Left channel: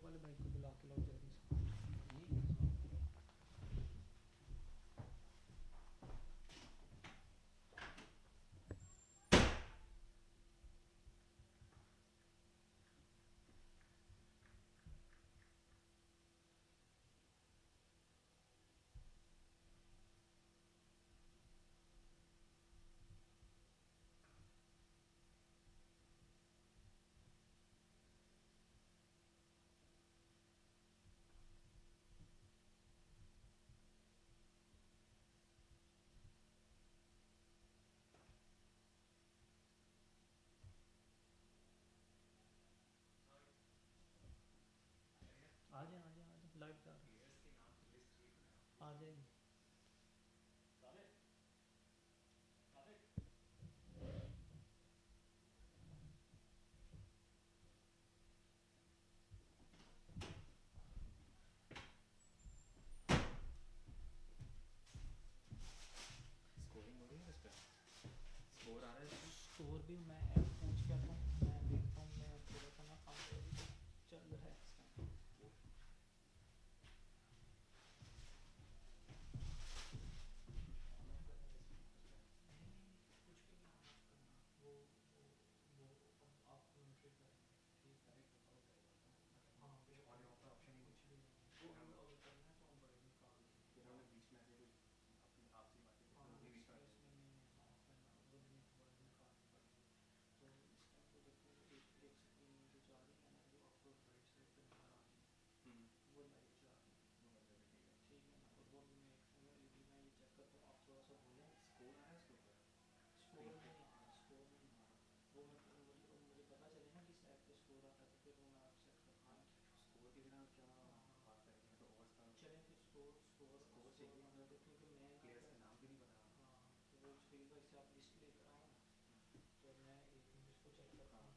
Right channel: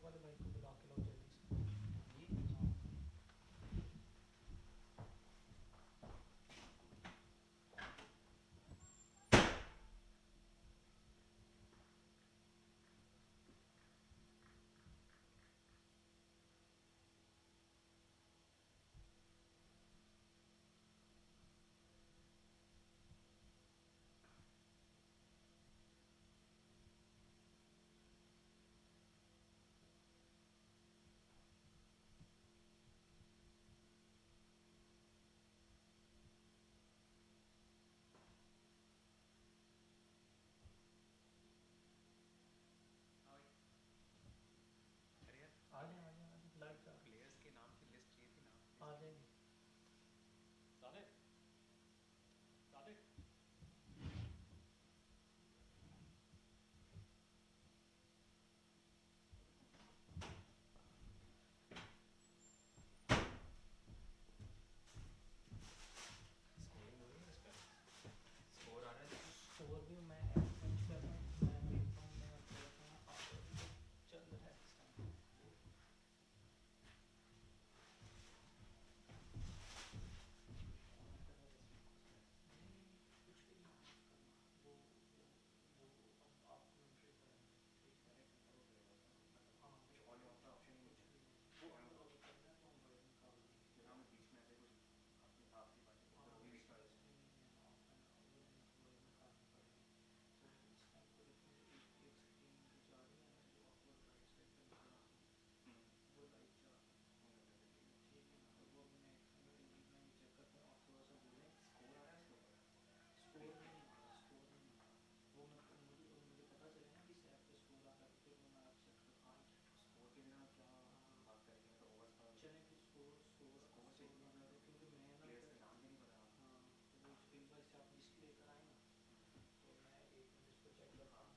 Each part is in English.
Sport वाले भाई को बुला के लाओ जल्दी से। हाँ आ जाए आ जाए आ जाए, लाइट जा प्लेयर्स के नाम की लिस्ट चाहिए थी ना, आ जाएगी। साबित साबित। स्कोरिंग हो रही है इस पर, स्कोर आ रहा है इसमें। स्कोर भी मैं पूछ के आता हूँ, मैं देखता हूँ, मैं थोड़ा सा ना फास्ट चल रहा है इस टाइम। ऑन करना इसमें कुछ नहीं नहीं नहीं, कुछ भी नहीं ऑफ करना, वो ओपन आप कमेंट्री पे रहना, ठीक है। कनेक्ट वो करेगा उसका ना, मतलब हाँ कुछ ऑन बिल्कुल, ऑफ का ऑप्शन ही नहीं कुछ है। भी नहीं है, वो अगर अगर करना है तो हम वर्ड निकाल देंगे जैसे बाद हमने में। बीच में ऐसे कुछ अपनी आपसी बातें की हाँ तो वो भी नहीं इसमें कर इसमें सकते। नहीं नहीं है ऑफ करना, वर्ड निकालनी पड़ेगी। तो इस टाइम पे देखो एक एक स्क्रीन जो जा रही है ना, जो आपको राइट साइड पे नजर आ रही है वो लाइव जा रही है। वो लग जाता ठीक है। ठीक है ना, तो वो भी मैं ये चेक करता हूँ, आप थोड़ा सा बोलें। स्कोर आ रहा है उसके ऊपर स्कोर स्क्रीन पे। नहीं आ रहा, स्कोर नहीं आ रहा। वो मैं मुझे पता चले ना किस ऐप पे स्कोर आ रहा है तो फिर वो मैं आप सेट कर हाँ, दूँगा। स्कोर के बिना क्या हाँ बात करेंगे, मैं तो ओवर्स का चलें फिर स्कोर स्कोर स्कोर स्कोर चाहिए बना हमें। दे, क्योंकि मैं ना प्लेयर्स क्या। के नाम भी नहीं पता हमें। हाँ तो वो एक बार से आप लिस्ट लेकर आए ना, तो मैं एक मिनट इसको चेक करता हाँ हूँ।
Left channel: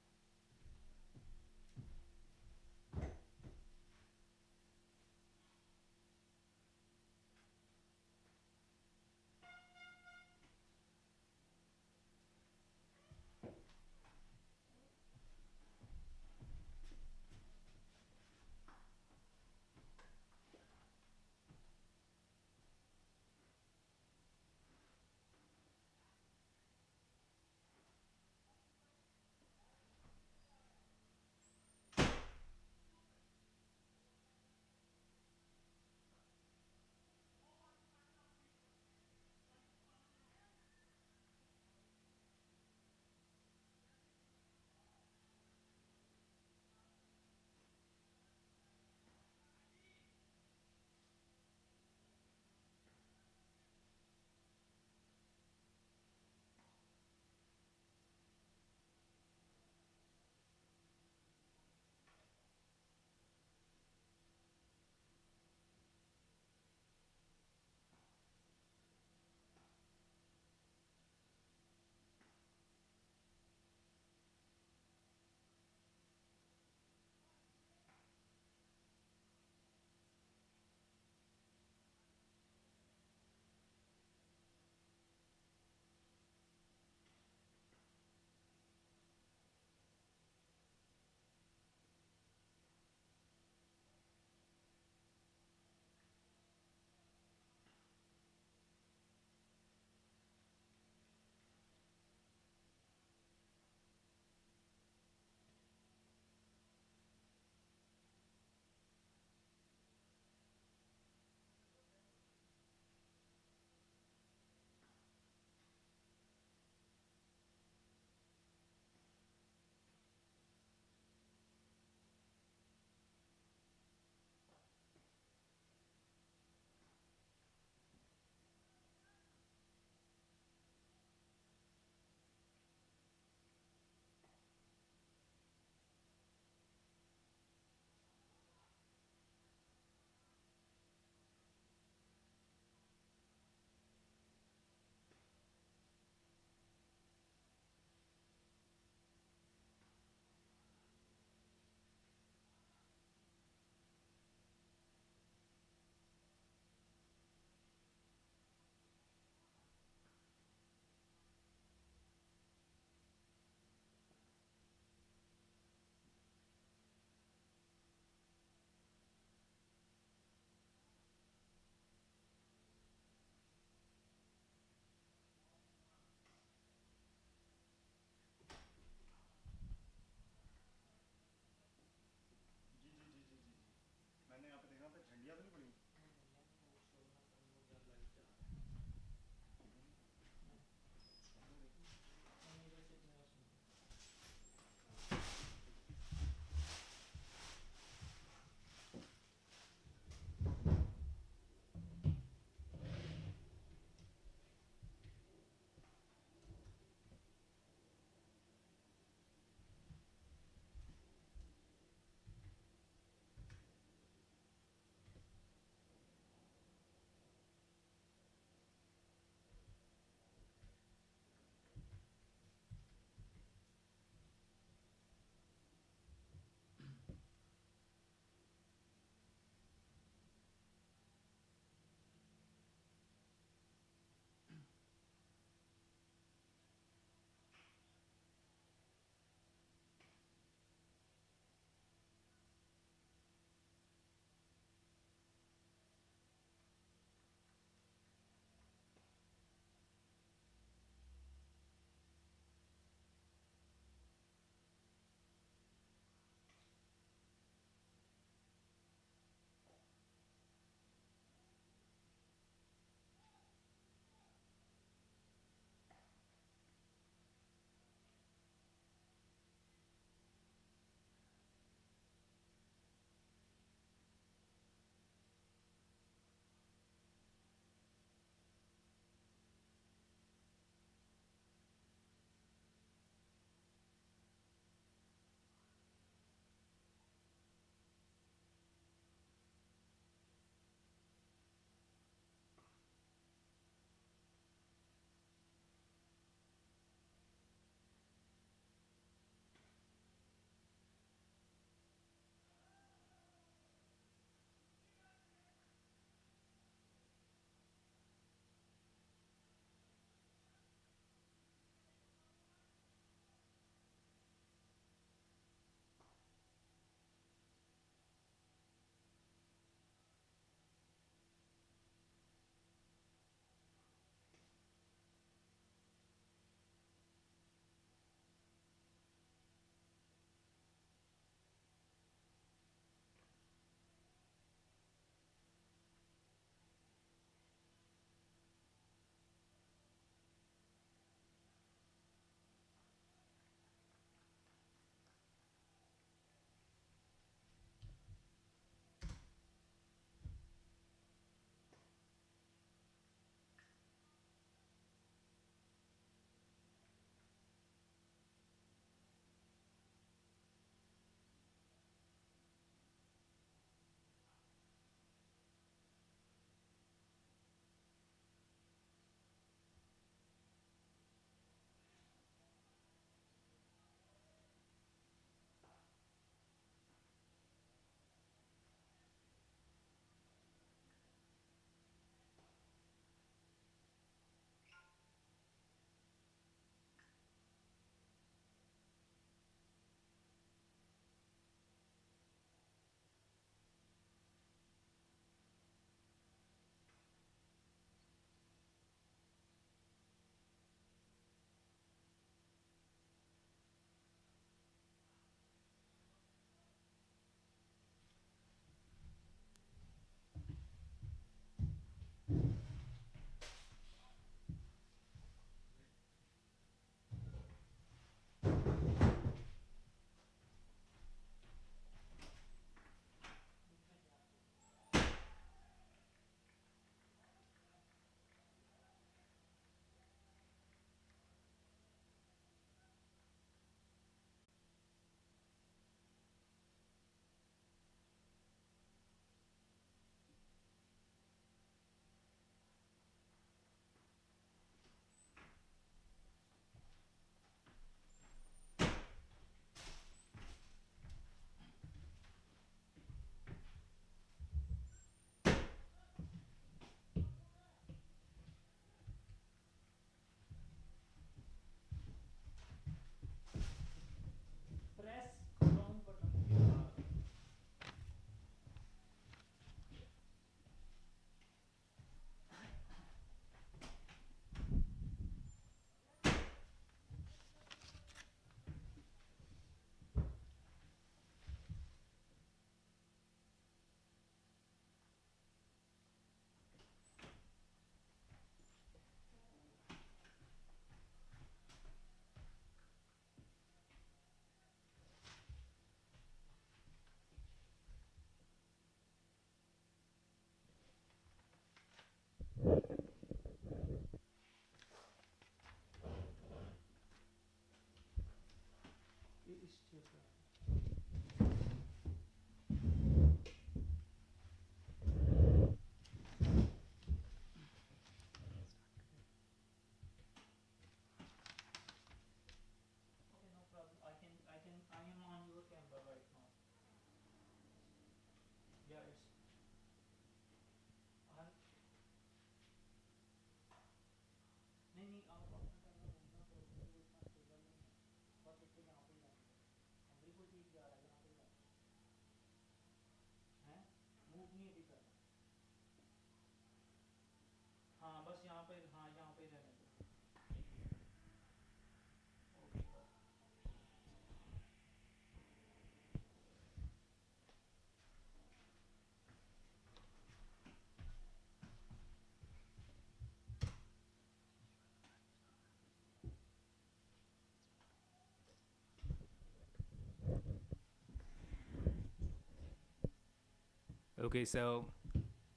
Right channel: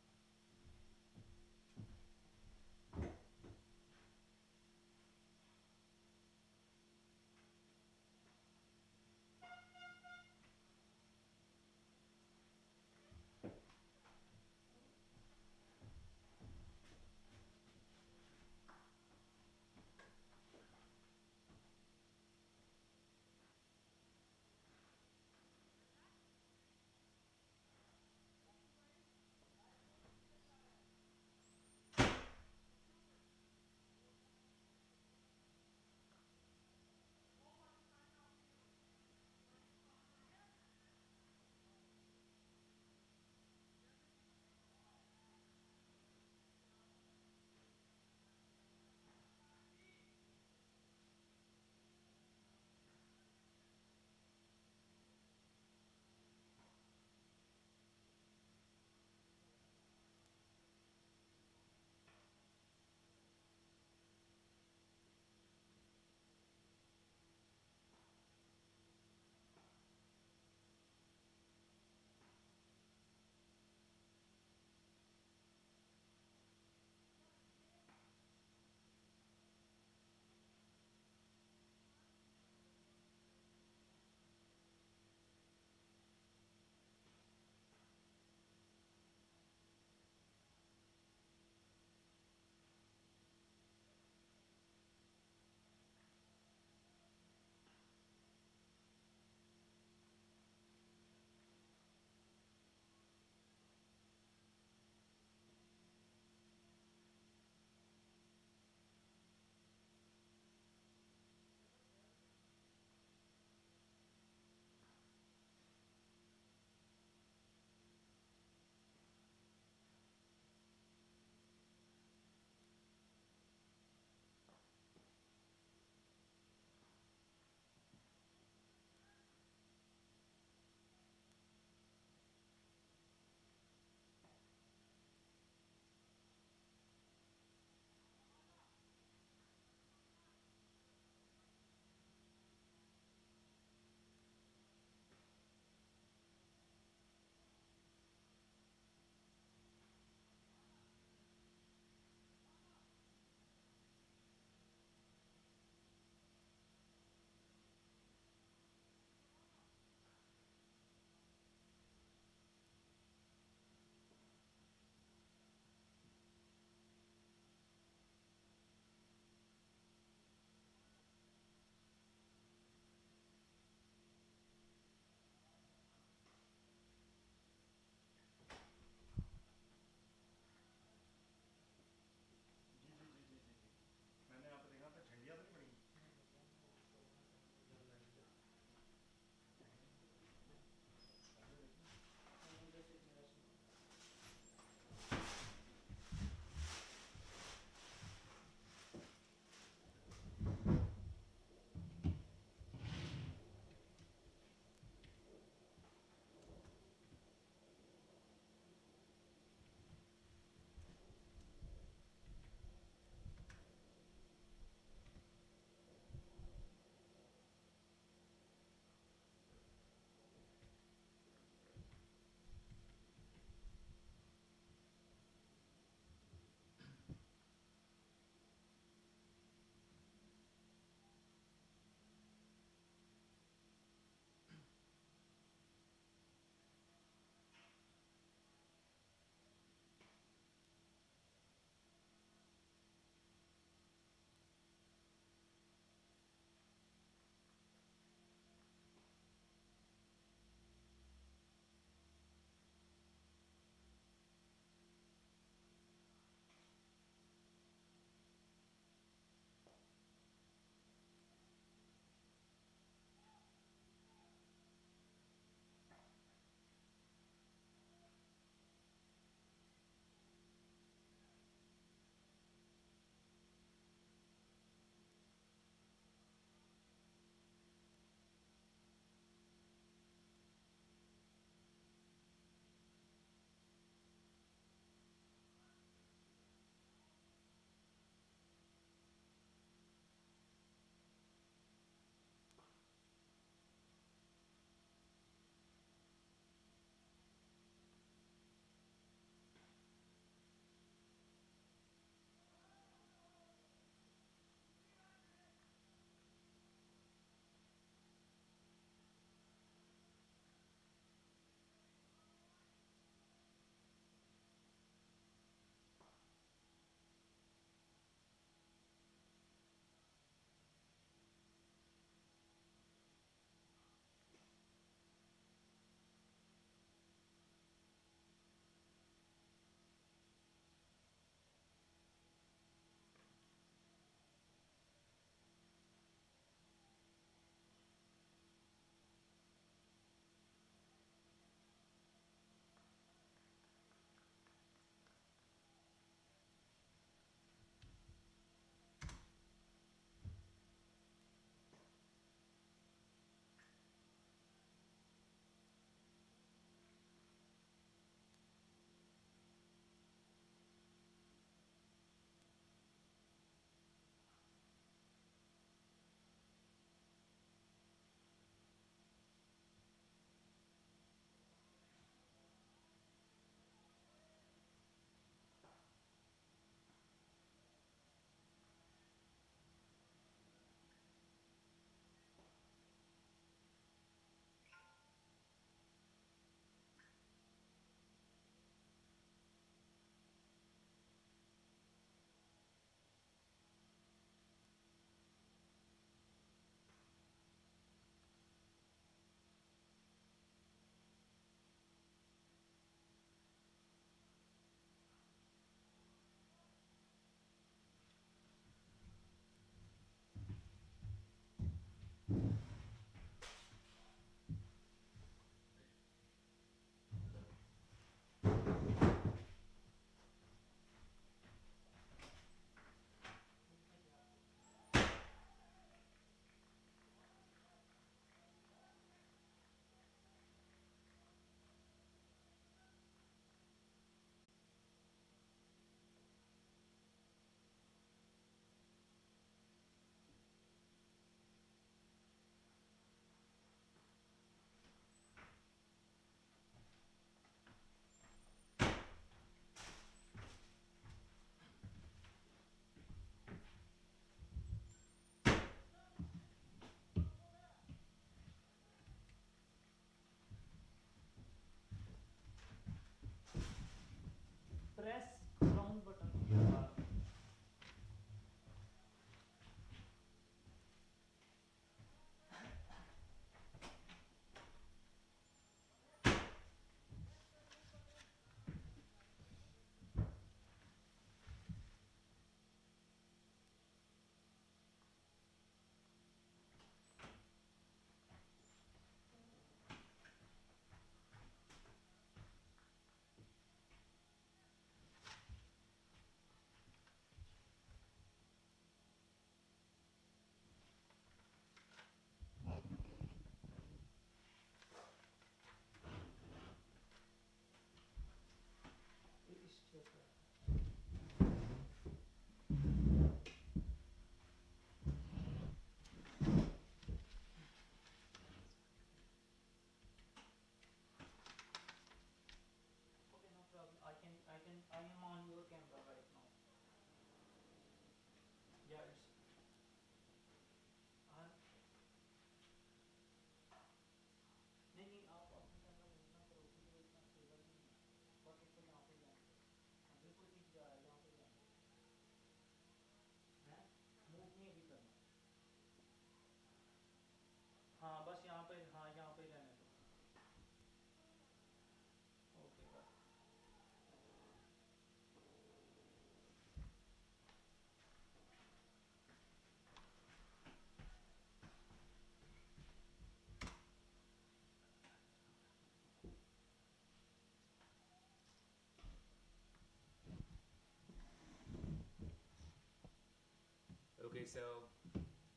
Okay, so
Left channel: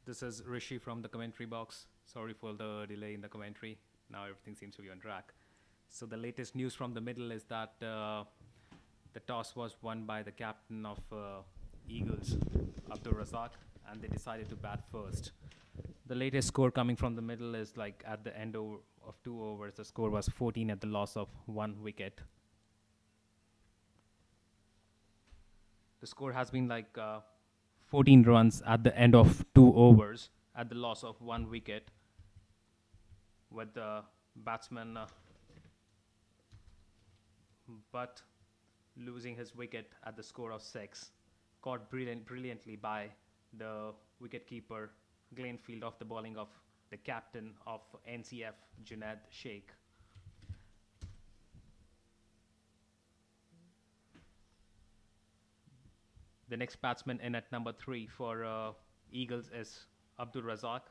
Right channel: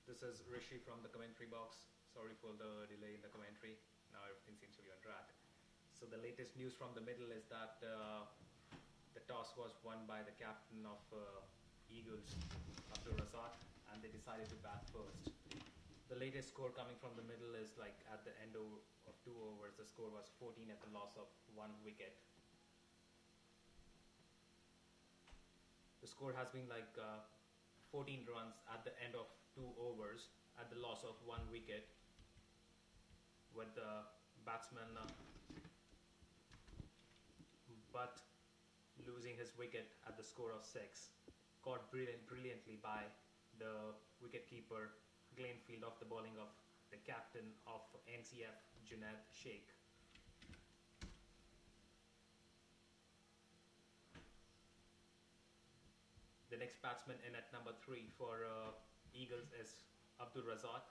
this is Rishi from the commentary box. Sorry for the delay in the commentary. Now everything seems to be on track. So the latest news from the middle is that the toss was won by the captain of Eagles, Abdul Razak, and they decided to bat first. The latest score coming from the middle is like at the end of 2 overs, the score was 14 at the loss of 1 wicket. The score has been like 14 runs at the end of 2 overs at the loss of 1 wicket, with the batsman but losing his wicket at the score of 6, caught brilliantly by the wicketkeeper Glenfield off the bowling of the captain of NCF, Junaid Sheikh. The next batsman in at number 3 for Eagles is Abdul Razak.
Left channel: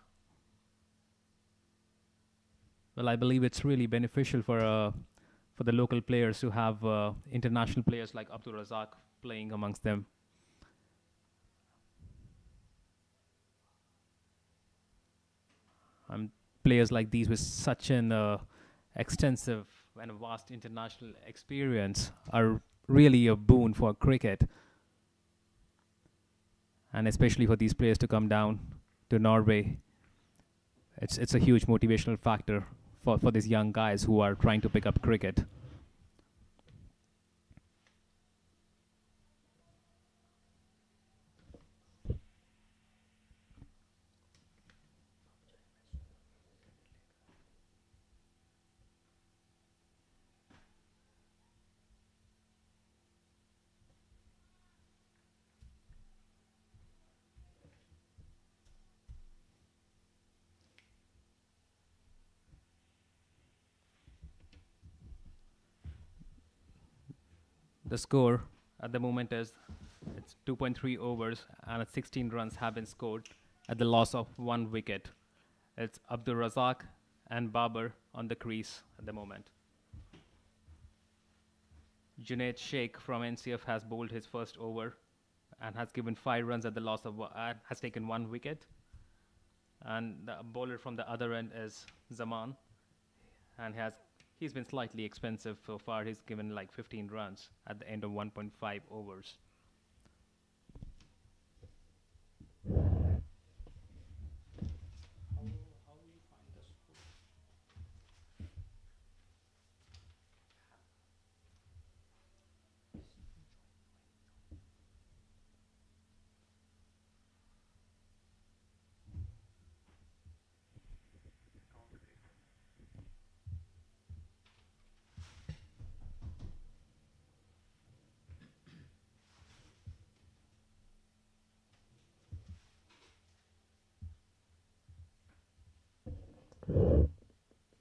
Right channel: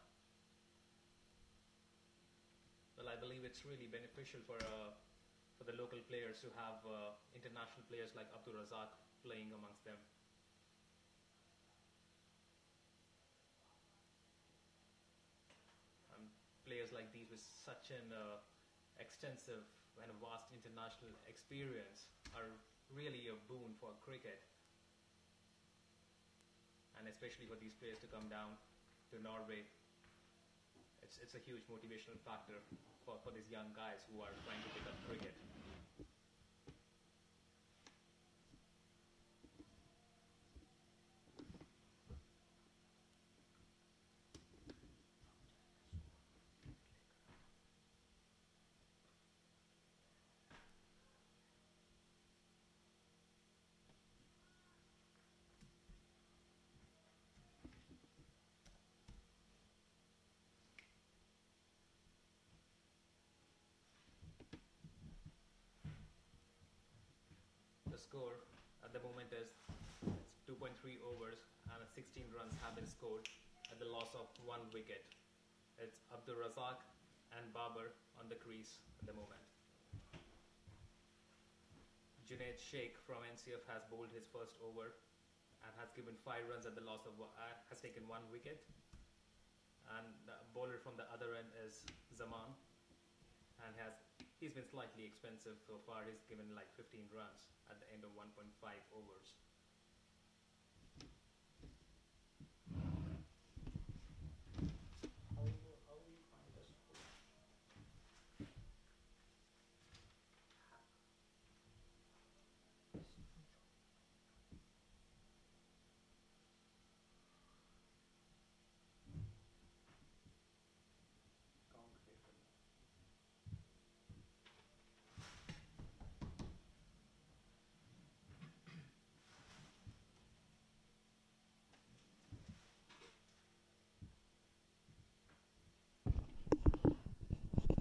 Well, I believe it's really beneficial for the local players to have international players like Abdul Razak playing amongst them. Players like these with such an extensive and vast international experience are really a boon for cricket, and especially for these players to come down to Norway. It's a huge motivational factor for these young guys who are trying to pick up cricket. The score at the moment is it's 2.3 overs and 16 runs have been scored at the loss of 1 wicket. It's Abdul Razak and Babar on the crease at the moment. Junaid Sheikh from NCF has bowled his first over and has given 5 runs at the loss of has taken 1 wicket. And the bowler from the other end is Zaman, and he's been slightly expensive so far. He's given like 15 runs at the end of 1.5 overs. How will you find the score? Yes, you can join.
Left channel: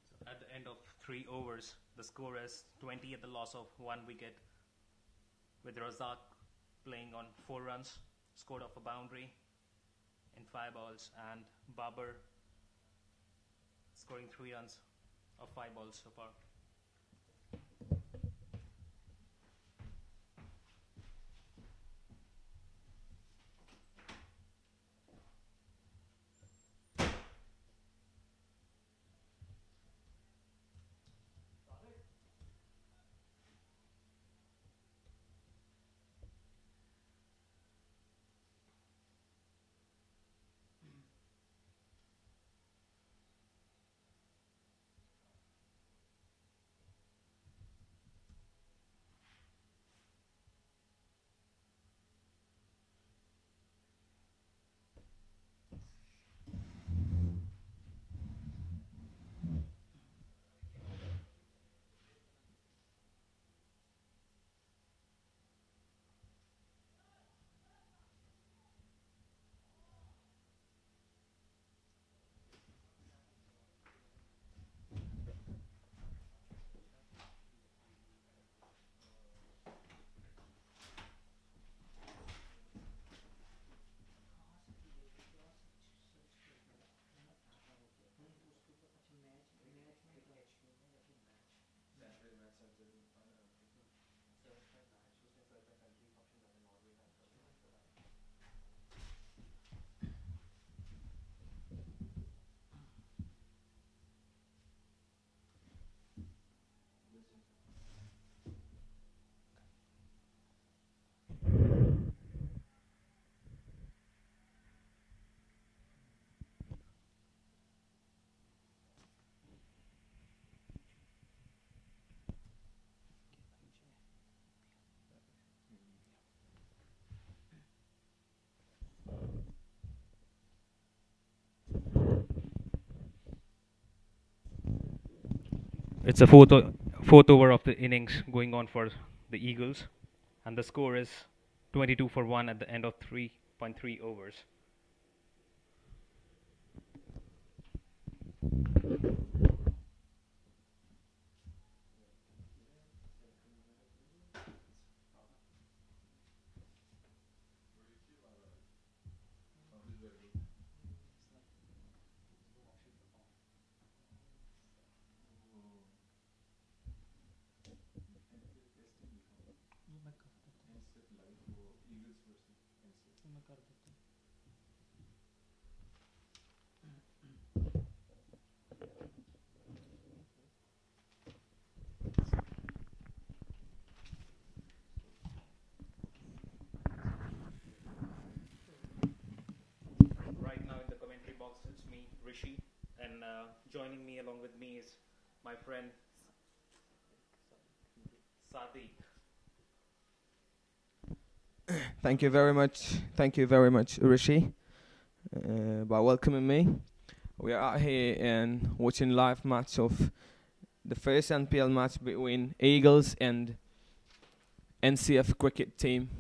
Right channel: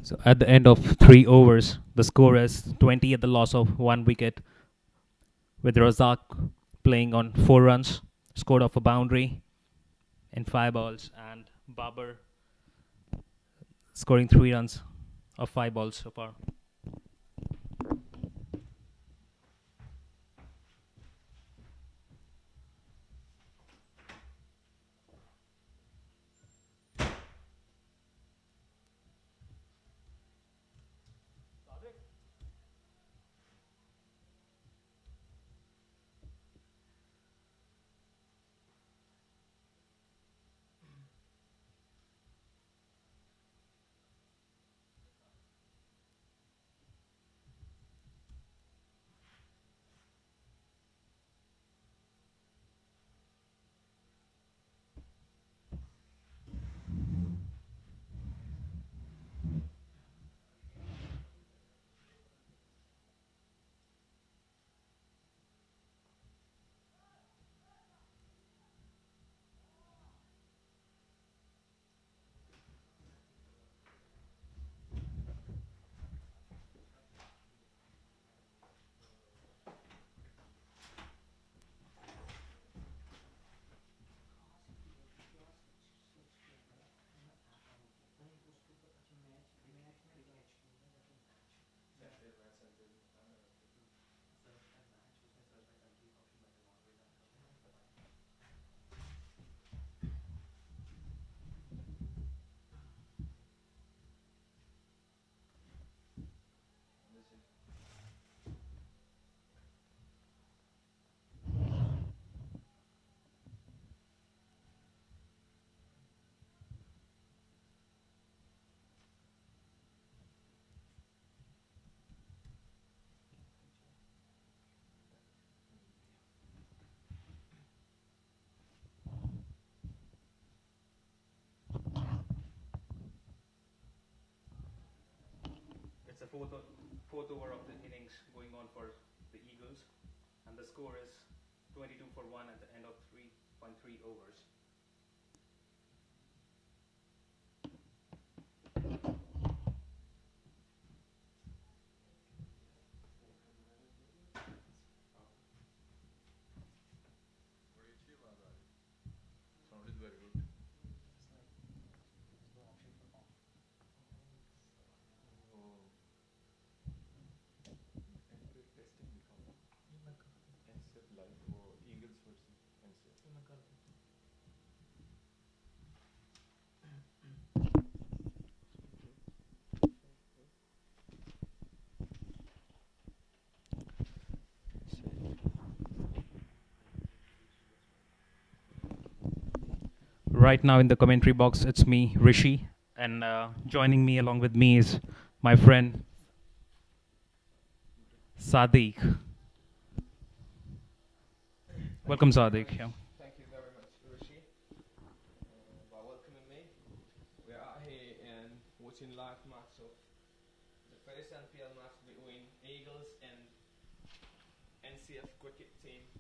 So at the end of 3 overs, the score is 20 at the loss of 1 wicket, with Razak playing on 4 runs, scored off a boundary in 5 balls, and Babar scoring 3 runs of 5 balls so far. It's a fourth over of the innings going on for the Eagles, and the score is 22 for 1 at the end of 3.3 overs. Right now in the commentary box, it's me, Rishi, and joining me along with me is my friend Sadiq. Thank Welcome, you very Sadiq. much. Yeah. Thank you very much, Rishi, by welcoming me. We are out here and watching live match of the first NPL match between Eagles and NCF cricket team.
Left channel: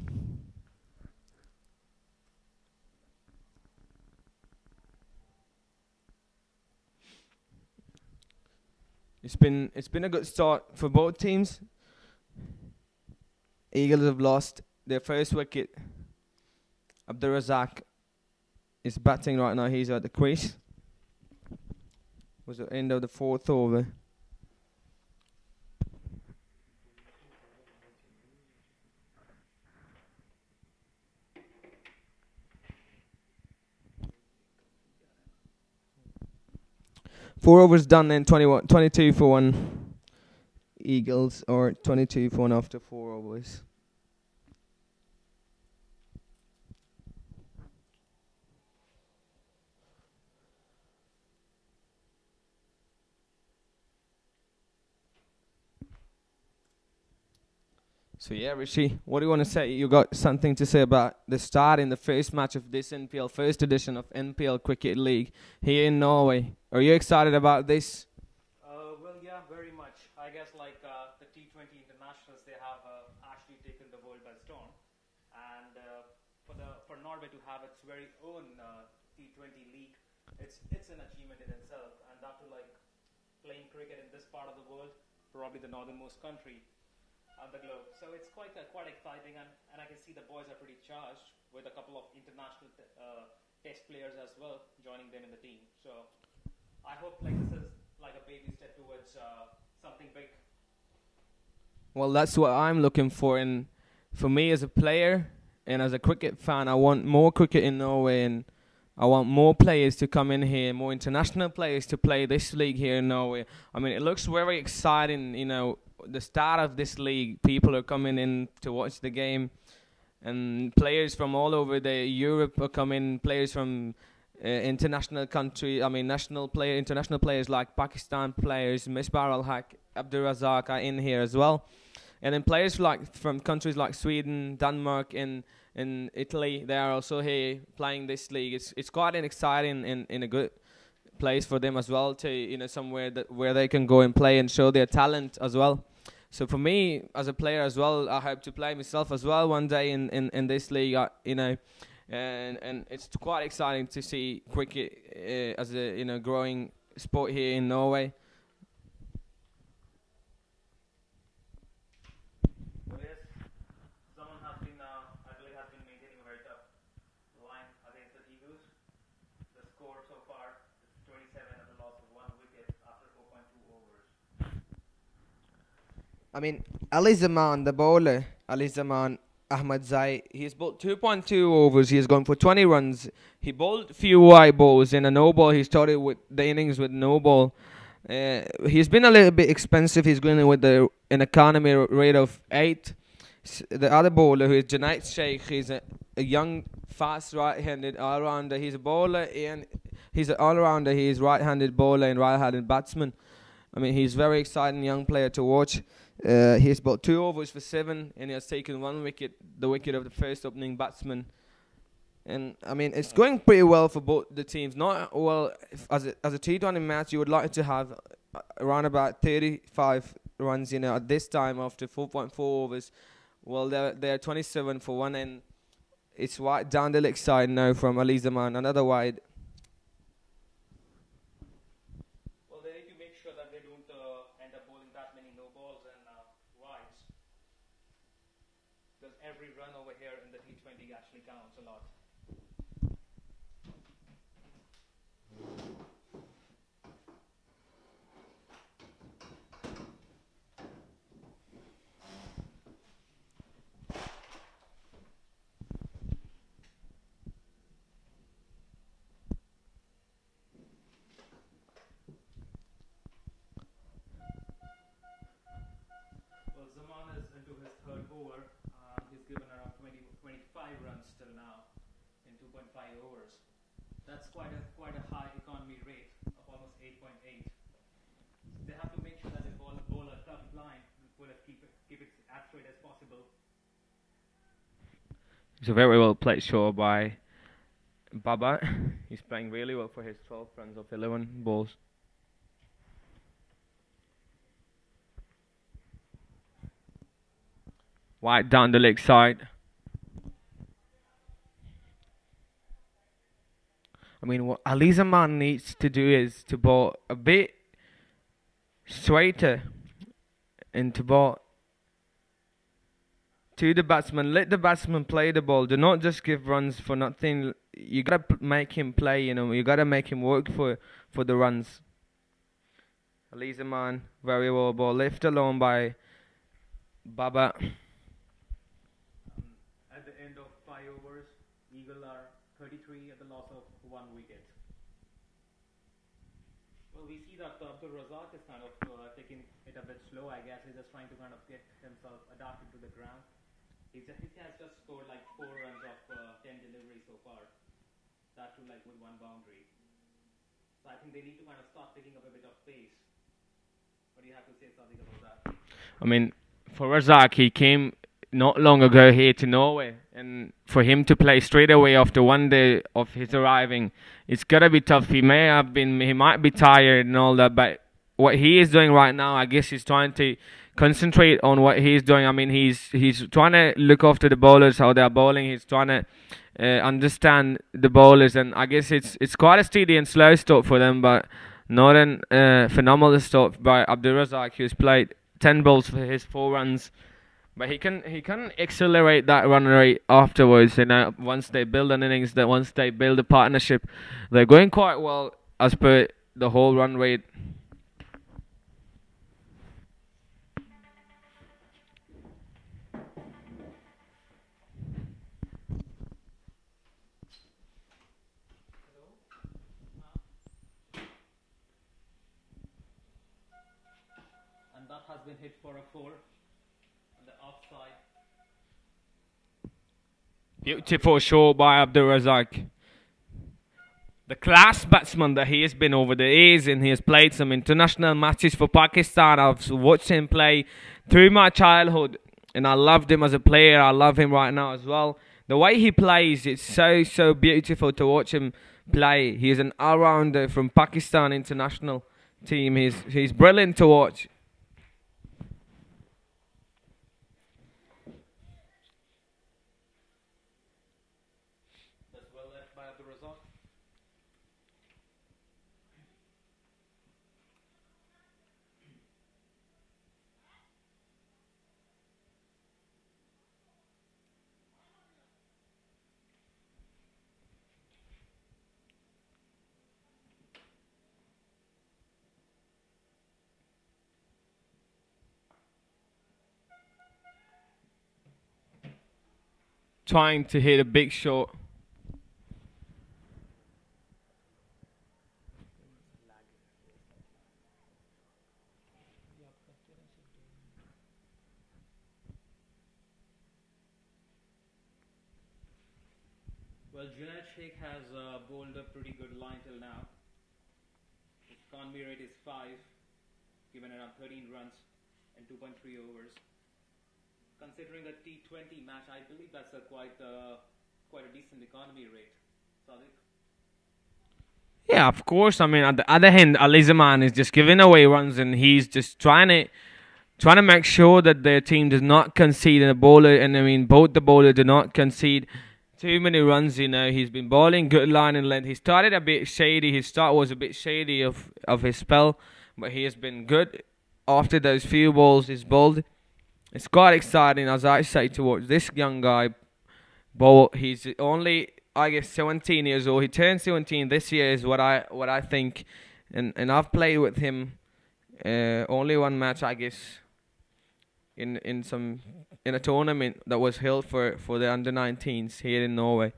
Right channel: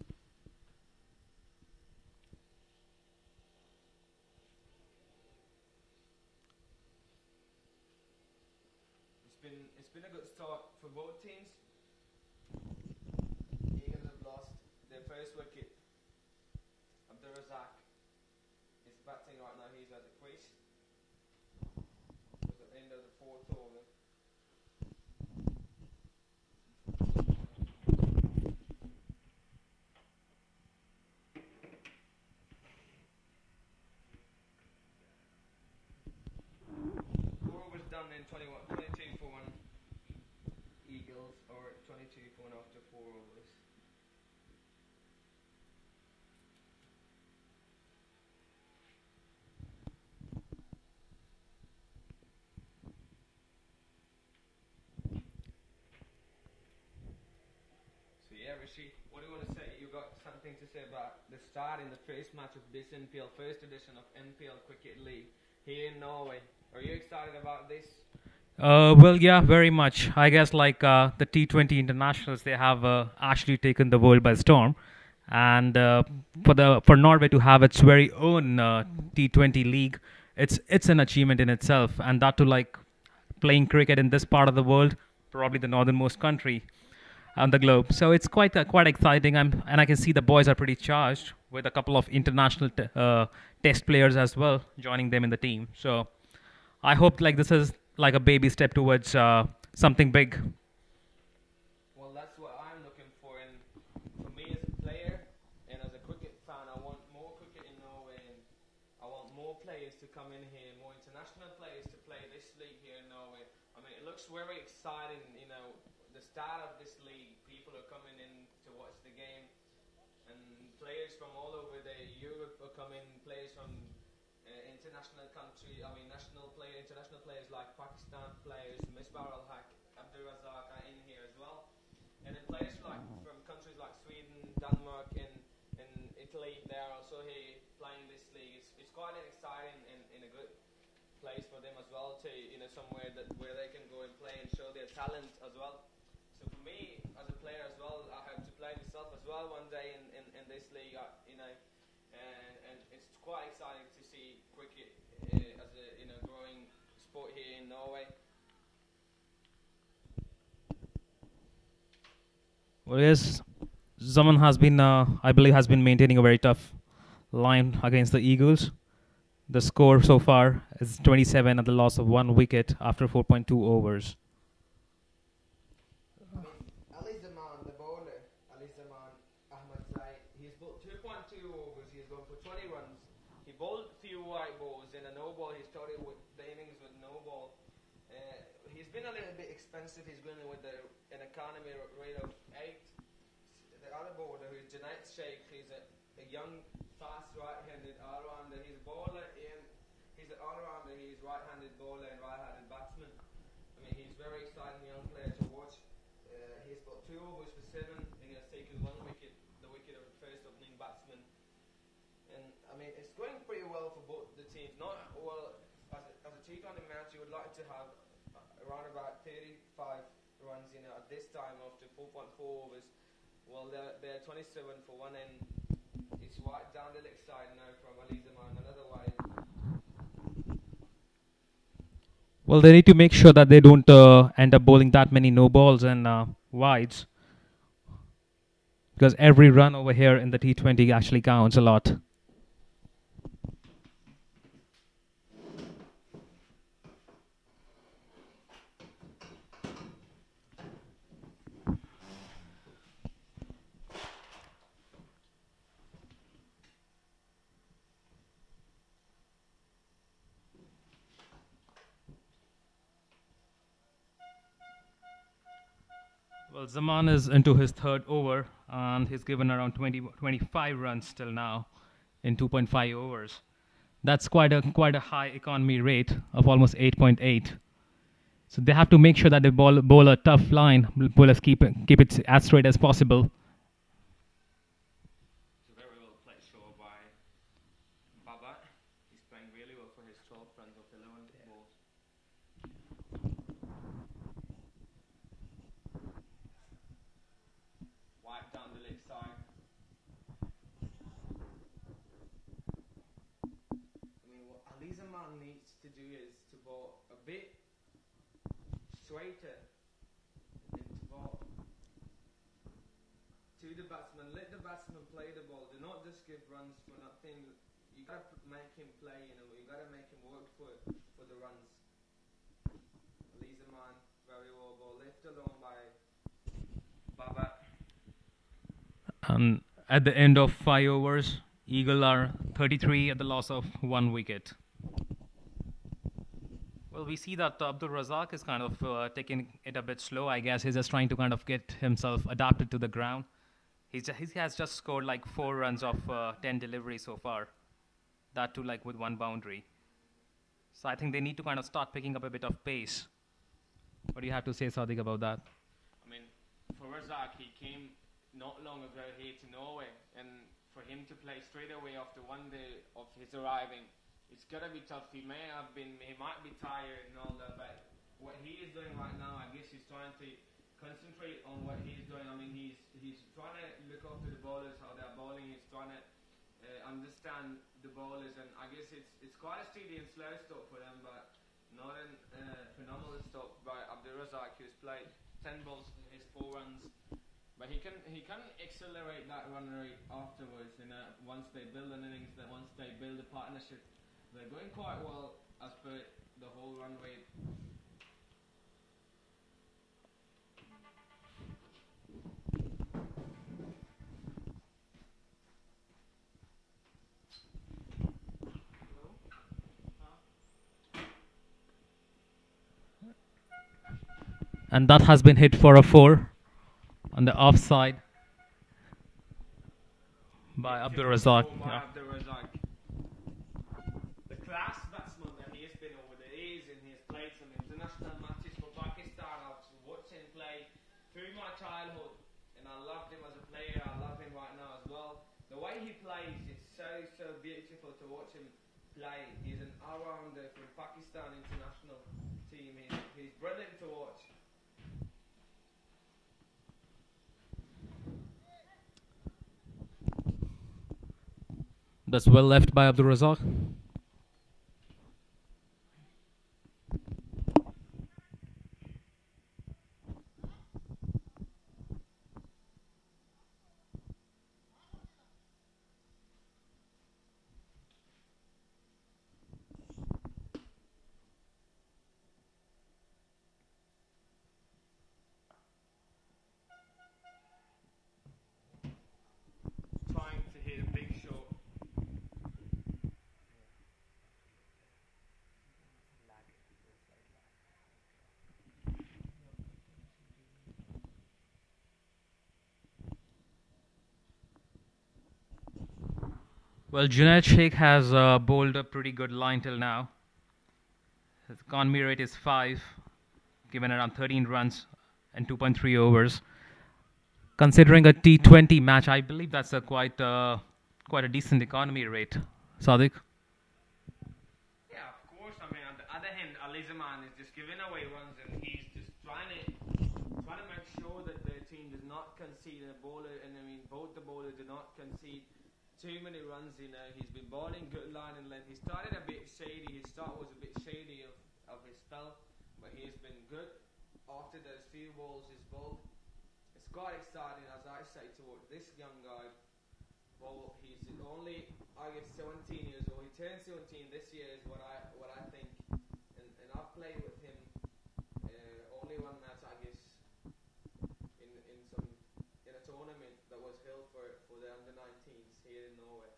It's been a good start for both teams. Eagles have lost their first wicket. Abdurazak is batting right now. He's at the crease. Was the end of the fourth over. Four overs done and 22 for one Eagles, or 22 for one after four overs. So yeah, Rishi, what do you want to say? You got something to say about the start in the first match of this NPL, first edition of NPL Cricket League here in Norway. Are you excited about this? Well, yeah, very much. I guess like the T20 internationals, they have actually taken the world by storm, and for Norway to have its very own T20 league, it's an achievement in itself, and that to like playing cricket in this part of the world, probably the northernmost country on the globe. So it's quite exciting. And I can see the boys are pretty charged with a couple of international test players as well joining them in the team. So I hope like this is like a baby step towards something big. Well, that's what I'm looking for. And for me as a player and as a cricket fan, I want more cricket in Norway, and I want more players to come in here, more international players to play this league here in Norway. I mean, it looks very exciting, the start of this league. People are coming in to watch the game, and players from all over the Europe are coming, players from international country, international players like Pakistan players, Misbah al-Haq, Abdurazak are in here as well. And then players from countries like Sweden, Denmark, and Italy, they are also here playing this league. It's quite an exciting and a good place for them as well to somewhere where they can go and play and show their talent as well. So for me as a player as well, I hope to play myself as well one day in this league. And it's quite exciting to see cricket as a growing sport here in Norway. Well, yes, Zaman has been, I believe, has been maintaining a very tough line against the Eagles. The score so far is 27 at the loss of one wicket after 4.2 overs. I mean, Ali Zaman, the bowler, Ali Zaman Ahmad Zai, he's bowled 2.2 overs. He's gone for 20 runs. He bowled few wide balls and a no ball. He started with the innings with no ball. He's been a little bit expensive. He's going with an economy rate of 8. The other bowler, who is Junaid Sheikh, he's a young, fast right-handed all-rounder. He's a bowler and he's an all-rounder. He's right-handed bowler and right-handed batsman. I mean, he's very exciting young player to watch. He's bowled 2 overs for 7, and he has taken 1 wicket, the wicket of the first opening batsman. And I mean, it's going pretty well for both the teams. Not well as a T20 match. You would like to have around about 35 runs, at this time after 4.4 overs. Well, they're 27 for one, and it's wide down the leg side now from Ali Zaman. Another wide. Well, they need to make sure that they don't end up bowling that many no balls and wides, because every run over here in the T20 actually counts a lot. Well, Zaman is into his third over, and he's given around 25 runs till now in 2.5 overs. That's quite a high economy rate of almost 8.8. So they have to make sure that they bowl a tough line. Bowlers keep it as straight as possible. It's a very well played shot by Baba. He's playing really well for his 12 runs of 11 balls. Wide down the leg side. I mean, what Ali Zaman needs to do is to bowl a bit straighter and to bowl to the batsman. Let the batsman play the ball. Do not just give runs for nothing. You gotta make him play. You gotta make him work for the runs. Ali Zaman, very well ball, left alone by Baba. At the end of 5 overs, Eagle are 33 at the loss of 1 wicket. Well, we see that Abdul Razak is kind of taking it a bit slow. I guess he's just trying to kind of get himself adapted to the ground. He has just scored like 4 runs of 10 deliveries so far. That too, like with 1 boundary. So I think they need to kind of start picking up a bit of pace. What do you have to say, Sadiq, about that? I mean, for Razak, he came not long ago here to Norway, and for him to play straight away after 1 day of his arriving, it's gotta be tough. He might be tired and all that, but what he is doing right now, I guess he's trying to concentrate on what he's doing. I mean, he's trying to look after the bowlers, how they're bowling. He's trying to understand the bowlers, and I guess it's quite a steady and slow start for them, but not a phenomenal start by Abdul Razak, who's played 10 balls for his 4 runs. But he can accelerate that run rate afterwards. Once they build an innings, once they build a partnership, they're going quite well as per the whole run rate. And that has been hit for a 4 on the offside. Beautiful show by Abdul Razak. The class batsman that he has been over the years, and he has played some international matches for Pakistan. I've watched him play through my childhood, and I loved him as a player. I love him right now as well. The way he plays, it's so beautiful to watch him play. He's an all-rounder from Pakistan international team. He's brilliant to watch. That's well left by Abdul Razak. Trying to hit a big shot. Well, Junaid Sheikh has bowled a pretty good line till now. His economy rate is 5, given around 13 runs and 2.3 overs. Considering a T20 match, I believe that's quite a decent economy rate. Sadiq? Yeah, of course. I mean, at the other hand, Alizaman is just giving away runs, and he's just trying to make sure that their team does not concede in the bowler, and I mean both the bowler do not concede too many runs. He's been bowling good line and length. He started a bit shady. His start was a bit shady of his spell, but he has been good after those few balls he's bowled. It's quite exciting, as I say, towards this young guy. Bowl. He's only, I guess, 17 years old. He turned 17 this year, is what I think, and I've played with him only one match, I guess, in a tournament that was held for the under 19s here in Norway.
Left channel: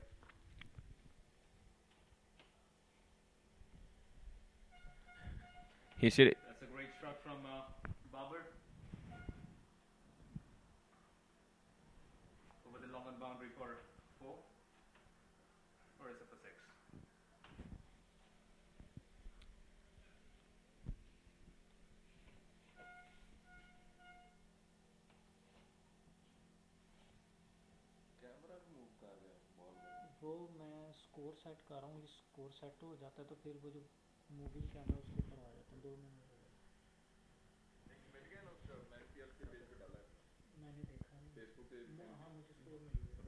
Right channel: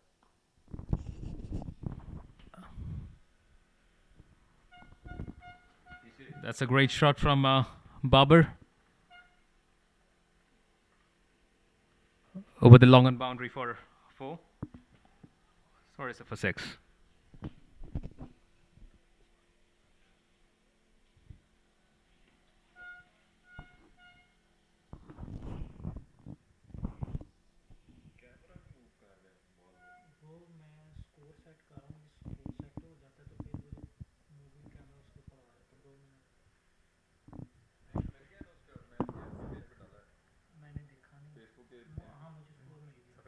He should. That's a great shot from Babar over the long on boundary for 4. Sorry, sir, for 6. वो मैं score set कर रहा हूँ, ये score set हो जाता है तो फिर वो जो मूवी कैमरा उसके ऊपर आ जाता है, 2 मिनट हो गए। मैंने देखा नहीं, हाँ मुझे स्कोर नहीं मिला।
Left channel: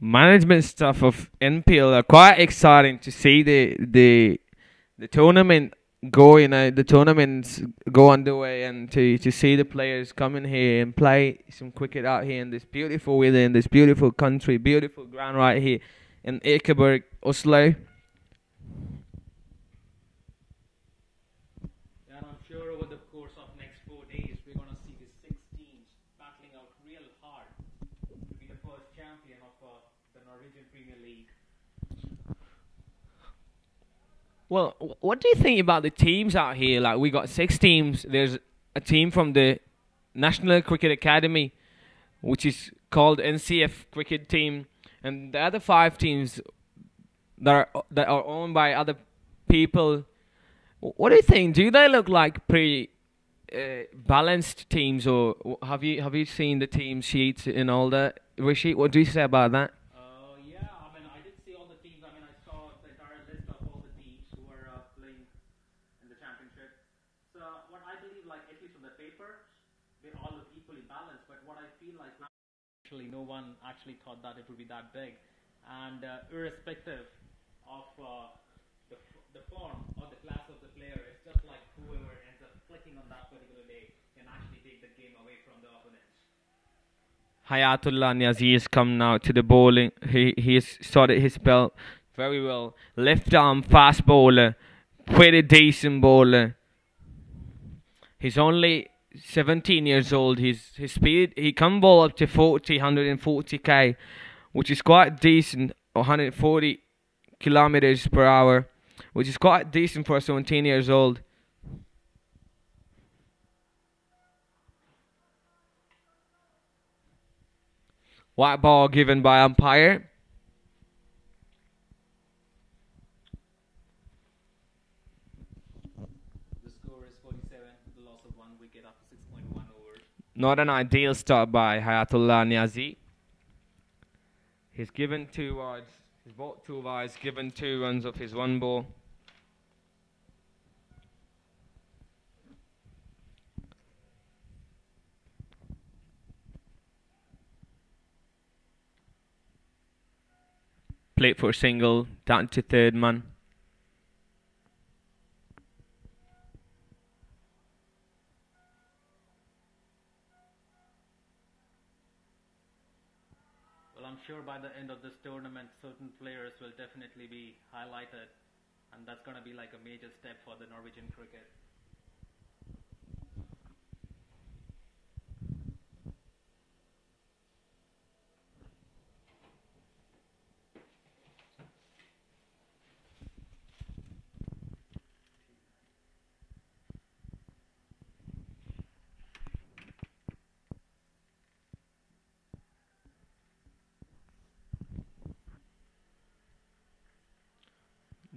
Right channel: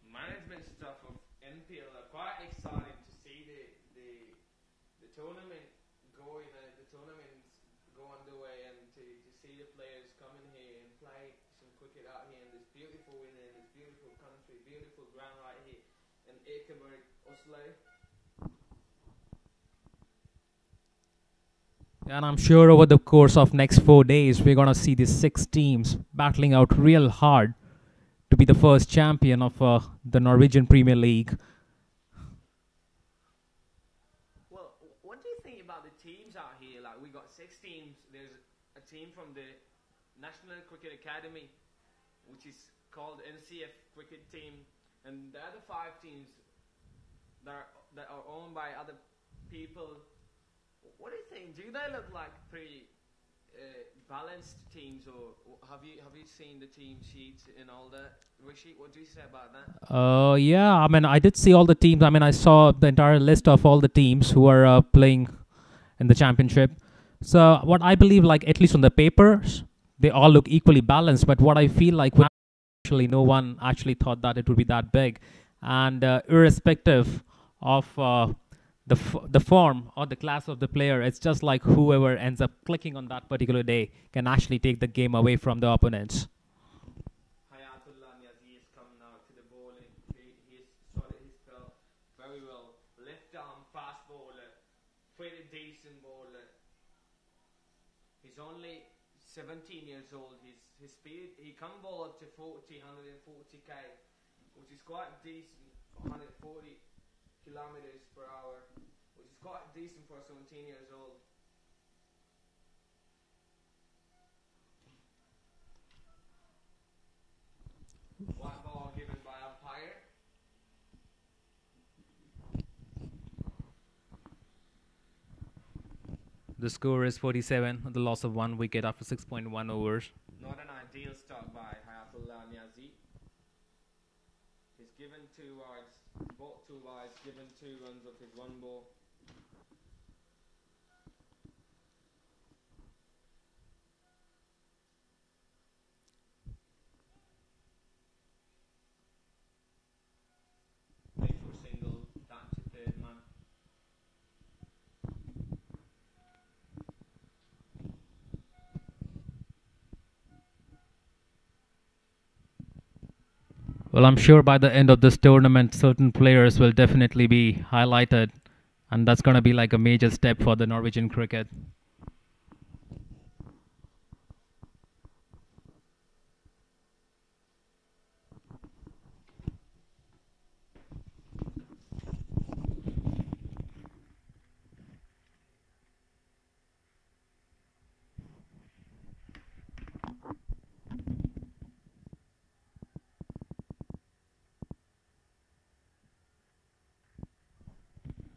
Management stuff of NPL are quite exciting to see the tournament go. The tournaments go underway, and to see the players come in here and play some cricket out here in this beautiful weather, in this beautiful country, beautiful ground right here in Ekeberg, Oslo. And I'm sure over the course of next 4 days, we're going to see these 6 teams battling out real hard to be the first champion of the Norwegian Premier League. Well, what do you think about the teams out here? Like, we got 6 teams. There's a team from the National Cricket Academy, which is called NCF Cricket Team, and the other 5 teams that are owned by other people. What do you think? Do they look like pretty balanced teams, or have you seen the team sheets and all that? Rishi, what do you say about that? Yeah, I mean, I did see all the teams. I mean, I saw the entire list of all the teams who are playing in the championship. So what I believe, like, at least on the papers, they all look equally balanced. But what I feel like, actually, no one actually thought that it would be that big. And irrespective of the form or the class of the player, it's just like whoever ends up clicking on that particular day can actually take the game away from the opponents. Hayatullah Niazi has come now to the bowling. He has started his spell very well. Left arm fast bowler, pretty decent bowler. He's only 17 years old. His speed, he can bowl up to 140 which is quite decent. 140 kilometers per hour, which is quite decent for 17 years old. White ball given by umpire. The score is 47, the loss of 1 wicket after 6.1 overs. Not an ideal start by Hayatullah Niazi. He's given 2 wides. He's bought 2 wides, given 2 runs off his 1 ball. Played for a single, down to 3rd man. Well, I'm sure by the end of this tournament, certain players will definitely be highlighted, and that's going to be like a major step for the Norwegian cricket.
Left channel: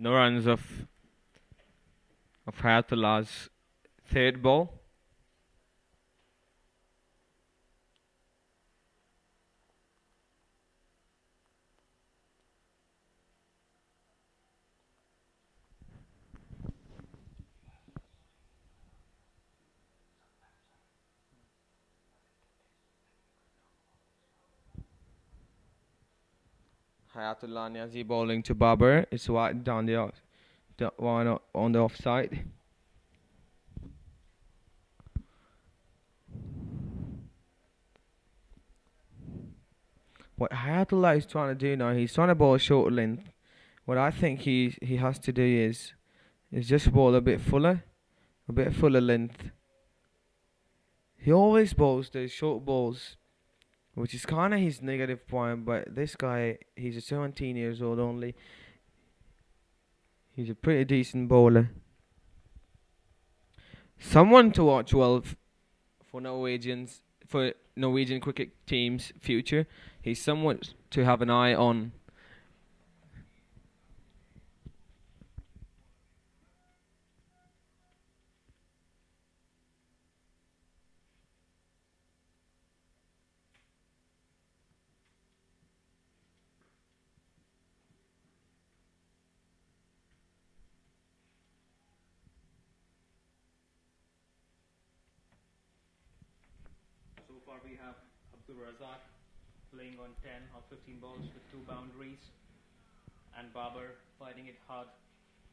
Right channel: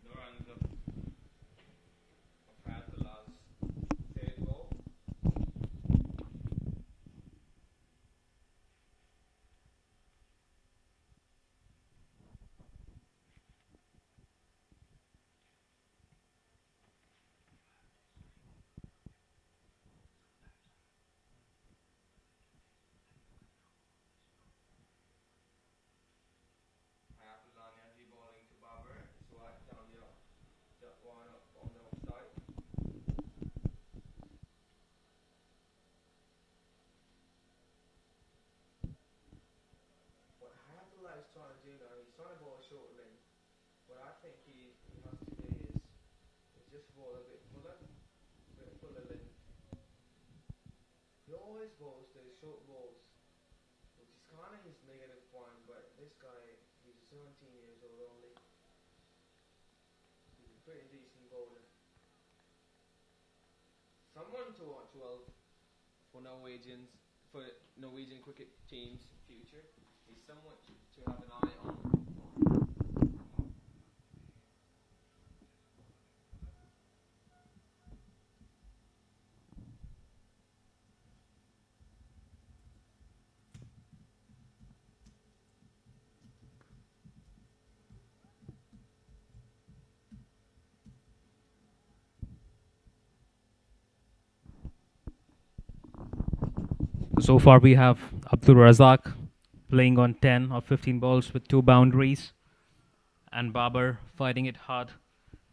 No runs of Hayatullah's Third ball. Hayatullah Niazi bowling to Babar. It's wide down the one on the offside. What Hayatullah is trying to do now, he's trying to bowl a short length. What I think he has to do is just bowl a bit fuller length. He always bowls those short balls, which is kind of his negative point. But this guy, he's a 17 years old only. He's a pretty decent bowler. Someone to watch well for Norwegian cricket team's future. He's someone to have an eye on. So far, we have Abdul Razak playing on 10 or 15 balls with 2 boundaries, and Babar fighting it hard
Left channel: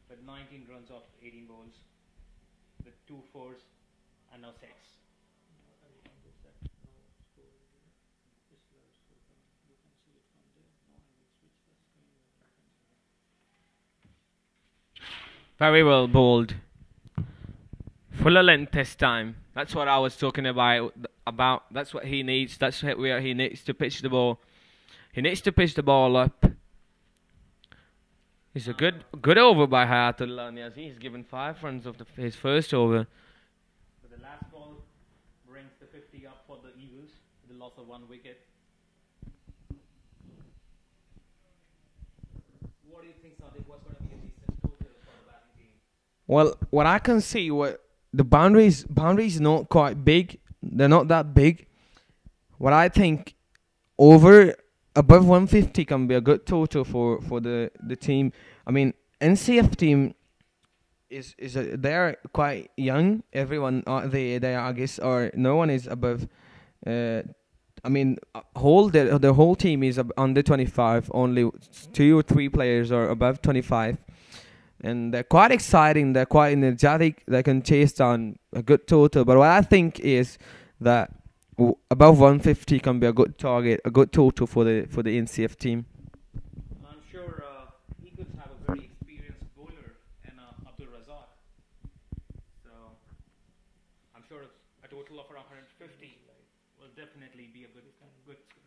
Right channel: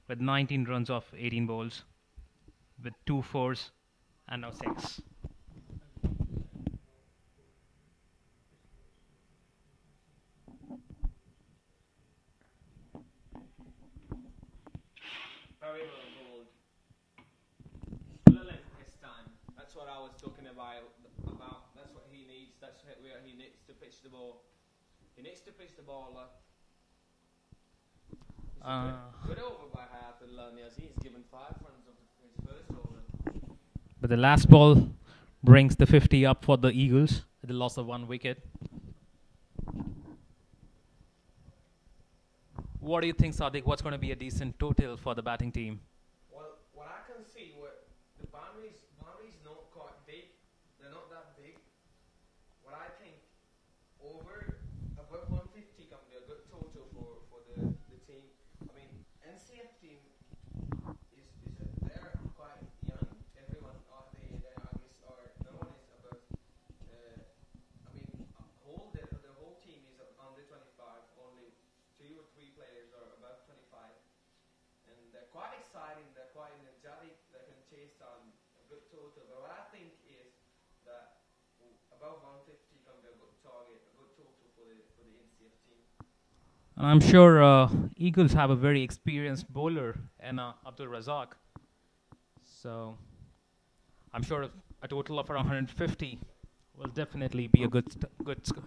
with 19 runs off 18 balls with 2 fours and now 6. Very well bowled. Fuller length this time. That's what I was talking about. That's what he needs. That's where he needs to pitch the ball. He needs to pitch the ball up. It's a good over by Hayatullah Niazi. He's given 5 runs of his first over. But the last ball brings the 50 up for the Eagles with the loss of 1 wicket. What do you think, Sadiq? What's going to be a decent total for the batting team? Well, what I can see, what the boundaries not quite big. They're not that big. What I think above 150 can be a good total for the team. I mean, NCF team they're quite young. Everyone they I guess, or no one is above. I mean, the whole team is under 25. Only 2 or 3 players are above 25. And they're quite exciting. They're quite energetic. They can chase down a good total. But what I think is that above 150 can be a good target, a good total for the NCF team. And I'm sure Eagles have a very experienced bowler in Abdul Razak. So I'm sure a total of around 150 will definitely be a good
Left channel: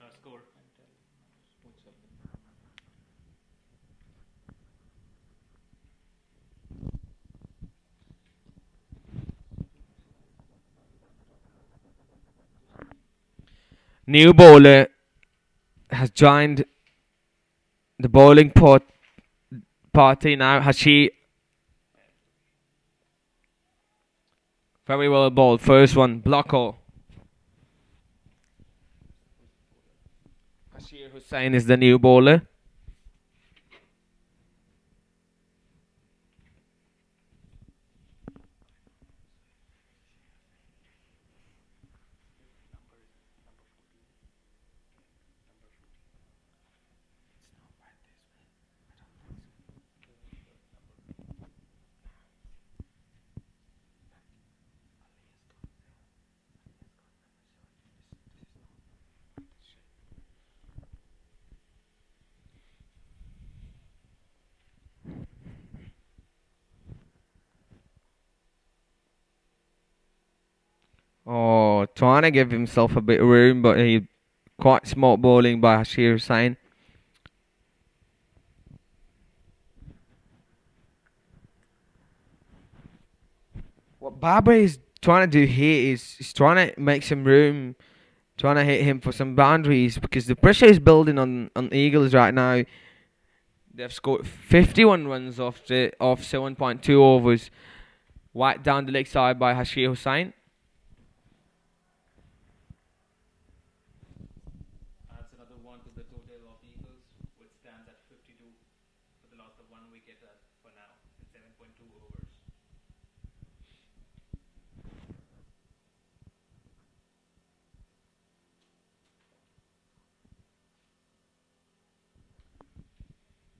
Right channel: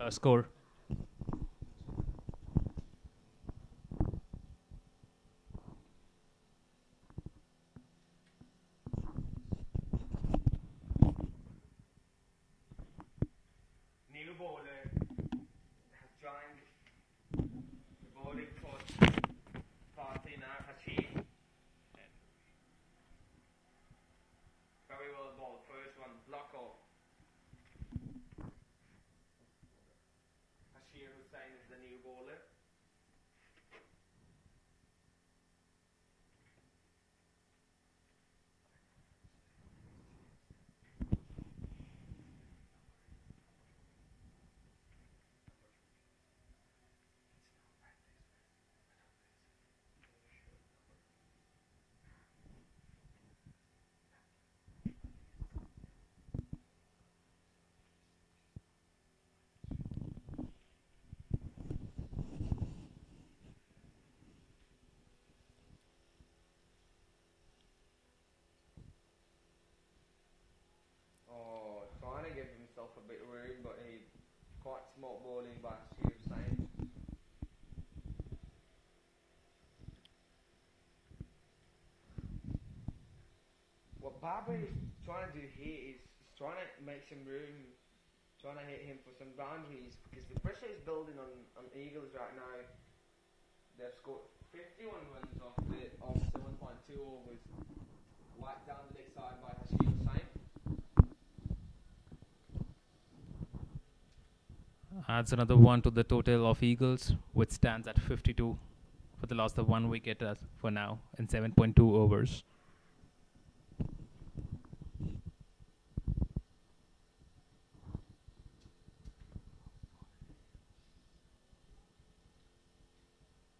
score. New bowler has joined the bowling party now. Hashi. Very well bowled. First one, blocker. Hashir Hussain is the new bowler. Oh, trying to give himself a bit of room, but he quite smart bowling by Hashir Hussain. What Babar is trying to do here is he's trying to make some room, trying to hit him for some boundaries because the pressure is building on Eagles right now. They've scored 51 runs off 7.2 overs. Wide down the leg side by Hashir Hussain. Adds another one to the total of Eagles, which stands at 52 for the loss of one wicket for now in 7.2 overs.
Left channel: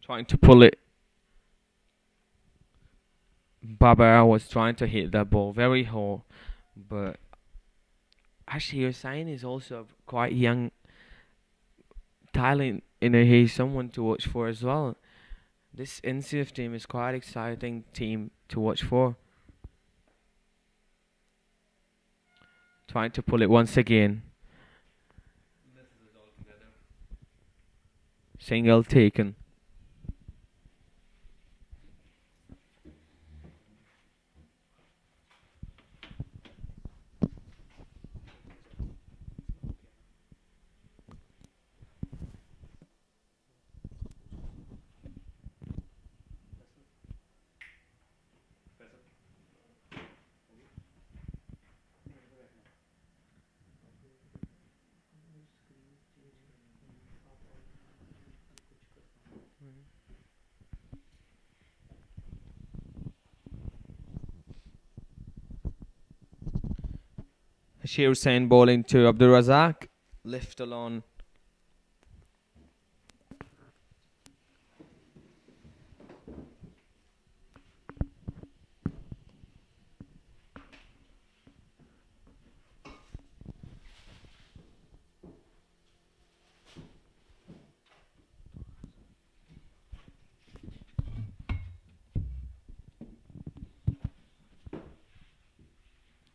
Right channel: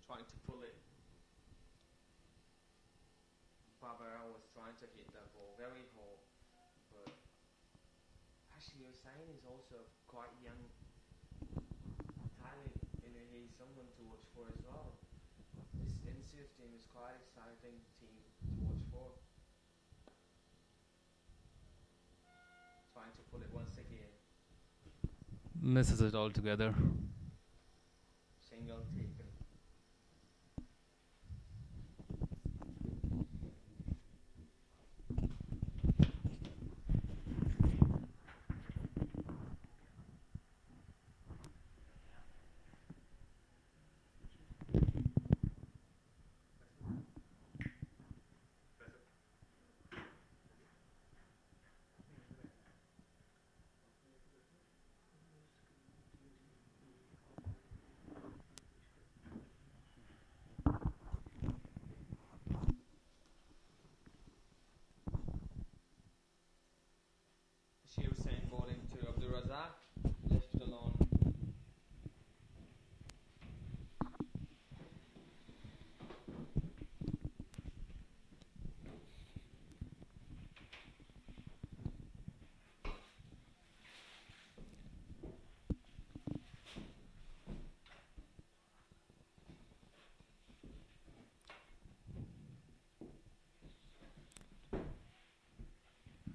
Trying to pull it. Barbara was trying to hit that ball very hard, but Hashir Hussain is also quite young talent. He's someone to watch for as well. This NCF team is quite exciting team to watch for. Trying to pull it once again. Misses it altogether. Single taken. Bashir Hussain bowling to Abdul Razak. Left alone.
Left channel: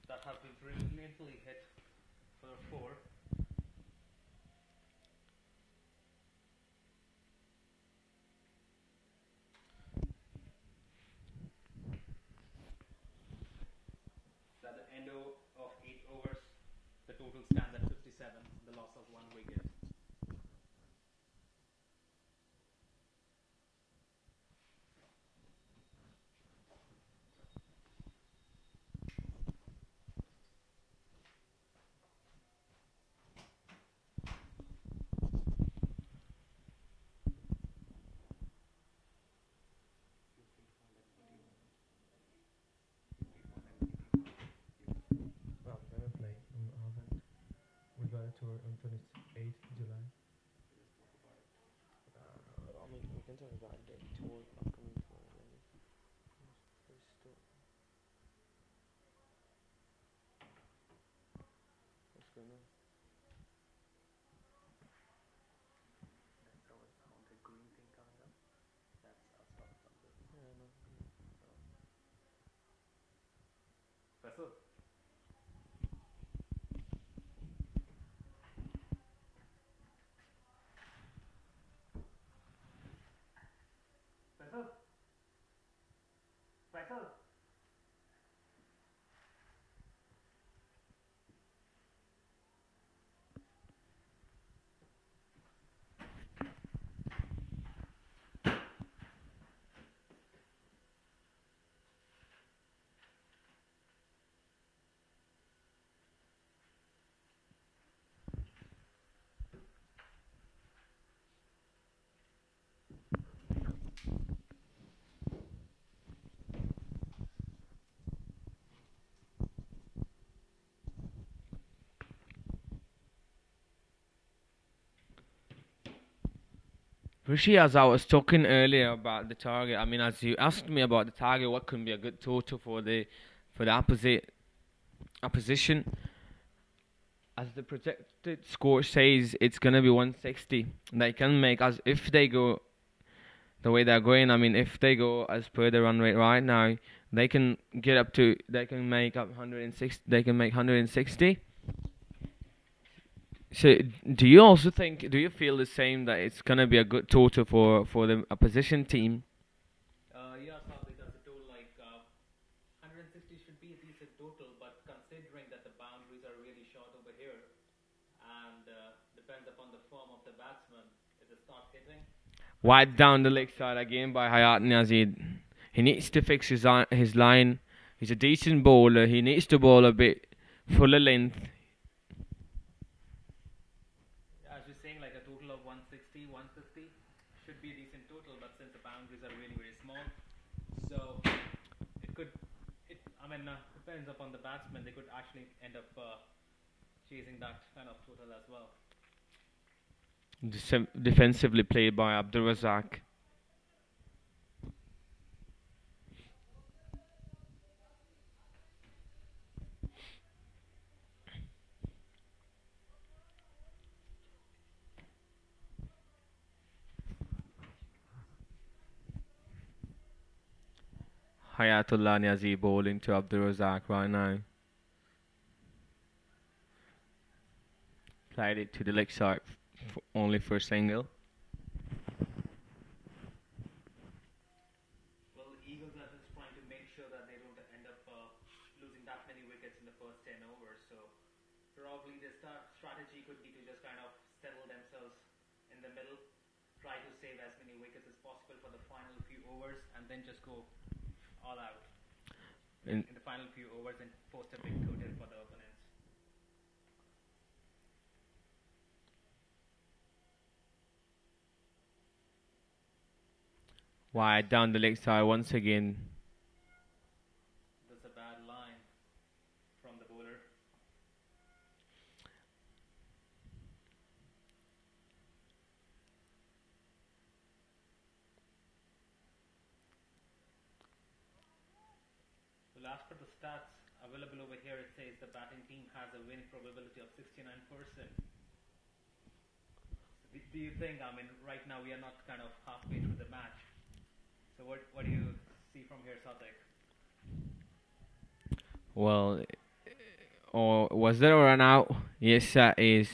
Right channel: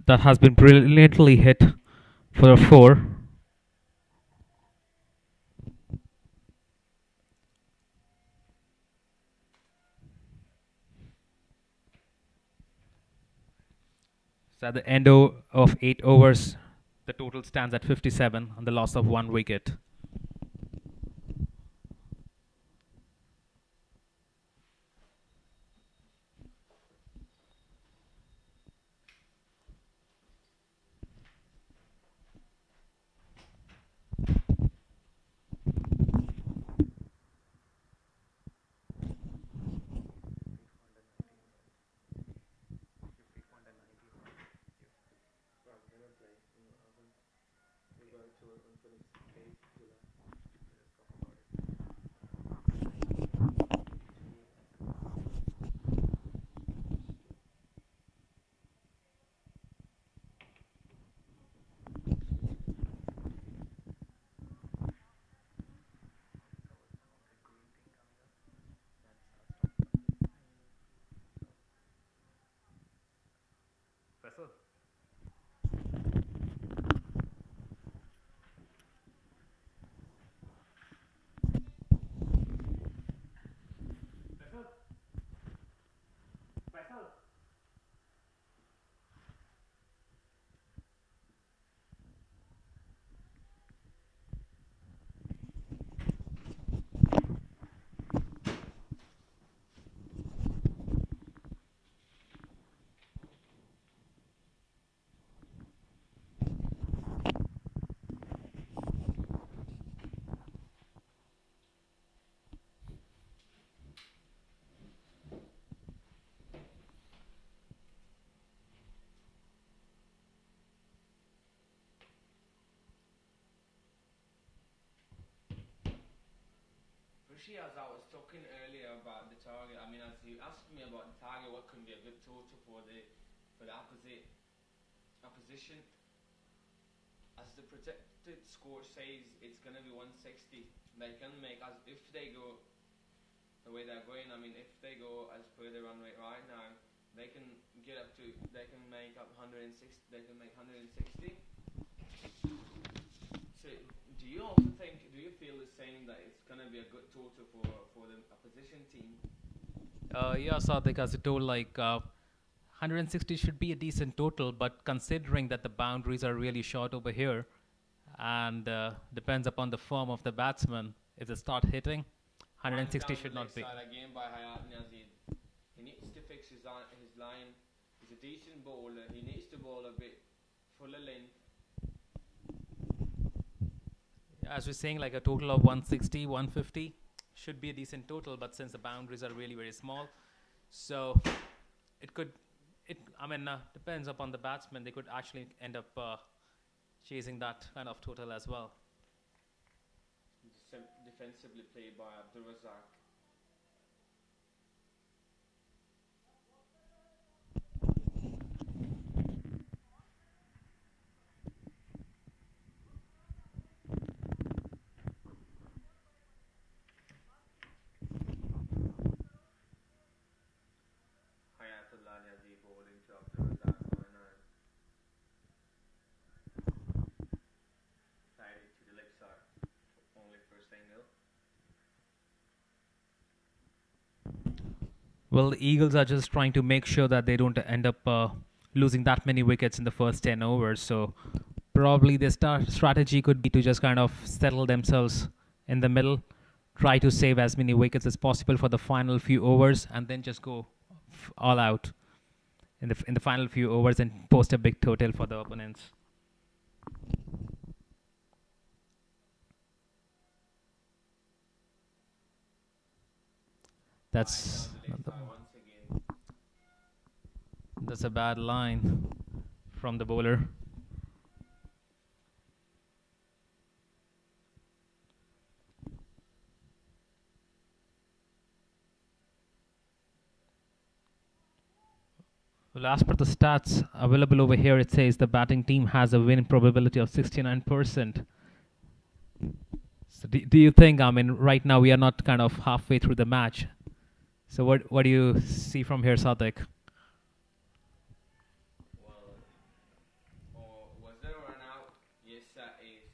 That has been brilliantly hit for a 4. So at the end of 8 overs, the total stands at 57 on the loss of one wicket. Rishi, as I was talking earlier about the target, I mean, as you asked me about the target, what can be a good total for the opposition? As the projected score says, it's gonna be 160. They can make, as if they go the way they're going. I mean, if they go as per the run rate right now, they can get up to. They can make up 160. They can make 160. So, do you also think? Do you feel the same that it's gonna be a good total for the opposition team? Yeah, Sadik, as I told, 160 should be a decent total, but considering that the boundaries are really short over here, and depends upon the form of the batsman, if they start hitting, Wide 160 down the should leg not be. side again by Hayat Nazid. He needs to fix his line. He's a decent bowler. He needs to bowl a bit fuller length. As we're saying, like a total of 160, 150 should be a decent total, but since the boundaries are really very small, so it could, depends upon the batsman. They could actually end up chasing that kind of total as well. Defensively played by Abdul Razak. Hayatullah Niazi bowling to Abdul Razak right now. Played it to the leg side only for a single. Well, the Eagles are just trying to make sure that they don't end up losing that many wickets in the first 10 overs. So probably their strategy could be to just kind of settle themselves in the middle, try to save as many wickets as possible for the final few overs, and then just go all out in the final few overs and post a big total for the opponents. Wide down the leg side once again. That's a bad line from the bowler. Well, as per the stats available over here, it says the batting team has a win probability of 69%. So do you think, right now we are not kind of halfway through the match. So what do you see from here, Sadik? Well, or was there a run out? Yes, that is.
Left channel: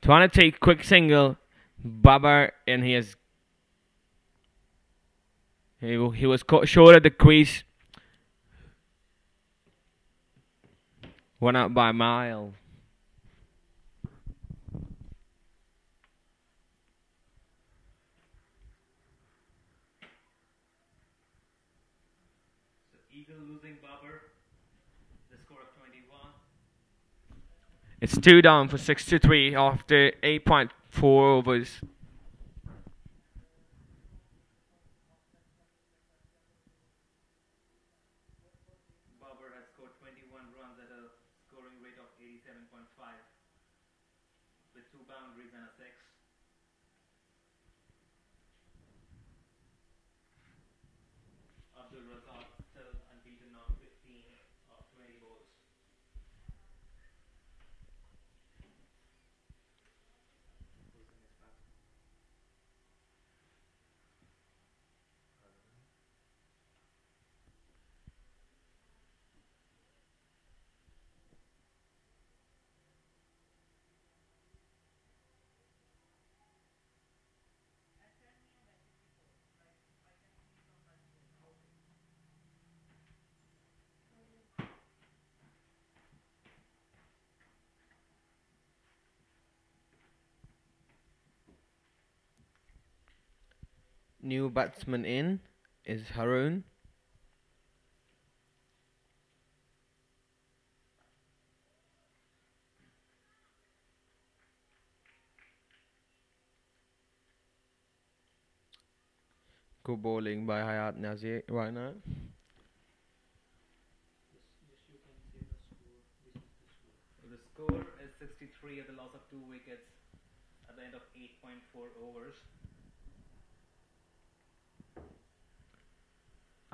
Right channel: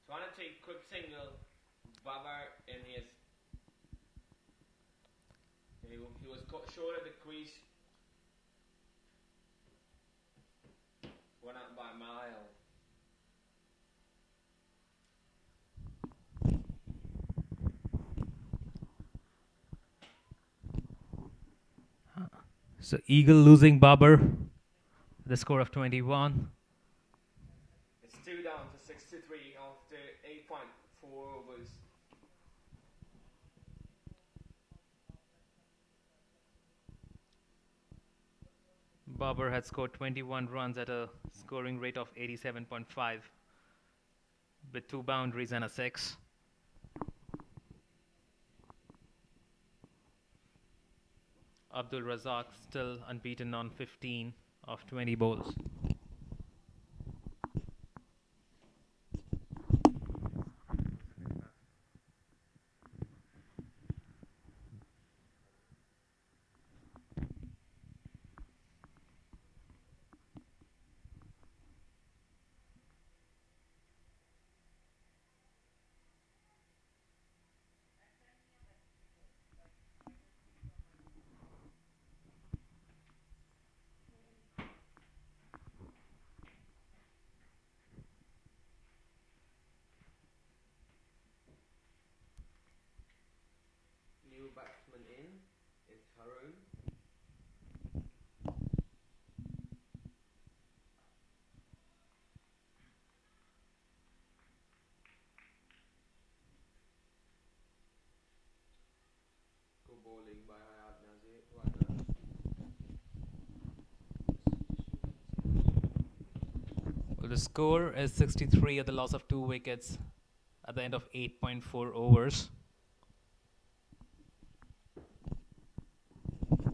Trying to take quick single. Babar, and he was caught short of the crease. Went out by a mile. So Eagle losing Babar, the score of 21. It's 2 down for 63 after 8.4 overs. Babar had scored 21 runs at a scoring rate of 87.5 with 2 boundaries and a 6. Abdul Razak still unbeaten on 15 of 20 bowls. New batsman in is Haroon. Good bowling by Hayat Nazir right now. Well, the score is 63 at the loss of 2 wickets at the end of 8.4 overs.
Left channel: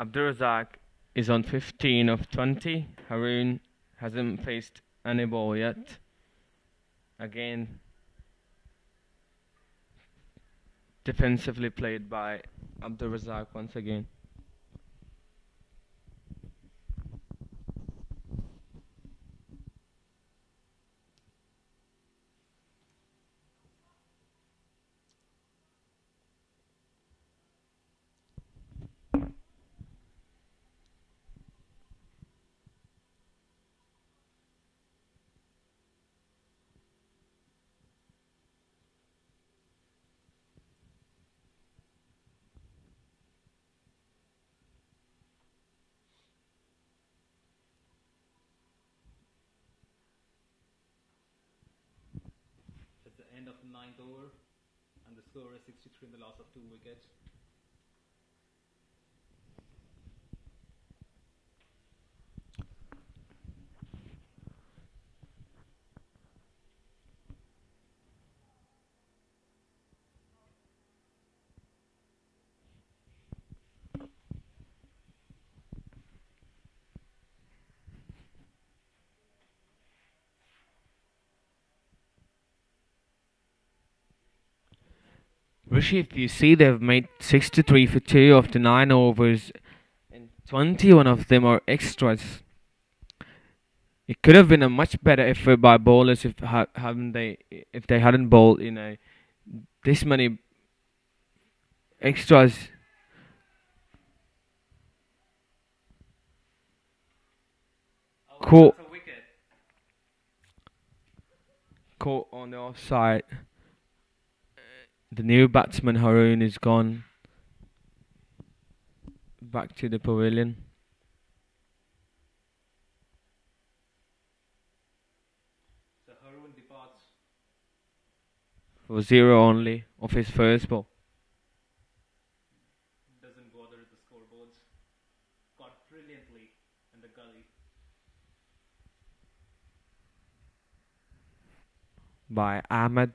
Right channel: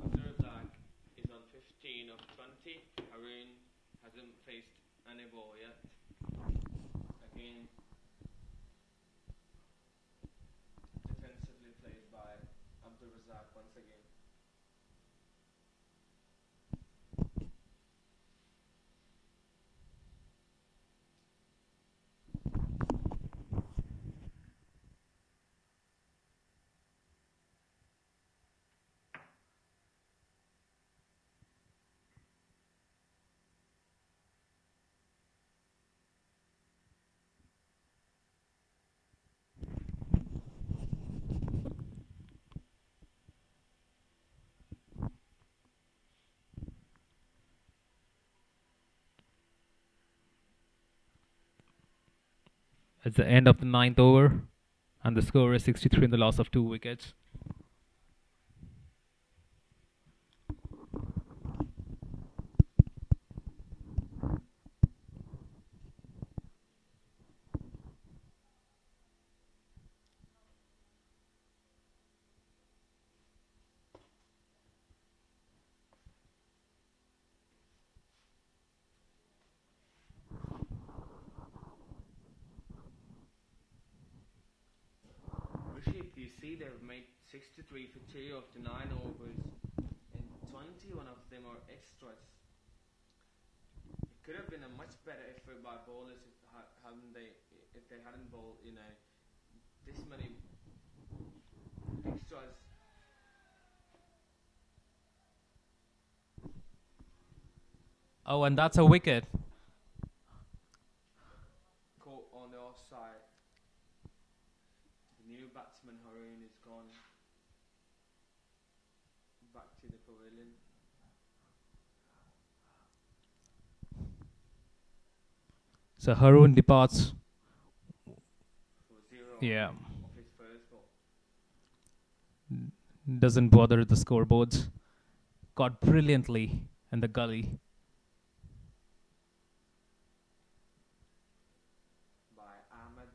Abdul Razak is on 15 of 20. Haroon hasn't faced any ball yet. Again, defensively played by Abdul Razak once again. It's the end of the ninth over, and the score is 63 in the loss of 2 wickets. Rishi, if you see, they've made 63 for 2 of the 9 overs, and 21 of them are extras. It could have been a much better effort by bowlers if they hadn't bowled this many extras. Oh, and Caught, that's a wicket. caught on the offside. The new batsman Haroon is gone back to the pavilion So Haroon departs. for 0 Yeah. only of his first ball. Doesn't bother the scoreboards. Caught brilliantly in the gully. By Ahmed.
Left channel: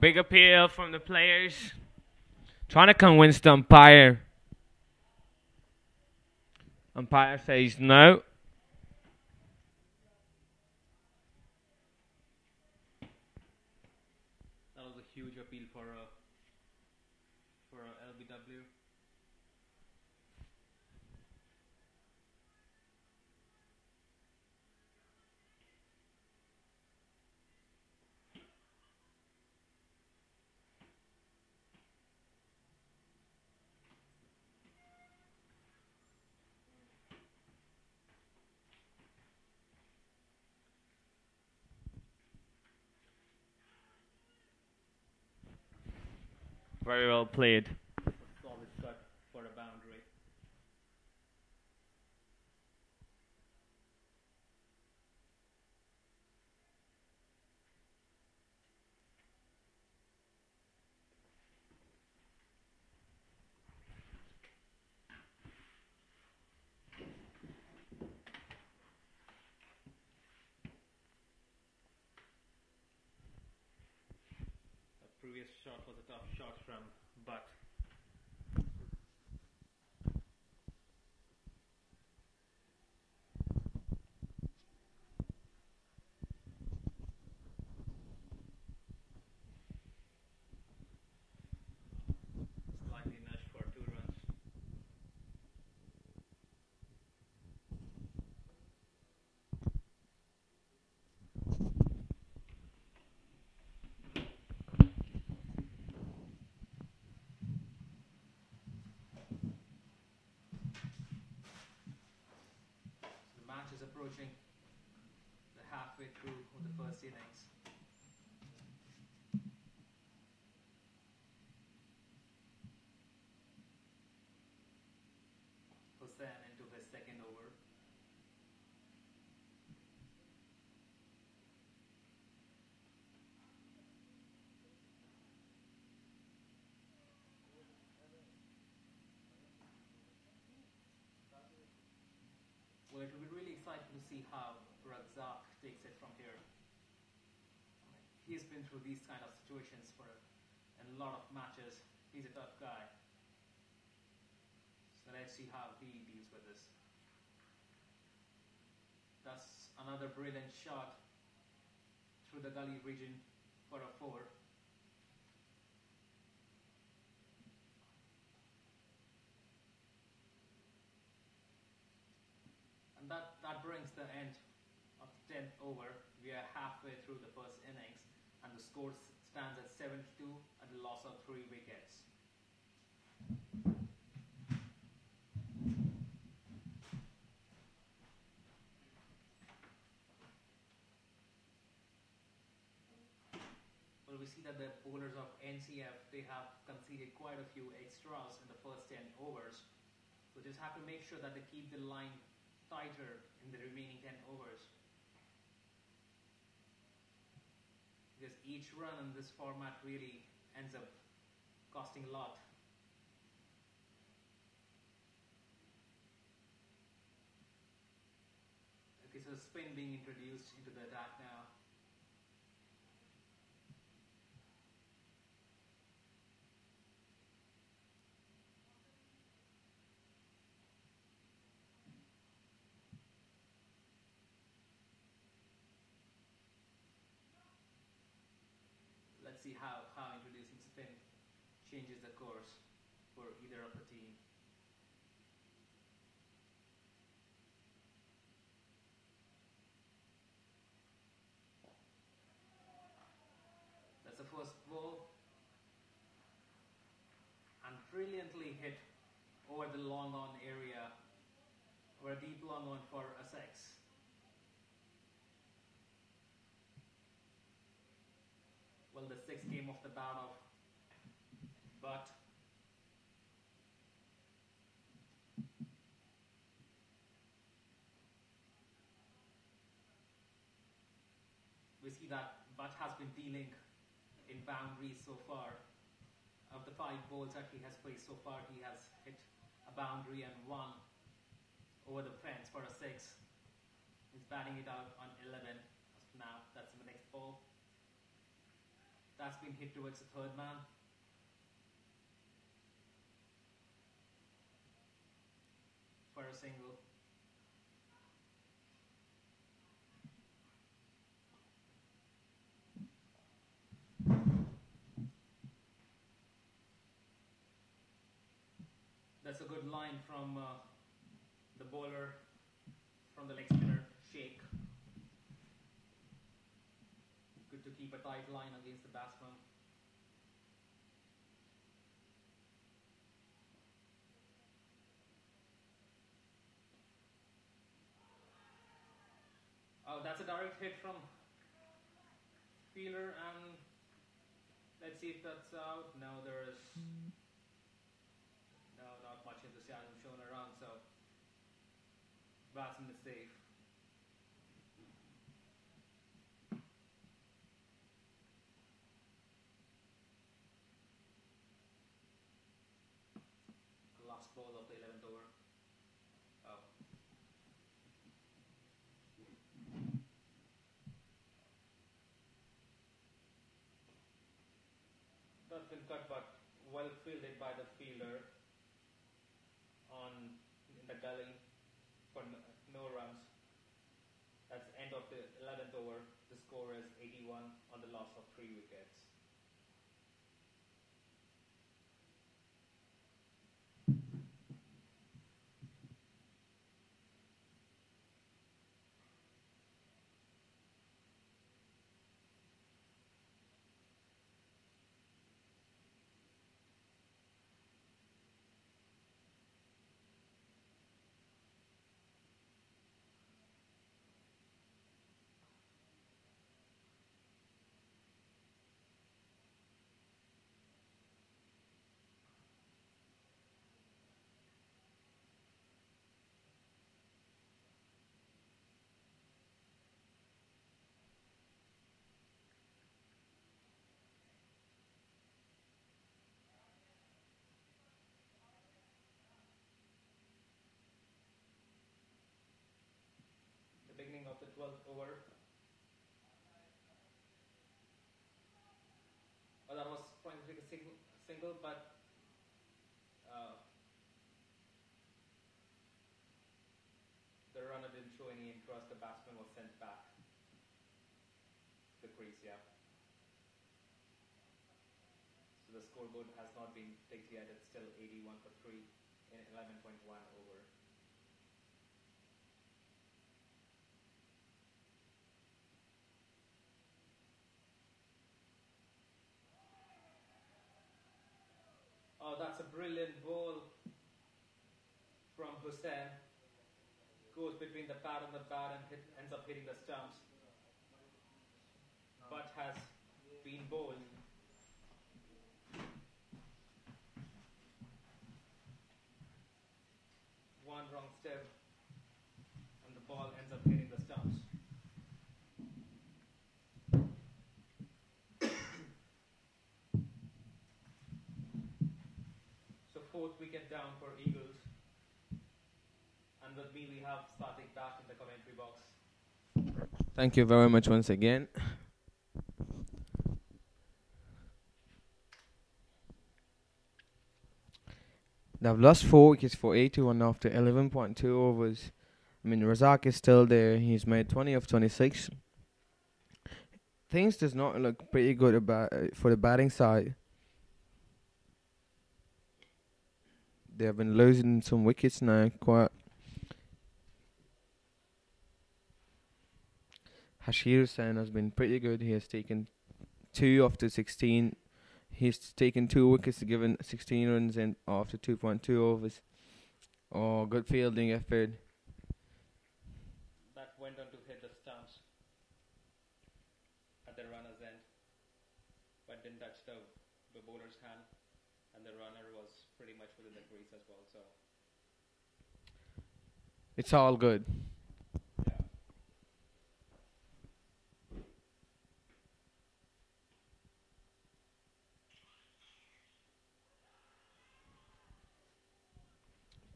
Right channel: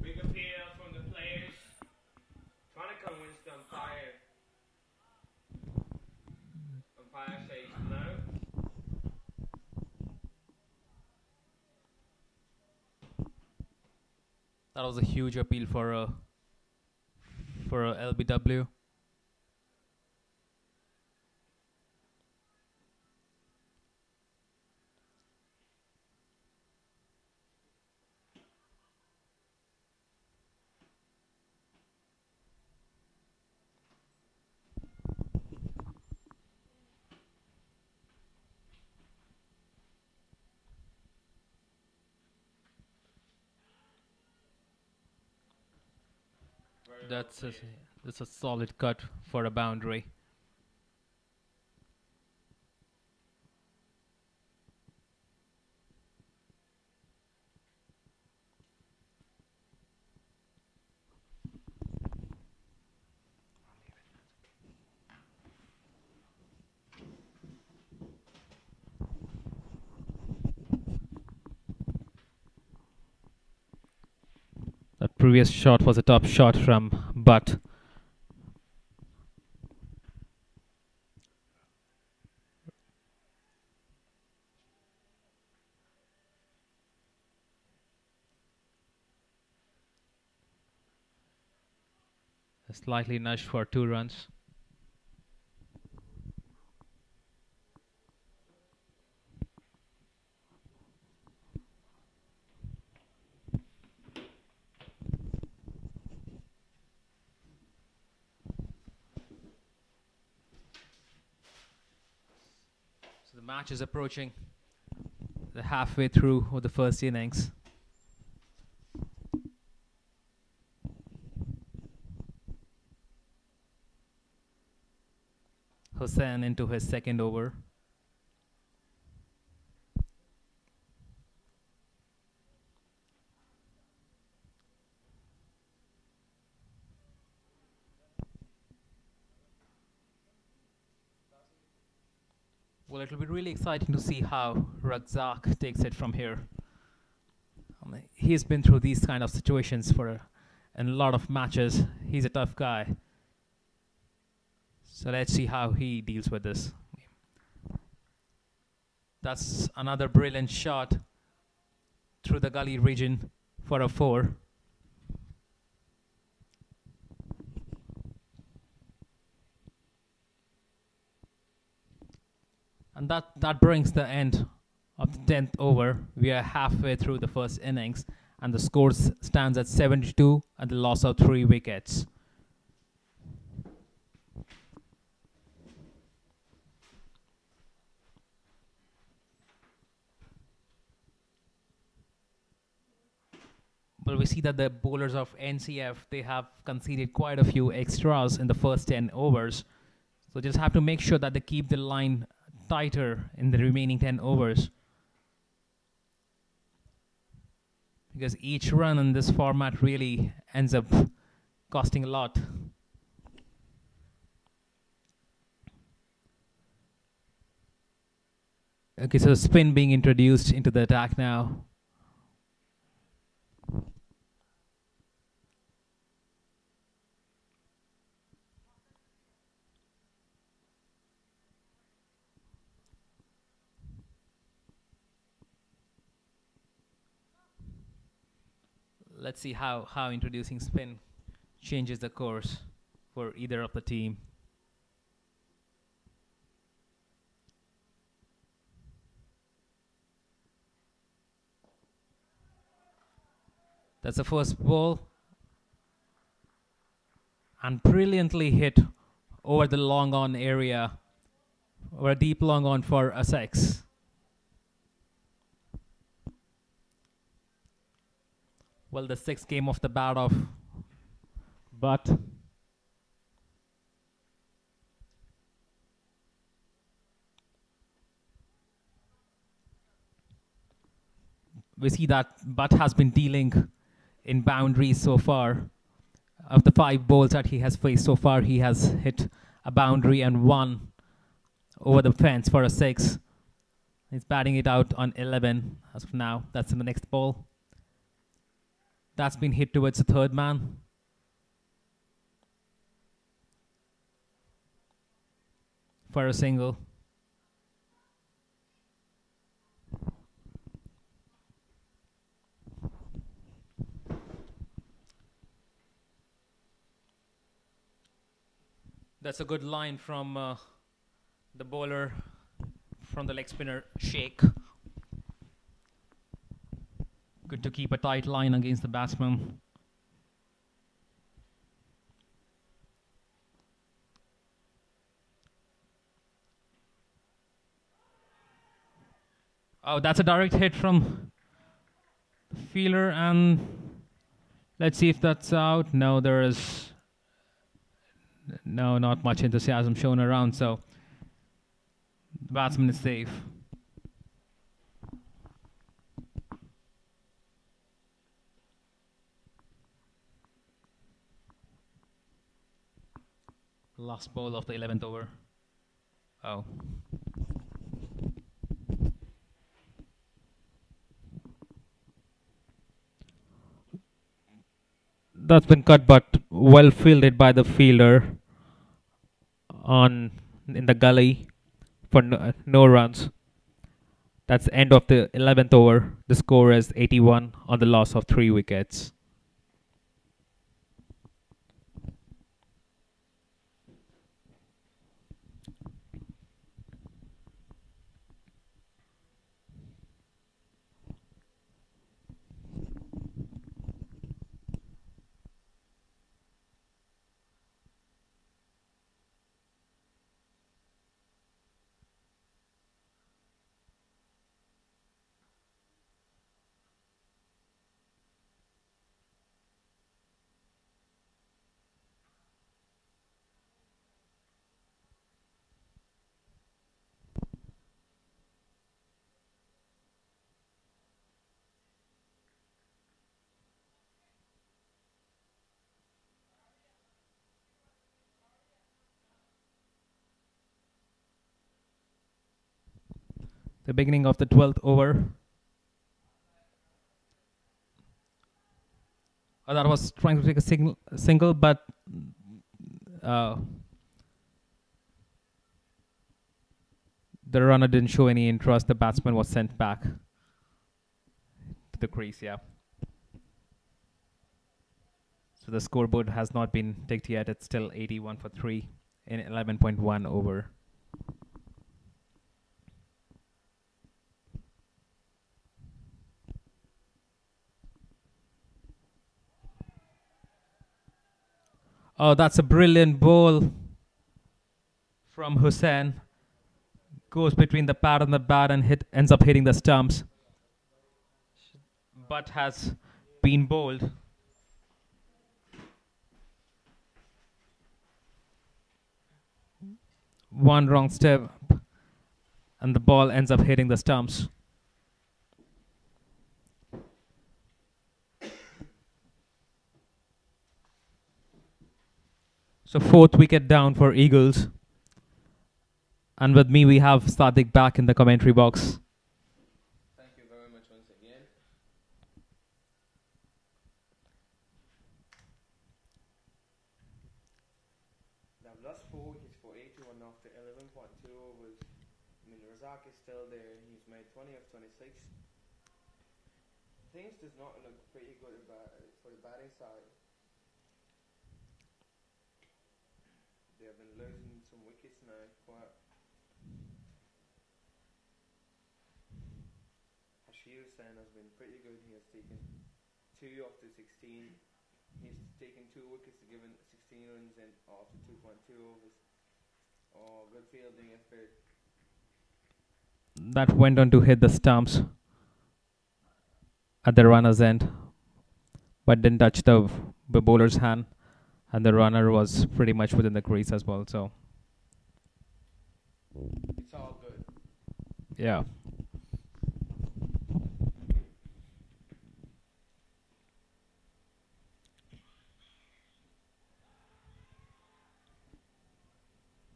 Big appeal from the players. Trying to convince the umpire. Umpire says no. That was a huge appeal for a LBW. Very well played. It's a solid cut for a boundary. That previous shot was a top shot from Butt. Slightly nudged for 2 runs. So the match is approaching the halfway through of the first innings. Hussain into his second over. Well, it will be really exciting to see how Razak takes it from here. He's been through these kind of situations in a lot of matches. He's a tough guy. So let's see how he deals with this. That's another brilliant shot through the gully region for a 4. And that brings the end of the 10th over. We are halfway through the first innings, and the score stands at 72 and the loss of 3 wickets. But we see that the bowlers of NCF, they have conceded quite a few extras in the first 10 overs. So just have to make sure that they keep the line tighter in the remaining 10 overs. Because each run in this format really ends up costing a lot. Okay, so spin being introduced into the attack now. Let's see how introducing spin changes the course for either of the team. That's the first ball. And brilliantly hit over the long on area, or a deep long on for a 6. Well, the 6 came off the bat of, but we see that Butt has been dealing in boundaries so far. Of the 5 balls that he has faced so far, he has hit a boundary and 1 over the fence for a 6. He's batting it out on 11 as of now. That's the next ball. That's been hit towards the third man. For a single. That's a good line from the bowler, from the leg spinner, Sheikh. Good to keep a tight line against the batsman. Oh, that's a direct hit from the fielder, and let's see if that's out. No, there is not much enthusiasm shown around, so the batsman is safe. Last ball of the 11th over. Oh. That's been cut, but well fielded by the fielder in the gully for no runs. That's the end of the 11th over. The score is 81 on the loss of 3 wickets. The beginning of the 12th over. That was trying to take a single, but the runner didn't show any interest. The batsman was sent back to the crease, yeah. So the scoreboard has not been ticked yet. It's still 81 for 3 in 11.1 over. Oh, that's a brilliant ball from Hussain. Goes between the pad and the bat and ends up hitting the stumps. But has been bowled. One wrong step and the ball ends up hitting the stumps. So fourth wicket down for Eagles. And with me we have Sadiq back in the commentary box. Thank you very much once again. They've lost 4 wickets for 81 after 11.2 overs. I mean, Razak is still there. He's made 20 of 26. Things does not look pretty good about for the batting side. They have been losing some wickets now. Quite. Hashir Hussain has been pretty good. He has taken 2 after 16. He's taken 2 wickets, given 16 runs in after 2.2 overs. Oh, good fielding effort. That went on to hit the stumps at the runner's end, but didn't touch the bowler's hand, and the runner was pretty much within the crease as well. So It's all good. yeah.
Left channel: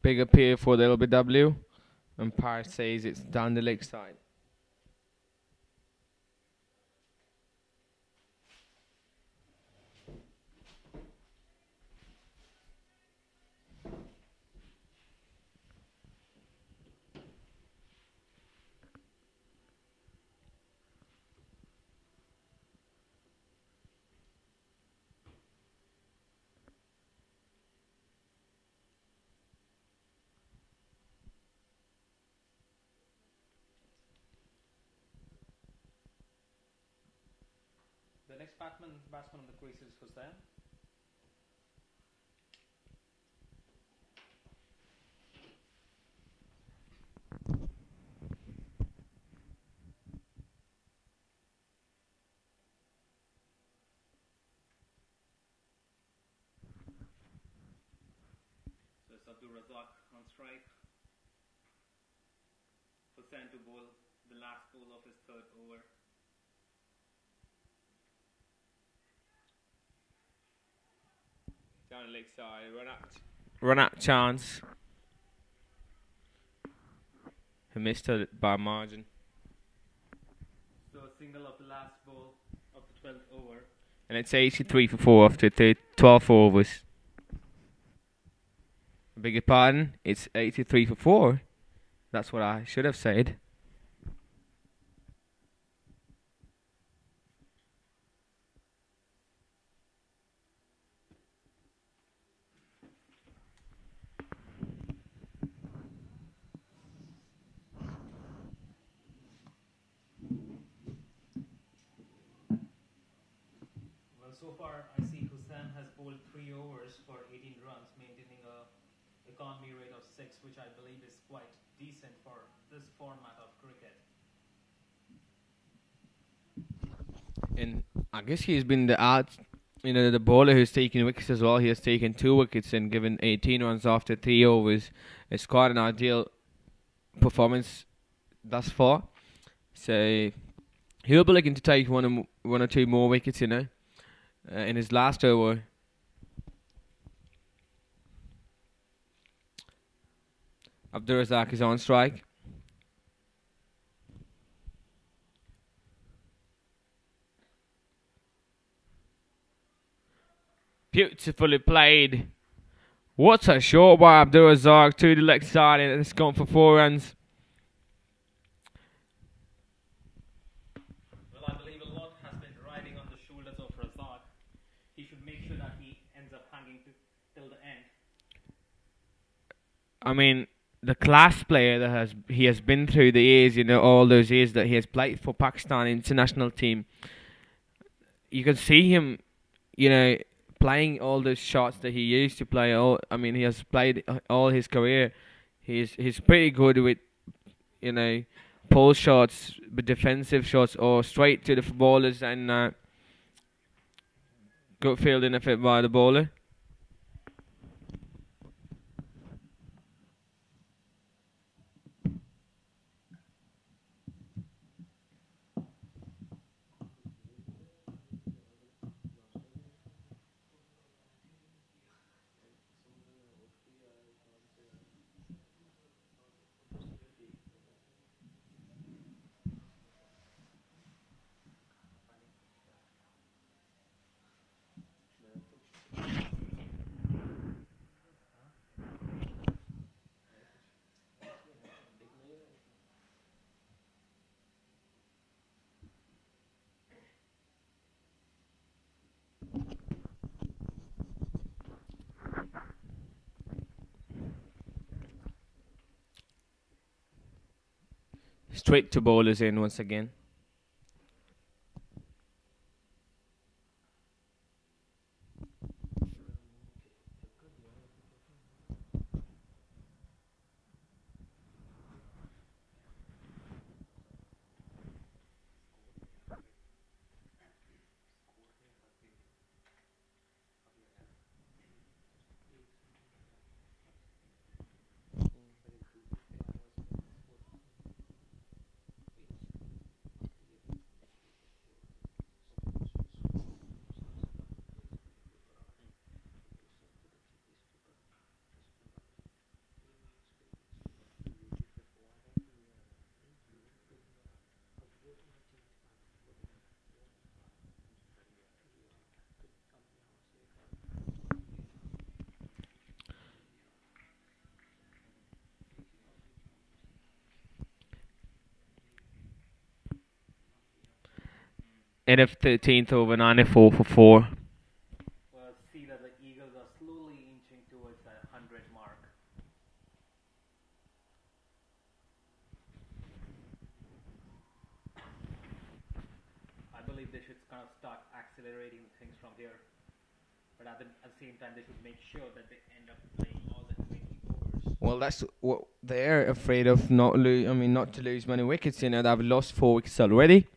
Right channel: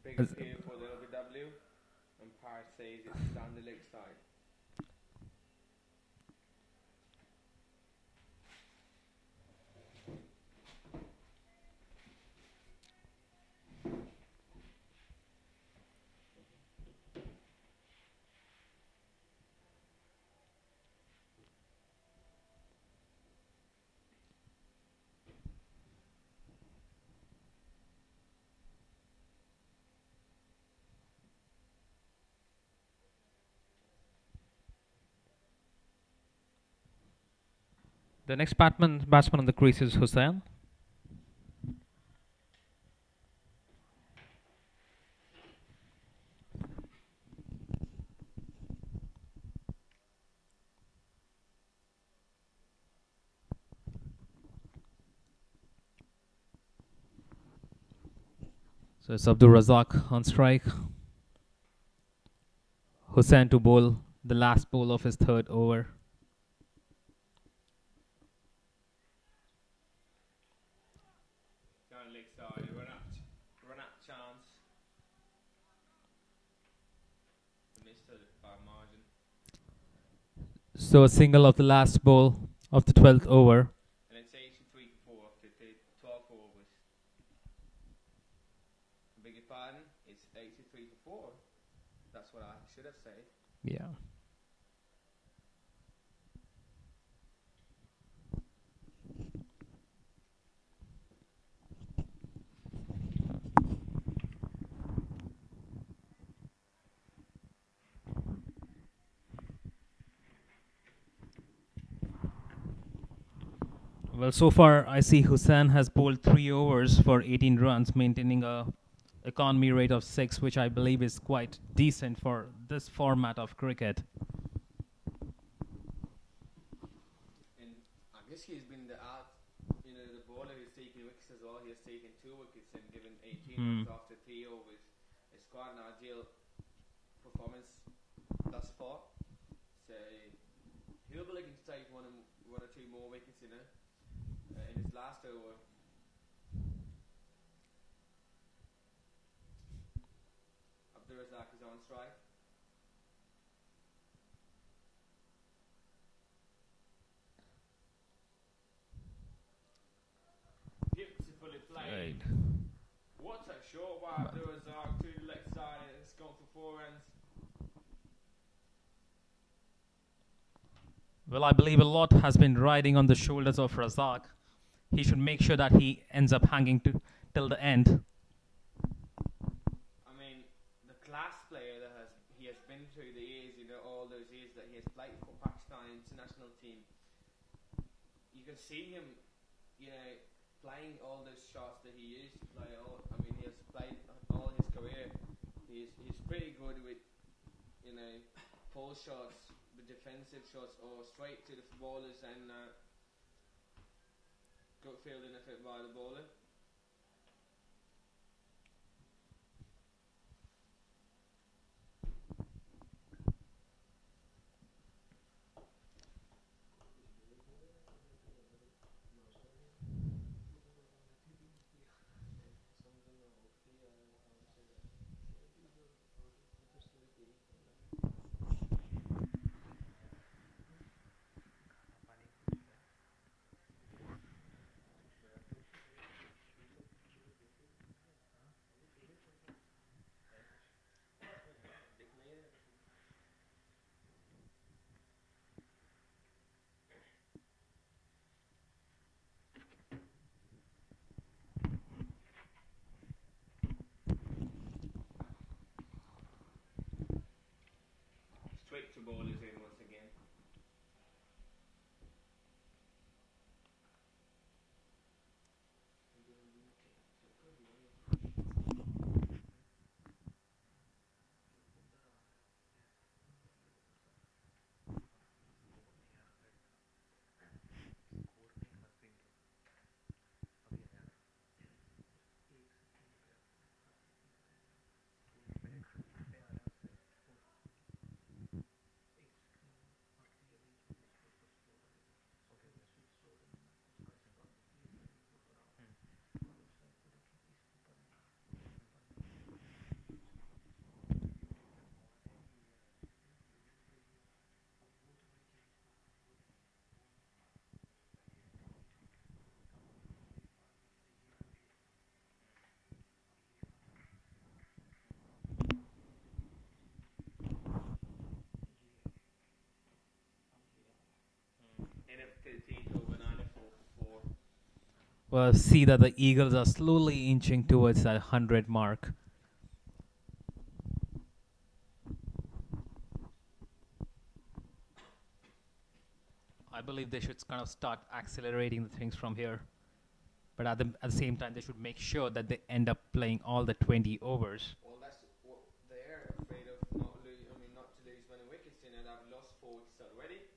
Big appeal for the LBW. Umpire says it's down the leg side. The next batsman on the crease is Hussain. So it's Abdul Razak on strike. Hussain to bowl the last ball of his third over. Down the leg side, run out chance. He missed it by margin. So a single of the last ball of the 12th over. And it's 83 for 4 after 12 overs. I beg your pardon, it's 83 for 4. That's what I should have said. Yeah. Well, so far I see Hussain has bowled 3 overs for 18 runs, maintaining a economy rate of 6, which I believe is quite decent for this format of cricket. And I guess he's been the bowler who's taken wickets as well. He has taken 2 wickets and given 18 runs after 3 overs. It's quite an ideal performance thus far. So he'll be looking to take one or two more wickets, in his last over. Abdur Razak is on strike. Beautifully played. What a shot by Abdur Razak to the leg side, and it's gone for 4 runs. Well, I believe a lot has been riding on the shoulders of Razak. He should make sure that he ends up hanging till the end. I mean, the class player that he has been through the years, all those years that he has played for Pakistan international team. You can see him, playing all the shots that he used to play. All I mean, he has played all his career. He's pretty good with you know pull shots, but defensive shots, or straight to the ballers and good fielding if it by the bowler. Straight to bowlers in once again. End of 13th over 94 for 4. Well, see that the Eagles are slowly inching towards that 100 mark. I believe they should kind of start accelerating the things from here. But at the same time, they should make sure that they end up playing all the 20 overs. Well, that's what they're afraid of. Not to lose many wickets. You know, they've lost 4 wickets already.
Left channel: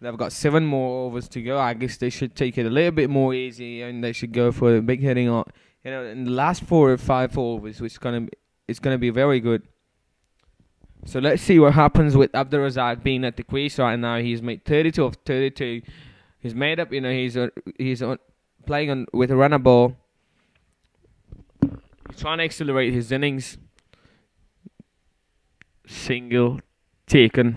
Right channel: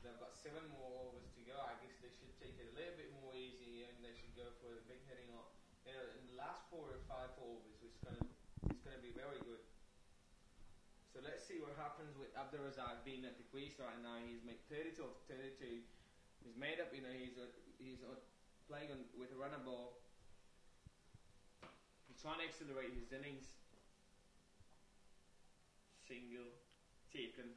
They've got 7 more overs to go. I guess they should take it a little bit more easy, and they should go for a big hitting. You know, in the last 4 or 5 overs, which it's gonna be very good. So let's see what happens with Abdul Razak being at the crease right now. He's made 32 of 32. He's made up. You know, he's playing on with a runner ball. He's trying to accelerate his innings. Single taken.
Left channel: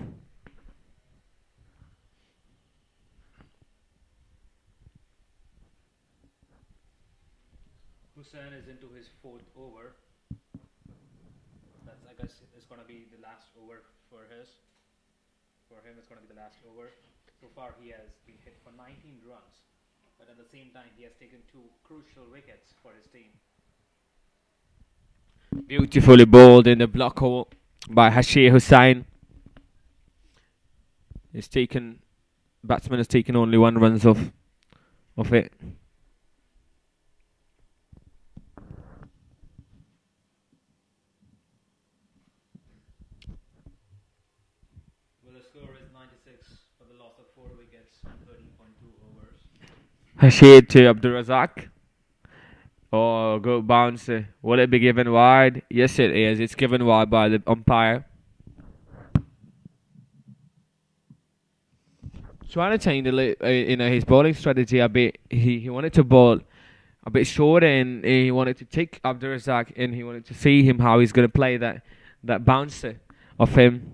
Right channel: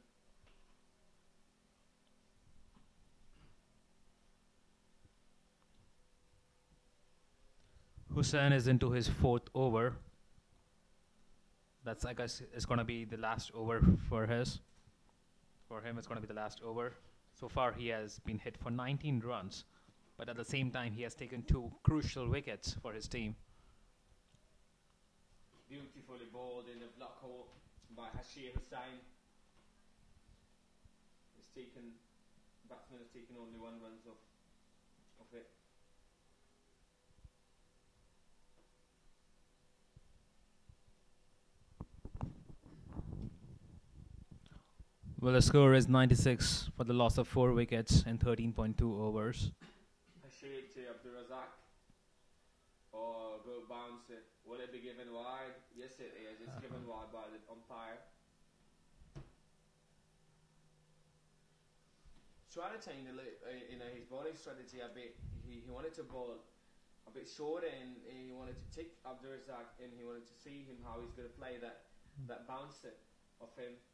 Hussain is into his 4th over. That's, I guess, it's going to be the last over for his. For him, it's going to be the last over. So far, he has been hit for 19 runs. But at the same time, he has taken 2 crucial wickets for his team. Beautifully bowled in the block hole by Hashir Hussain. Batsman has taken only 1 runs of it. Well, the score is 96 for the loss of 4 wickets in 13.2 overs. Hashir to Abdul Razak. Oh, good bounce. Will it be given wide? Yes, it is. It's given wide by the umpire. Trying to change his bowling strategy a bit. He wanted to bowl a bit short, and he wanted to take Abdul Razak, and he wanted to see him how he's going to play that bouncer of him.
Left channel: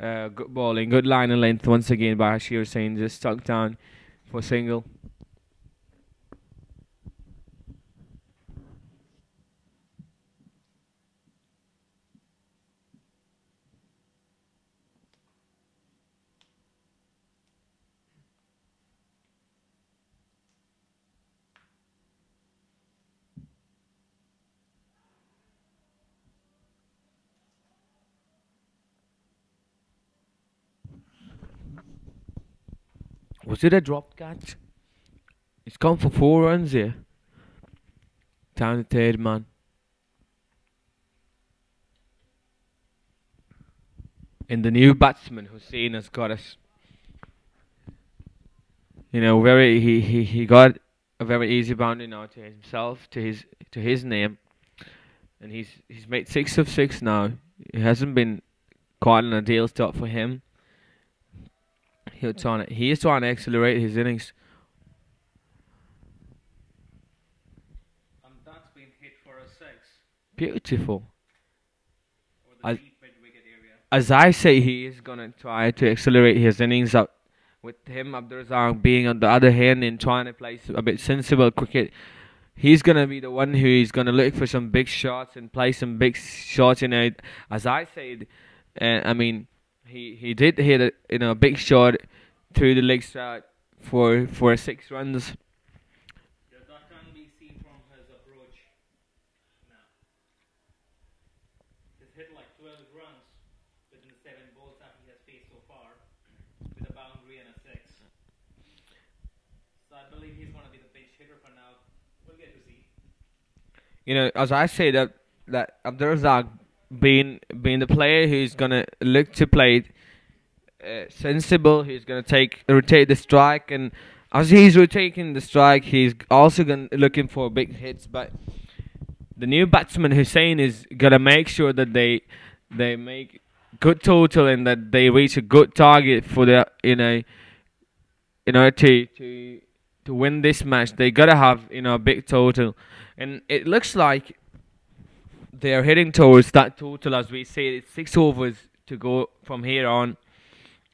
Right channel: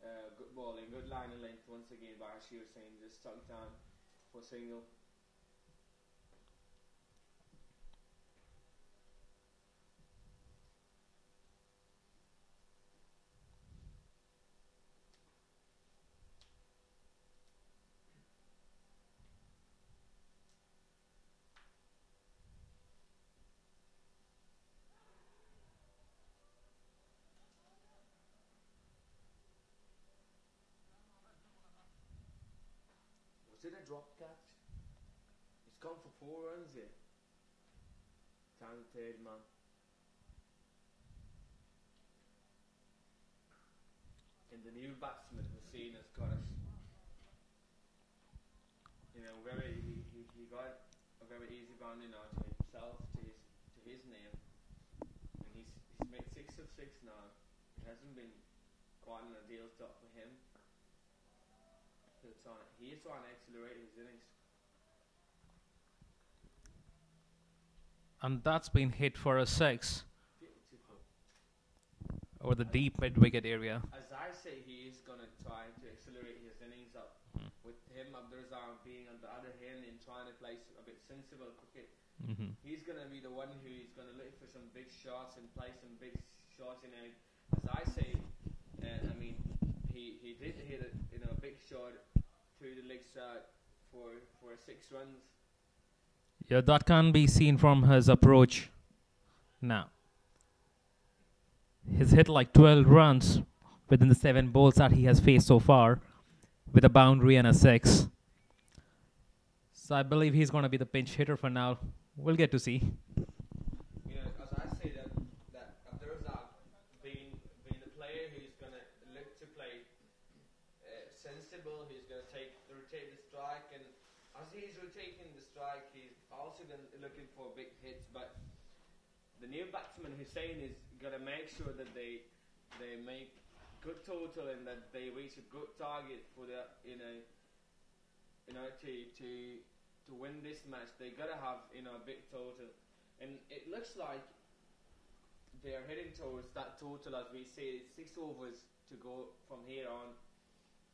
Good bowling, good line and length once again by Hashir Hussain, just stuck down for single. Was it a dropped catch? He's gone for 4 runs here. Down the third man. And the new batsman Hussein has got us. Very he got a very easy boundary now to himself, to his name, and he's made 6 of 6 now. It hasn't been quite an ideal start for him. He is trying to accelerate his innings. And that's been hit for a 6 Beautiful. over the As- deep mid wicket area. As I say, he is gonna try to accelerate his innings up. With him, Abdurazak being on the other hand and trying to play a bit sensible cricket, he's gonna be the one who is gonna look for some big shots and play some big shots. As I said, I mean, he did hit a big shot through the leg side for 6 runs. Yeah, that can be seen from his approach. Now, he's hit like 12 runs within the 7 balls that he has faced so far, with a boundary and a 6. So I believe he's going to be the pinch hitter for now. We'll get to see. As I say that Abdurazak being the player who's gonna look to play sensible, he's gonna rotate the strike, and as he's rotating the strike, he's also looking for big hits. But the new batsman Hussein is gonna make sure that they make good total and that they reach a good target for the in order to win this match. They gotta have a big total, and it looks like they are heading towards that total. As we say, it's 6 overs to go from here on,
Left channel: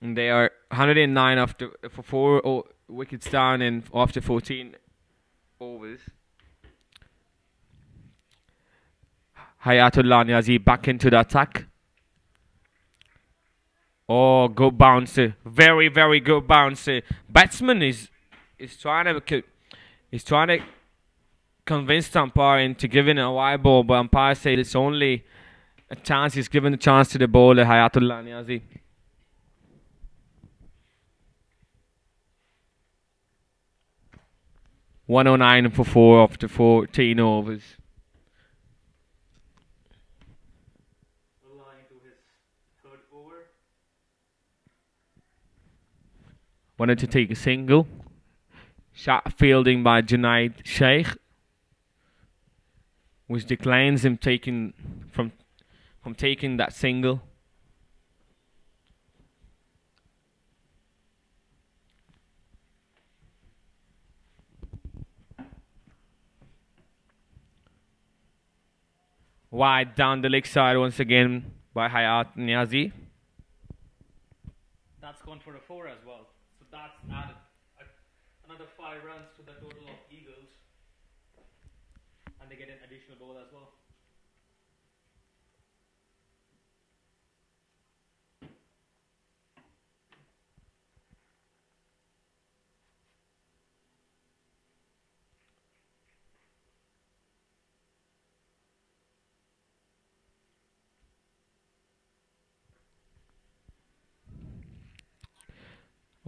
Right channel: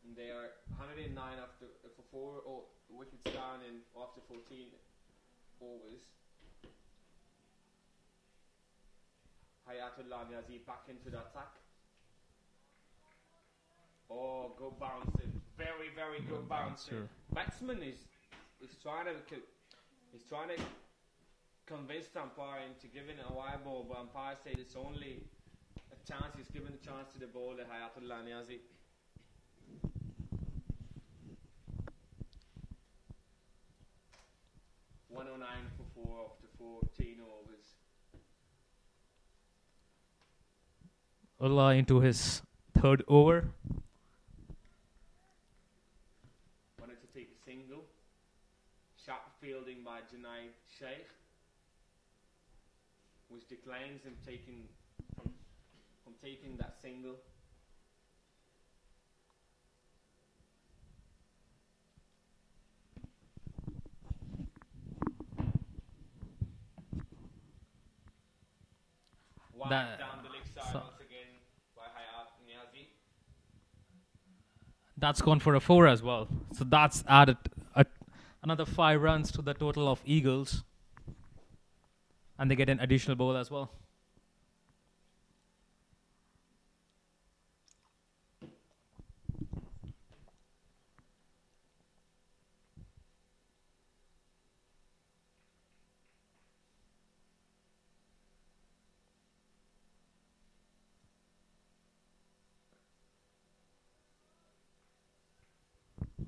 and they are 109 for 4 wickets down and after 14 overs. Hayatullah Niazi back into the attack. Oh, good bouncer! Very, very good bouncer. Batsman is trying to convince the umpire into giving a wide ball, but umpire said it's only a chance. He's given the chance to the bowler Hayatullah Niazi. (109 for 4 after 14 overs). Ullah into his 3rd over. Wanted to take a single. Shot fielding by Junaid Sheikh, which declines him from taking that single. Wide down the leg side once again by Hayat Niazi. That's gone for a 4 as well. So that's added another 5 runs to the total of Eagles. And they get an additional ball as well.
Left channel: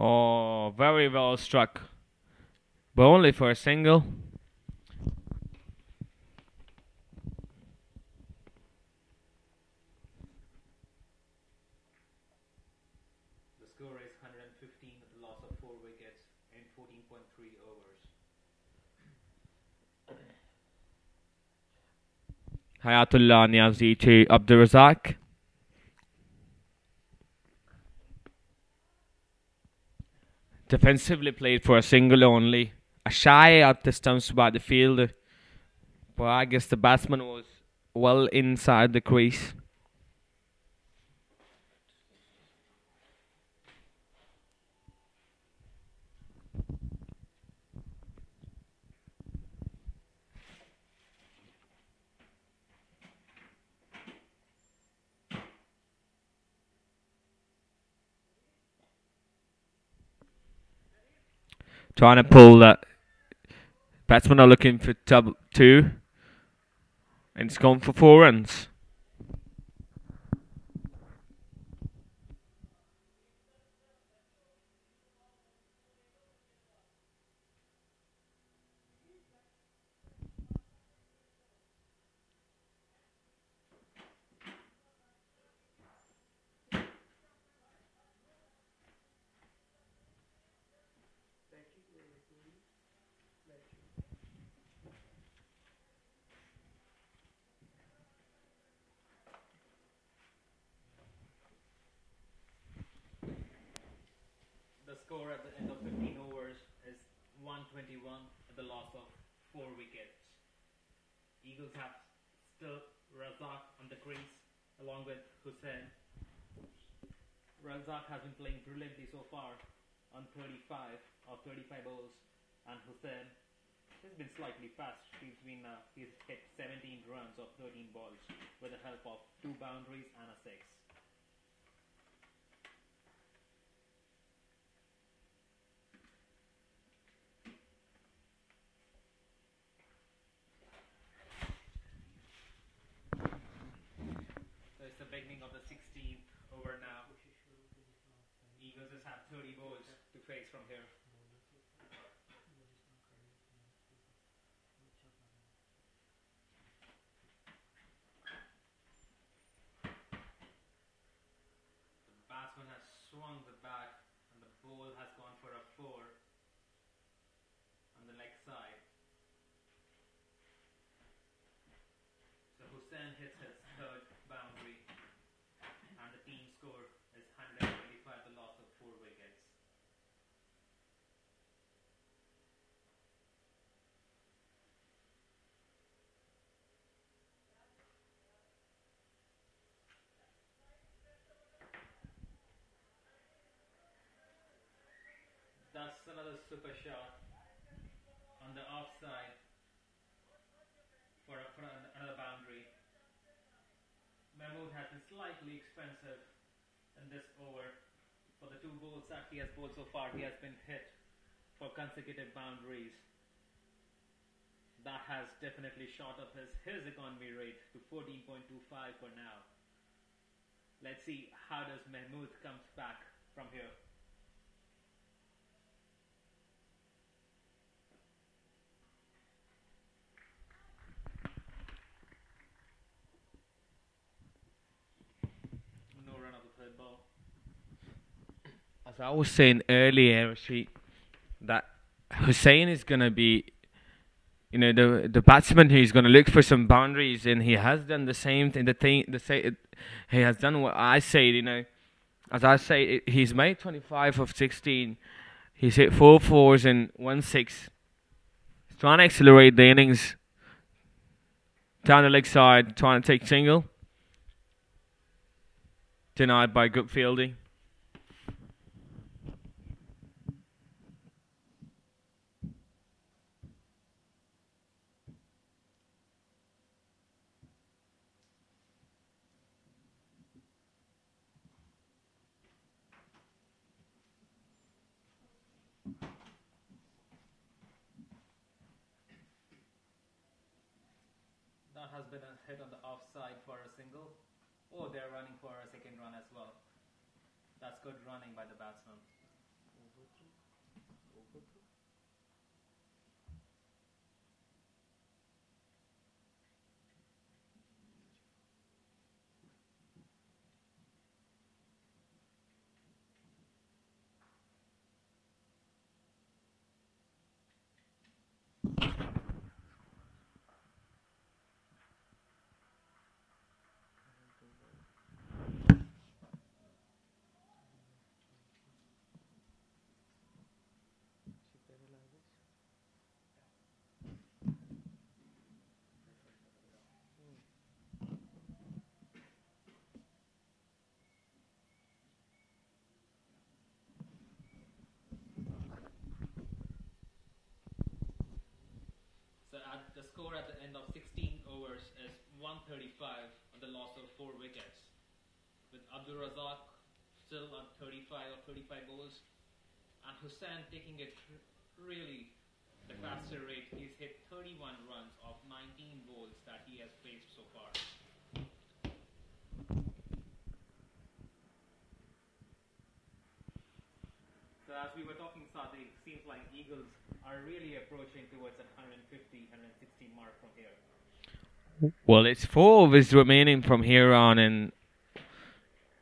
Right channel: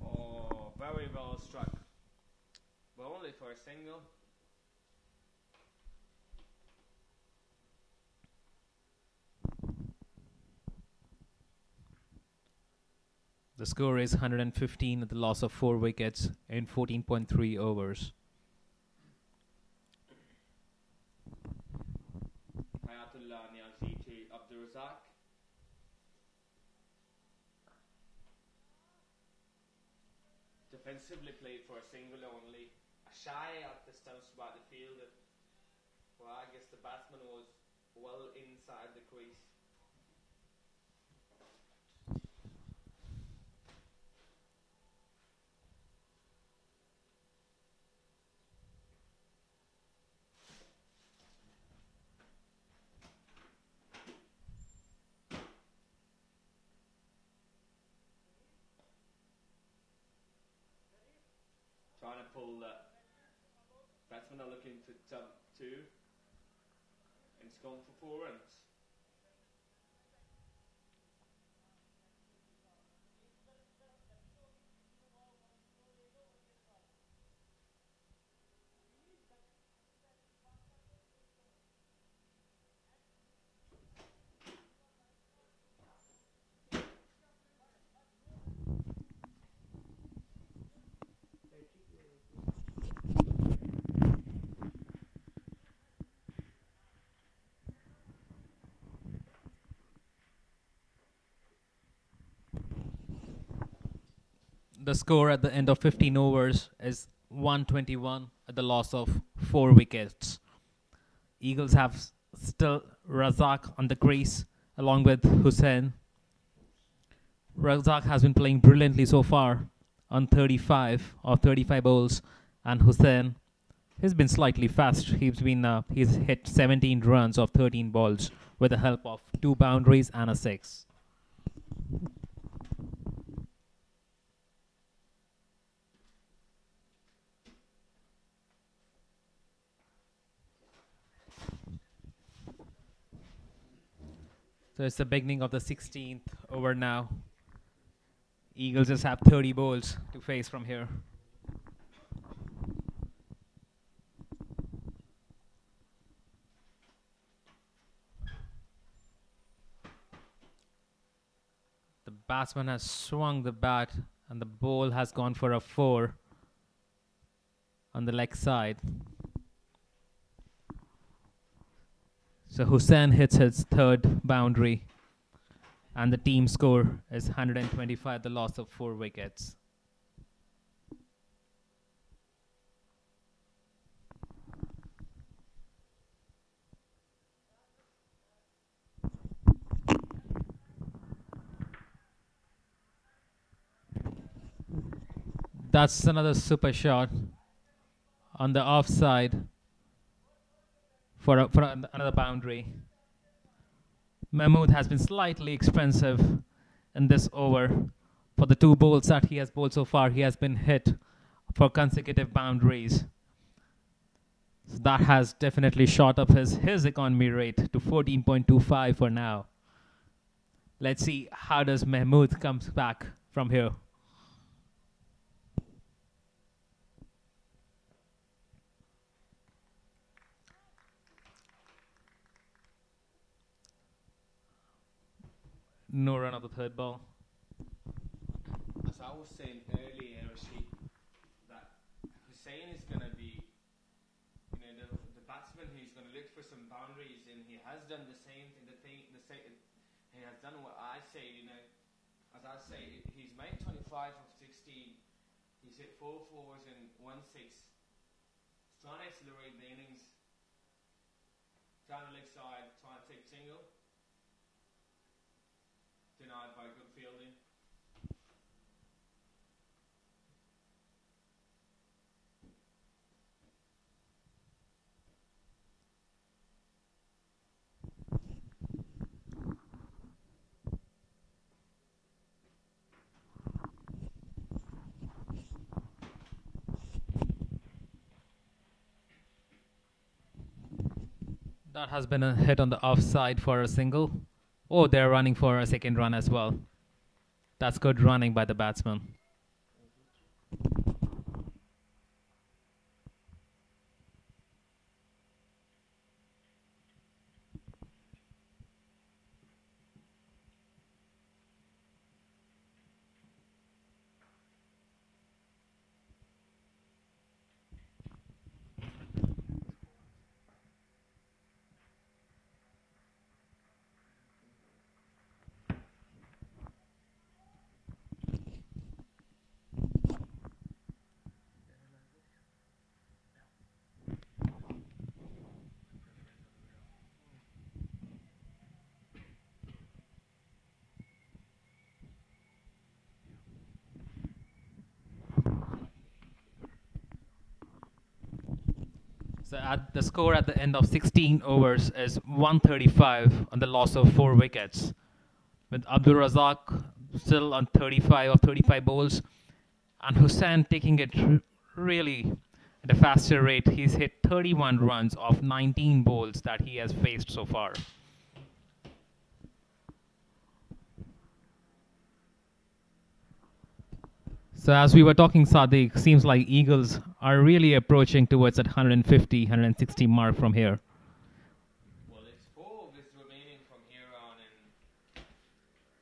Oh, very well struck, but only for a single. The score is 115 at the loss of 4 wickets in 14.3 overs. Hayatullah Niazi to Abdurazak. Defensively played for a single only. A shy at the stumps by the fielder, but I guess the batsman was well inside the crease. Trying to pull that. Batsmen are looking for 2, and it's gone for 4 runs. The score at the end of 15 overs is 121 at the loss of 4 wickets. Eagles have still Razak on the crease along with Hussain. Razak has been playing brilliantly so far on 35 balls, and Hussain, he's been slightly fast. He's hit 17 runs of 13 balls with the help of 2 boundaries and a 6. So it's the beginning of the 16th over now. Eagles just have 30 balls to face from here. The batsman has swung the bat and the ball has gone for a 4 on the leg side. So Hussain hits his 3rd boundary and the team score is 125, the loss of 4 wickets. That's another super shot on the offside for another boundary. Mahmood has been slightly expensive in this over. For the 2 balls that he has bowled so far, he has been hit for consecutive boundaries. So that has definitely shot up his economy rate to 14.25 for now. Let's see how does Mahmood comes back from here. No run of the 3rd ball. As I was saying earlier, that Hussain is going to be, the batsman who's going to look for some boundaries, and he has done the same thing. He has done what I say. As I say, he's made 25 of 16. He's hit 4 fours and 1 6. He's trying to accelerate the innings down the leg side, trying to take single. Denied by good fielding. That has been a hit on the offside for a single. Oh, they're running for a 2nd run as well. That's good running by the batsman. So at the score at the end of 16 overs is 135 on the loss of 4 wickets. With Abdul Razak still on 35 or 35 balls, and Hussain taking it really at a faster rate. He's hit 31 runs of 19 balls that he has faced so far. So as we were talking, Sadiq, seems like Eagles are really approaching towards that 150, 160 mark from here. Well, it's 4 overs remaining from here on, and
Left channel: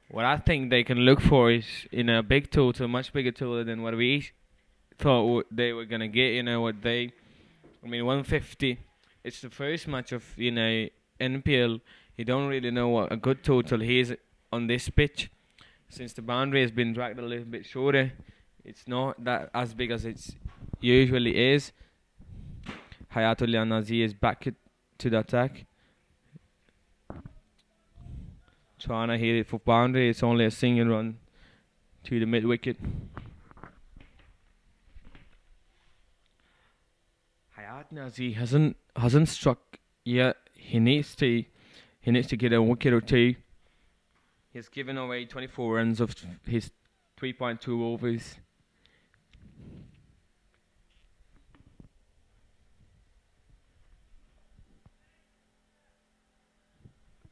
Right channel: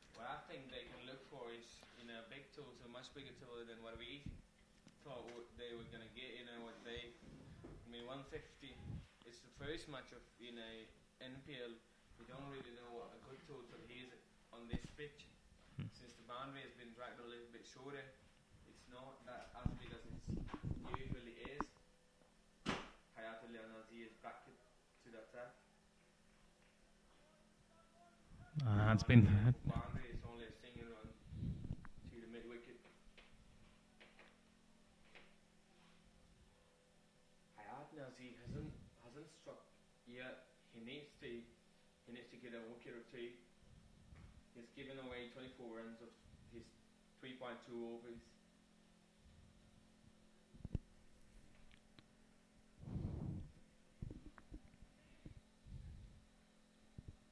what I think they can look for is in a big total, much bigger total than what we thought they were gonna get. 150. It's the first match of NPL. You don't really know what a good total is on this pitch, since the boundary has been dragged a little bit shorter. It's not that as big as it usually is. Hayatullah Nazi is back to the attack, That's trying to hit been it for boundary. It's only a single run to the mid wicket. Hayat Nazi hasn't struck yet. He needs to get a wicket or two. He's given away 24 runs of his 3.2 overs.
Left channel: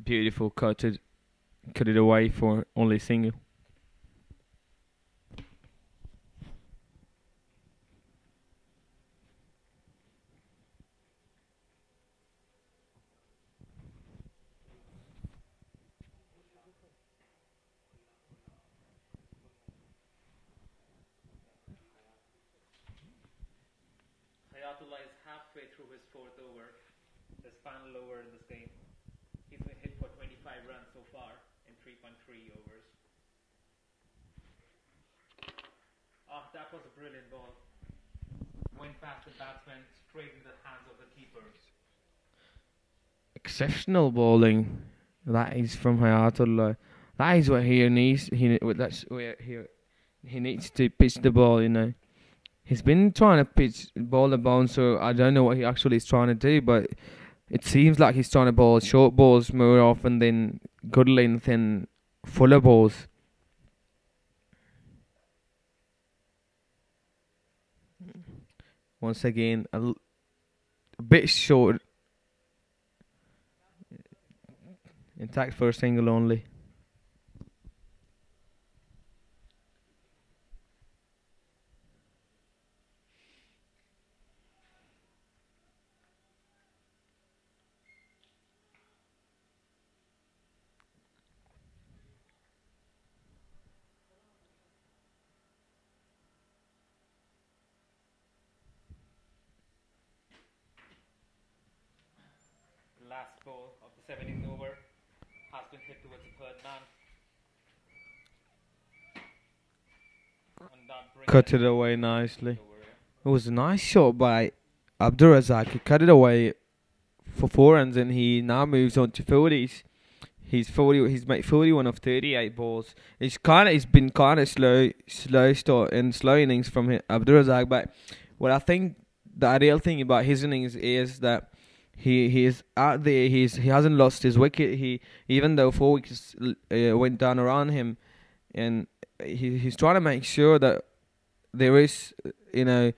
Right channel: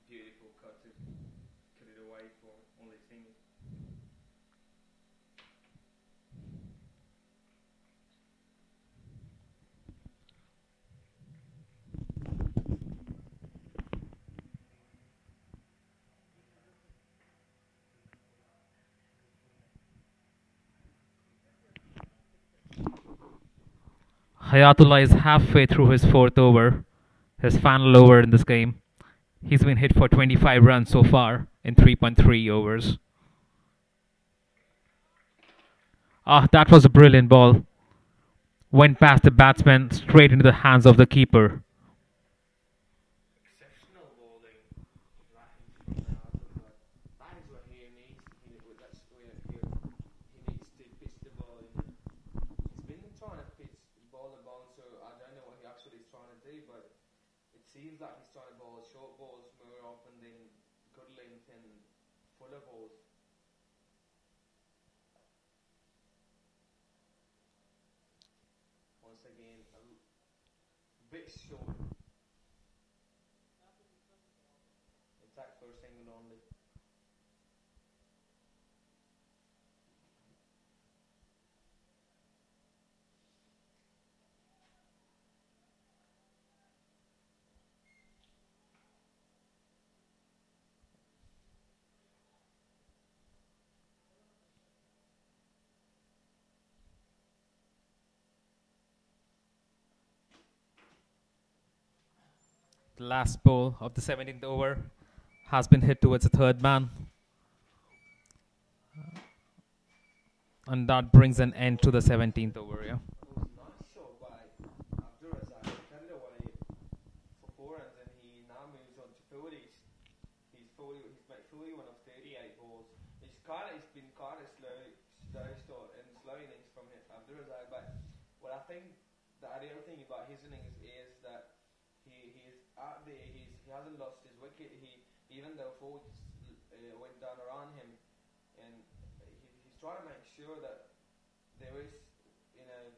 Beautiful cut it away for only single. Hayatullah is halfway through his fourth over, his final over in this game. He's been hit for 25 runs so far in 3.3 overs. Ah, that was a brilliant ball. Went past the batsman straight into the hands of the keeper. Exceptional bowling. That is from Hayatullah. That is what he needs. That's where he needs to pitch the ball. He's been trying to pitch ball the bouncer. I don't know what he actually is trying to do, but it seems like he's trying to bowl short balls more often than good length and fuller balls. Once again, a bit short. Intact for a single only. The last ball of the 17th over has been hit towards the third man. And that brings Cut an it end to away the nicely. 17th over. Yeah. It was a nice shot by Abdur Razak. He cut it away for 4 runs, and he now moves on to 40s. He's 40. He's made 41 of 38 balls. It's been kind of slow start and slow innings from Abdur Razak. But what I think the ideal thing about his innings is that he is out there. He hasn't lost his wicket. Even though 4 wickets went down around him, and he's trying to make sure that there is that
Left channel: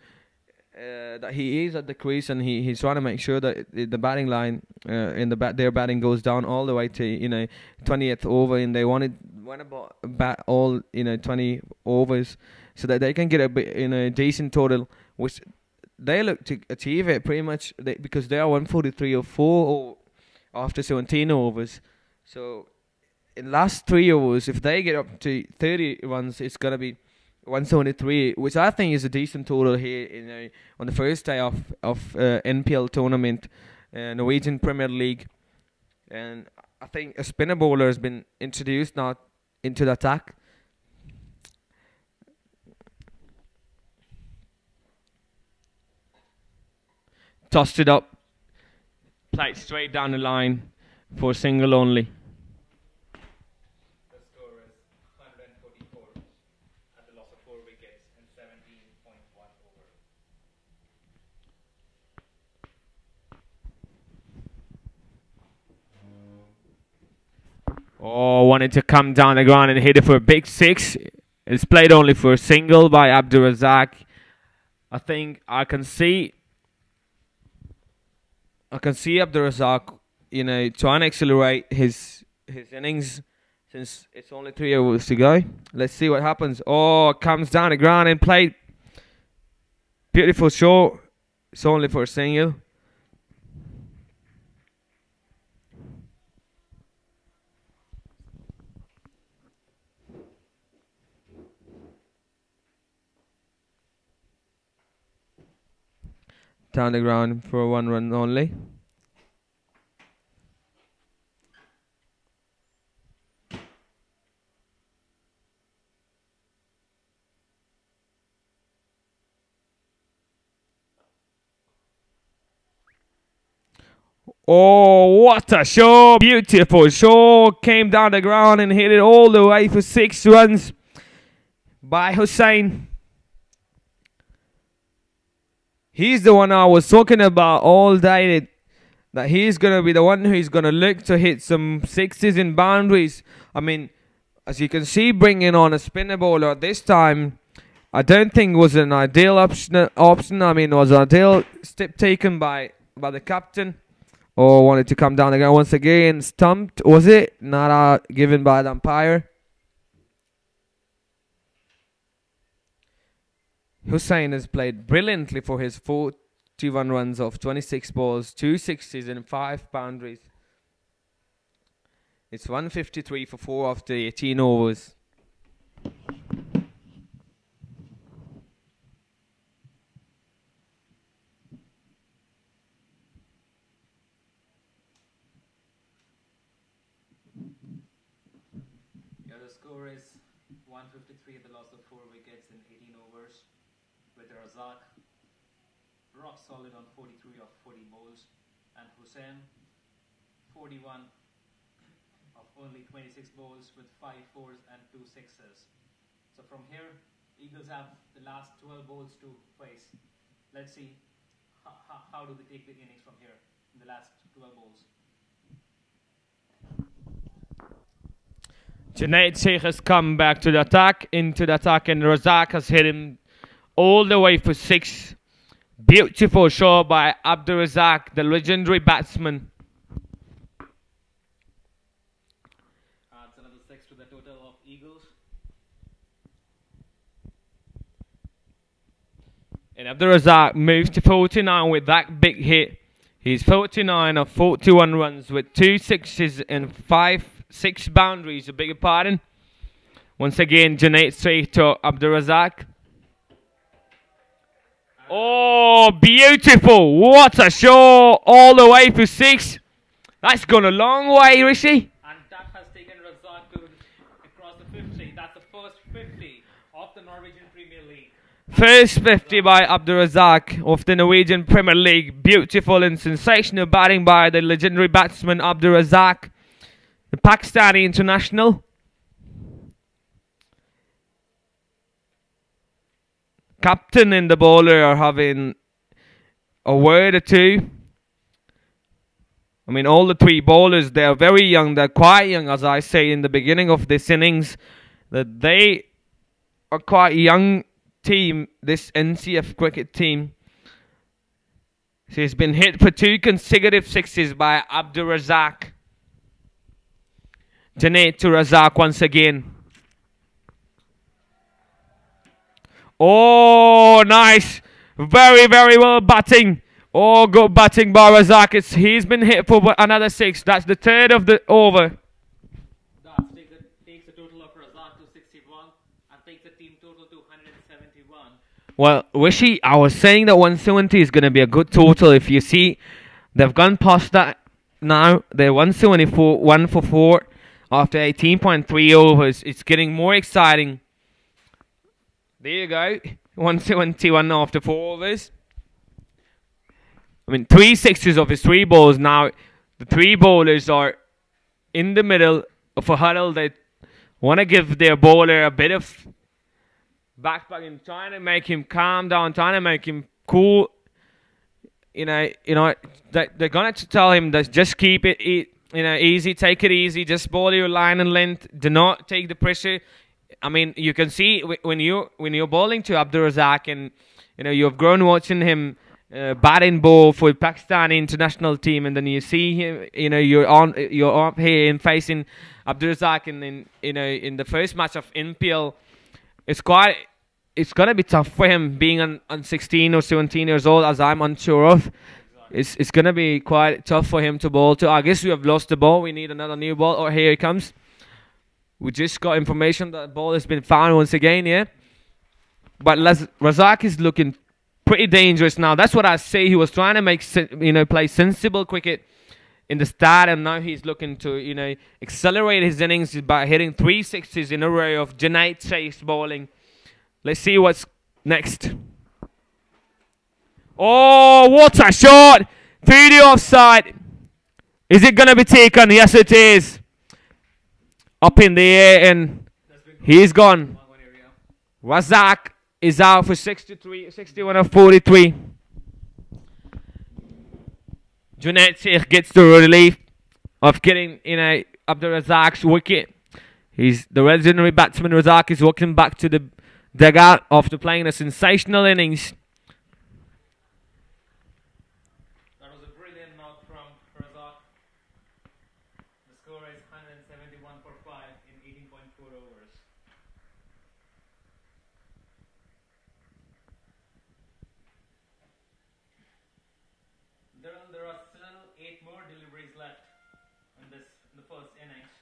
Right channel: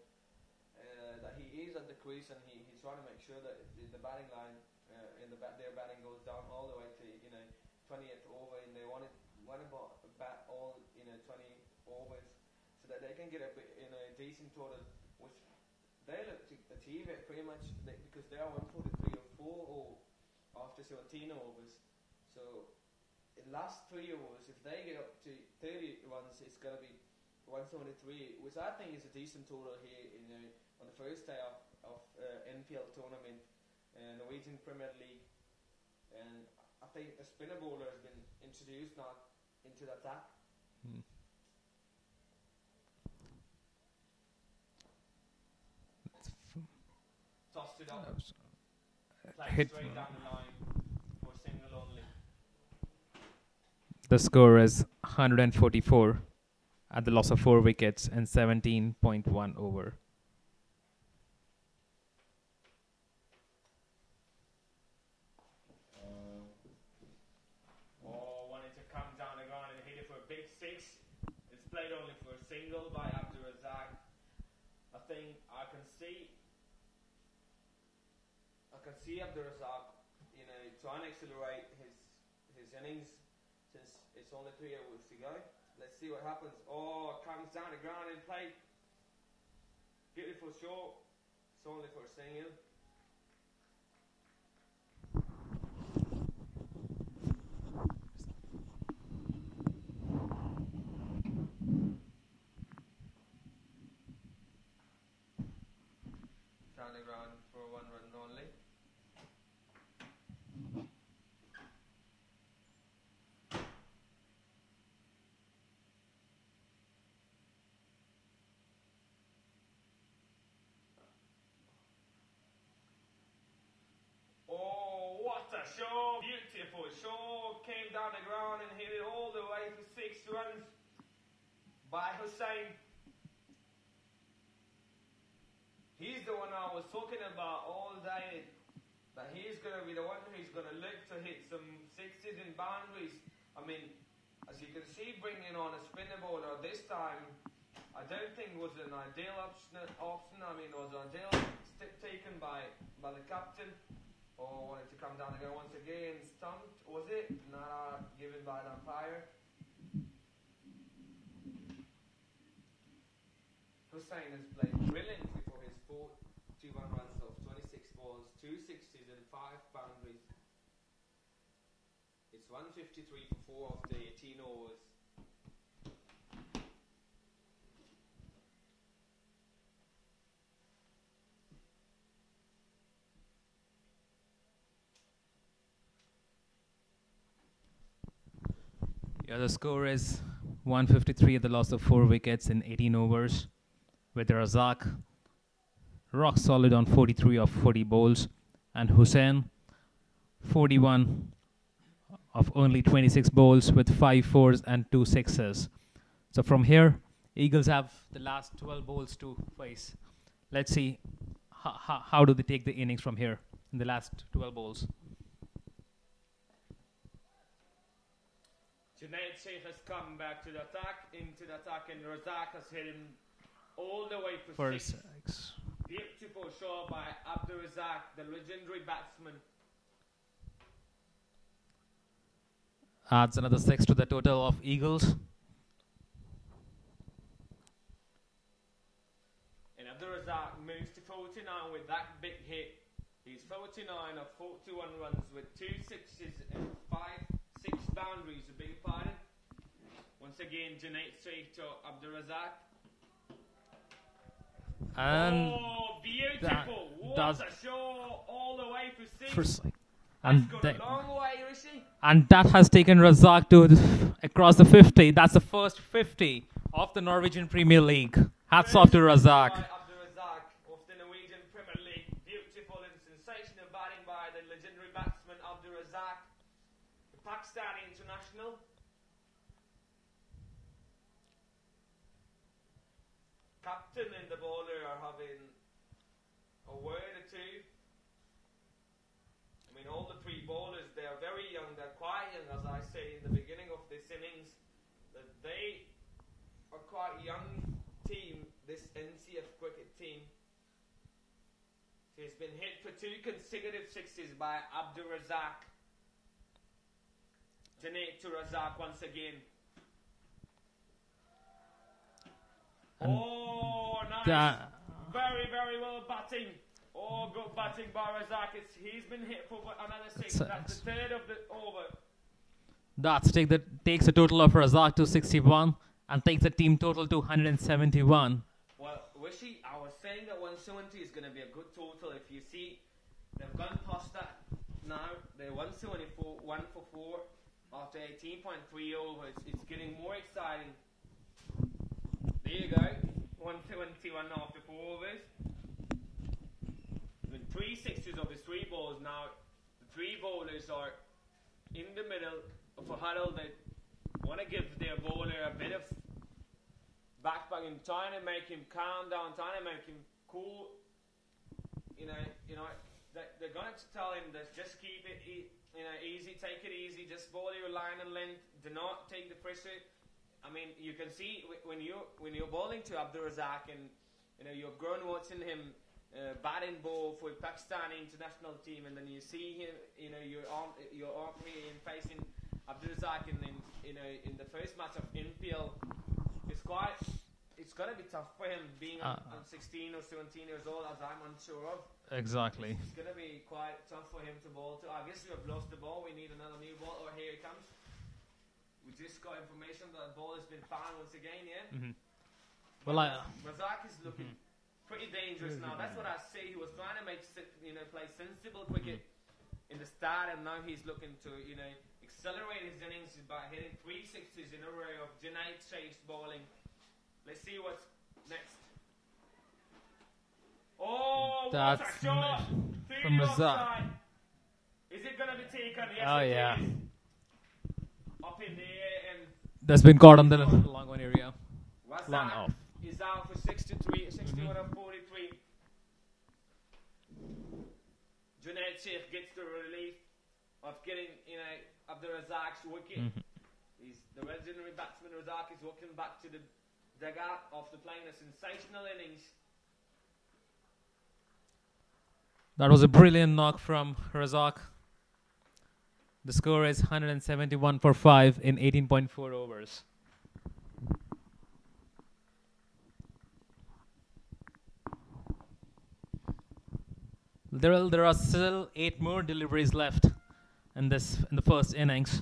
he is at the crease, and he's trying to make sure that the batting line their batting goes down all the way to 20th over, and they want about bat all 20 overs so that they can get a bit decent total, which they look to achieve it pretty much because they are 143 or 4 after 17 overs. So in last 3 overs, if they get up to 30 runs, it's gonna be 173, which I think is a decent total here on the first day of NPL tournament, Norwegian Premier League. And I think a spinner bowler has been introduced now into the attack. Tossed it up, played straight down the line for single only. The score is 144 at the loss of 4 wickets and 17.1 over. Oh, wanted to come down the ground and hit it for a big 6. It's played only for a single by Abdur Razak. I think I can see Abdur Razak, trying to accelerate his innings since it's only 3 overs to go. Let's see what happens. Oh, comes down the ground and played. Beautiful shot. It's only for a single. Down the ground for a 1 run only. Oh, what a show. Beautiful show. Came down the ground and hit it all the way for 6 runs by Hussain. He's the one I was talking about all day, that he's going to be the one who's going to look to hit some sixes in boundaries. I mean, as you can see, bringing on a spinner bowler this time, I don't think was an ideal option. I mean, it was an ideal step taken by the captain. Or wanted to come down again once again. Stumped, was it? Not given by the umpire. Hussain has played brilliantly for his 41 runs off 26 balls, 2 sixes and 5 boundaries. It's 153 for 4 after 18 overs. Yeah, the score is 153 at the loss of 4 wickets in 18 overs, with Razak rock solid on 43 of 40 bowls, and Hussain 41 of only 26 bowls with 5 fours and 2 sixes. So from here, Eagles have the last 12 bowls to face. Let's see how do they take the innings from here in the last 12 bowls. Junaid Sheikh has come back to the attack, into the attack, and Razak has hit him all the way for 6. Beautiful shot by Abdur Razak, the legendary batsman. Adds another 6 to the total of Eagles. And Abdur Razak moves to 49 with that big hit. He's 49 of 41 runs with 2 sixes and 6 boundaries, I beg your pardon. Once again, Junaid Sheikh to Abdur Razak. Oh, beautiful. What a show. All the way for 6. That's gone a long way, Rishi. And that has taken Razak to across the 50. That's the first 50 of the Norwegian Premier League. First 50 by Abdur Razak of the Norwegian Premier League. Beautiful and sensational batting by the legendary batsman Abdur Razak, the Pakistani international. Captain and the bowler are having a word or two. I mean, all the 3 bowlers, they are very young. They're quite young, as I say in the beginning of this innings, that they are quite young team, this NCF cricket team. So he's been hit for 2 consecutive sixes by Abdur Razak. Junaid to Razak once again. Oh, nice. Very, very well batting. Oh, good batting by Razak. He's been hit for another 6. That's the 3rd of the over. That takes a total of Razak to 61 and takes the team total to 171. Well, Rishi, I was saying that 170 is going to be a good total. If you see, they've gone past that now. They're 174, 1 for 4 after 18.3 overs. It's getting more exciting. There you go. 171 after 4 overs. I mean, 3 sixes of his 3 balls. Now, the 3 bowlers are in the middle of a huddle. They want to give their bowler a bit of backpacking, trying to make him calm down, trying to make him cool. They're going to tell him that just keep it easy, take it easy, just bowl your line and length. Do not take the pressure. I mean, you can see when you're bowling to Abdur Razak, and you've grown watching him bat and bowl for Pakistani international team, and then you see him, you're up here and facing Abdur Razak, and then in the first match of NPL, it's gonna be tough for him being on 16 or 17 years old, as I'm unsure of. Exactly. It's gonna be quite tough for him to bowl to. I guess we have lost the ball. We need another new ball. Oh, here he comes. We just got information that the ball has been found once again, yeah? But Razak is looking pretty dangerous now. That's what I say. He was trying to make, play sensible cricket in the start, and now he's looking to, accelerate his innings by hitting 3 sixes in a row of Junaid Sheikh's bowling. Let's see what's next. Oh, what a shot! Through the offside. Is it going to be taken? Yes, it is. Up in the air, and That's been called. he's gone. Long one area. Razak is out for 61 of 43. Junaid Sheikh gets the relief of getting in a Abdul Razak's wicket. He's the legendary batsman. Razak is walking back to the dugout after playing a sensational innings. That was a brilliant knock from Razak. The score is 171 for 5 in 18.4 overs. There are still 8 more deliveries left in the first innings.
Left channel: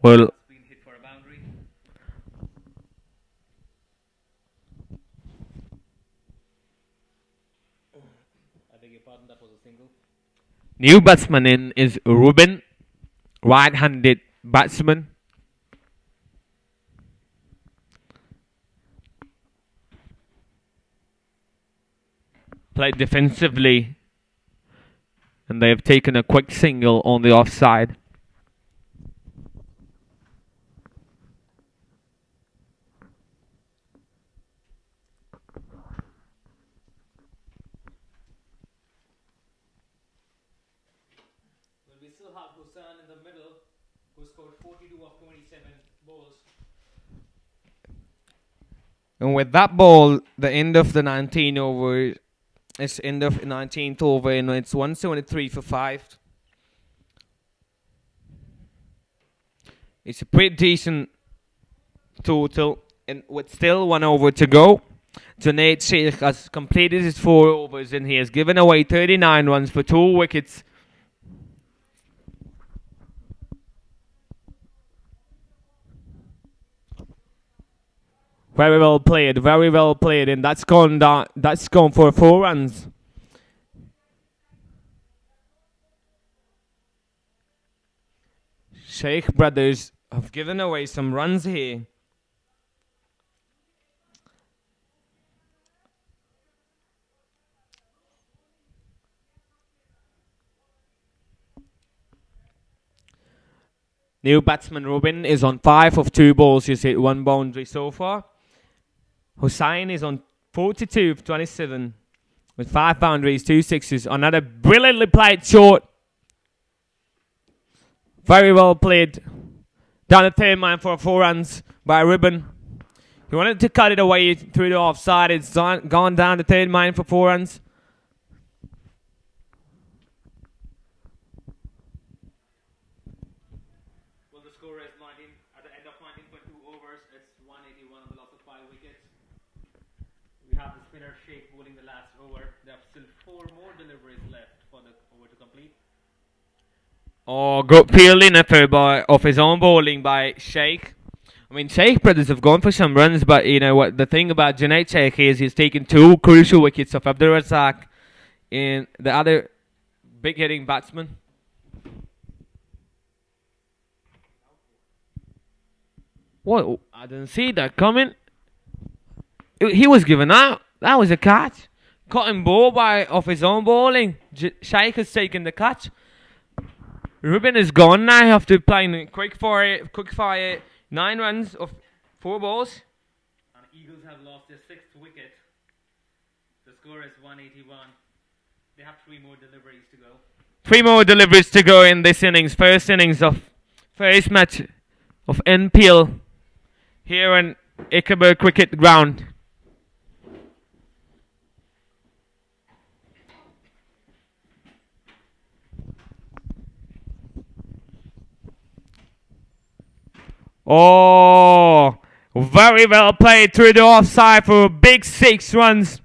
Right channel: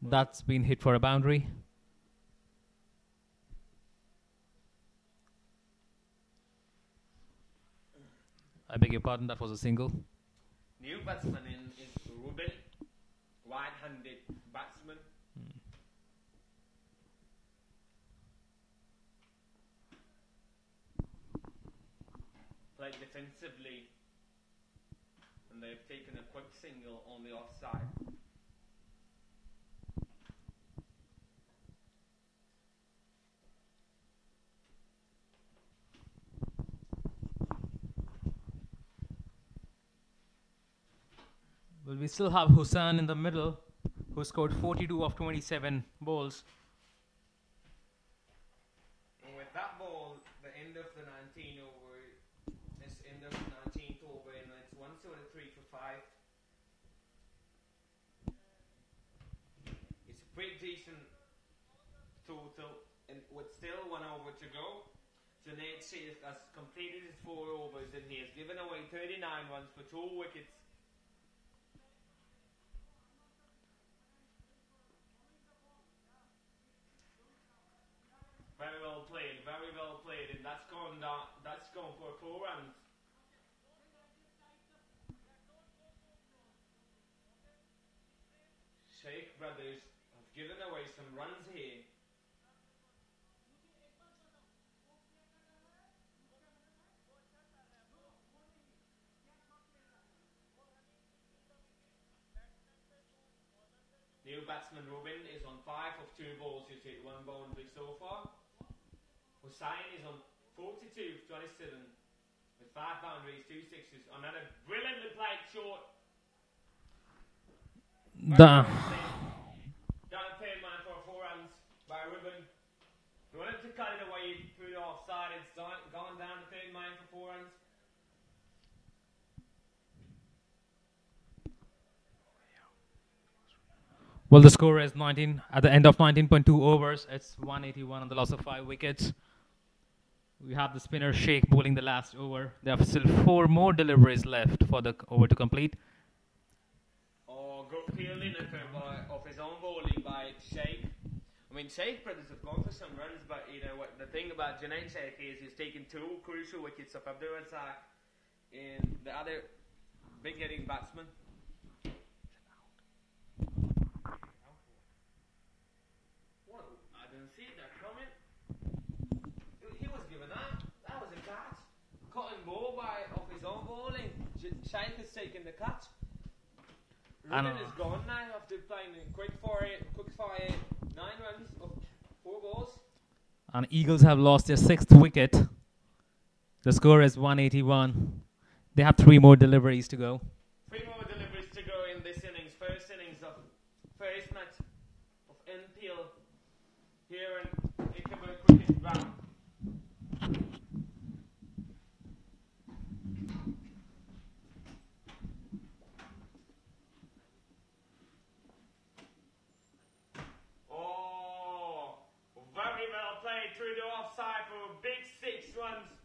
Well, It's been hit for a boundary. I beg your pardon, that was a single. new batsman in is Ruben, right-handed batsman. Played defensively, and they have taken a quick single on the offside. Well, we still have Hussain in the middle, who scored 42 of 27 balls. And with that ball, the end of the 19 over, it's end of 19th over, and it's 173 for 5. It's a pretty decent total, and with still 1 over to go, Junaid Sheikh has completed his 4 overs, and he has given away 39 runs for 2 wickets. Very well played, and that's gone down. That's gone for 4 runs. Sheikh brothers have given away some runs here. New batsman Ruben is on 5 of 2 balls. He's hit 1 boundary so far. Hussain is on 42 of 27 with 5 boundaries, 2 sixes. Another brilliantly played short. Very well played. Down the third man for 4 runs by Ruben. He wanted to cut it away through the offside. It's gone down the third man for 4 runs. Well, the score is 19 at the end of 19.2 overs. It's 181 on the loss of 5 wickets. We have the spinner Sheikh bowling the last over. There are still 4 more deliveries left for the over to complete. Oh, good fielding effort of his own bowling by Sheikh. I mean, Sheikh brothers have gone for some runs, but you know what? The thing about Junaid Sheikh is he's taken 2 crucial wickets of Abdul Razak and the other big hitting batsman. What? I didn't see that coming. He was given out. That was a catch. Cutting ball of his own bowling. Sheikh has taken the catch. Ruben is gone now after playing quick fire 9 runs of 4 balls. And Eagles have lost their 6th wicket. The score is 181. They have 3 more deliveries to go. 3 more deliveries to go in this innings. First innings of first match of NPL here on Ichabod Cricket Ground. Oh, very well played through the offside for a big 6 runs.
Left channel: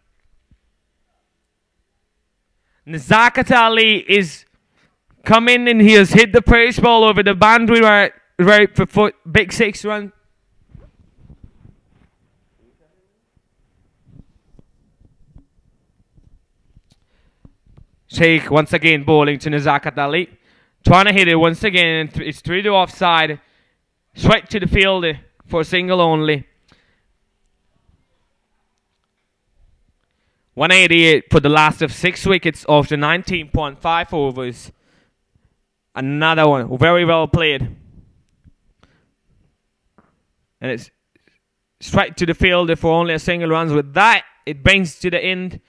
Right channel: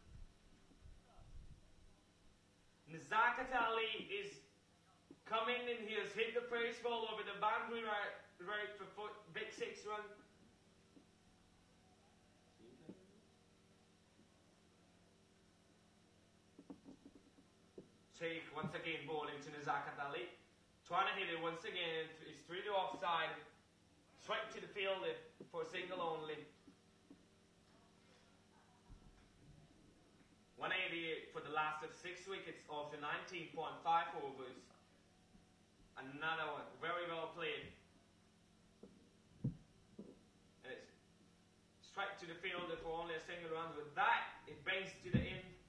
Nazakat Ali is coming and he has hit the pace ball over the boundary right for big 6 run. Sheikh once again bowling to Nazakat Ali. Trying to hit it once again. It's through the offside. Straight to the field for a single only. 188 for the last of 6 wickets after 19.5 overs. Another one, very well played. And it's straight to the fielder for only a single runs. With that, it brings to the end.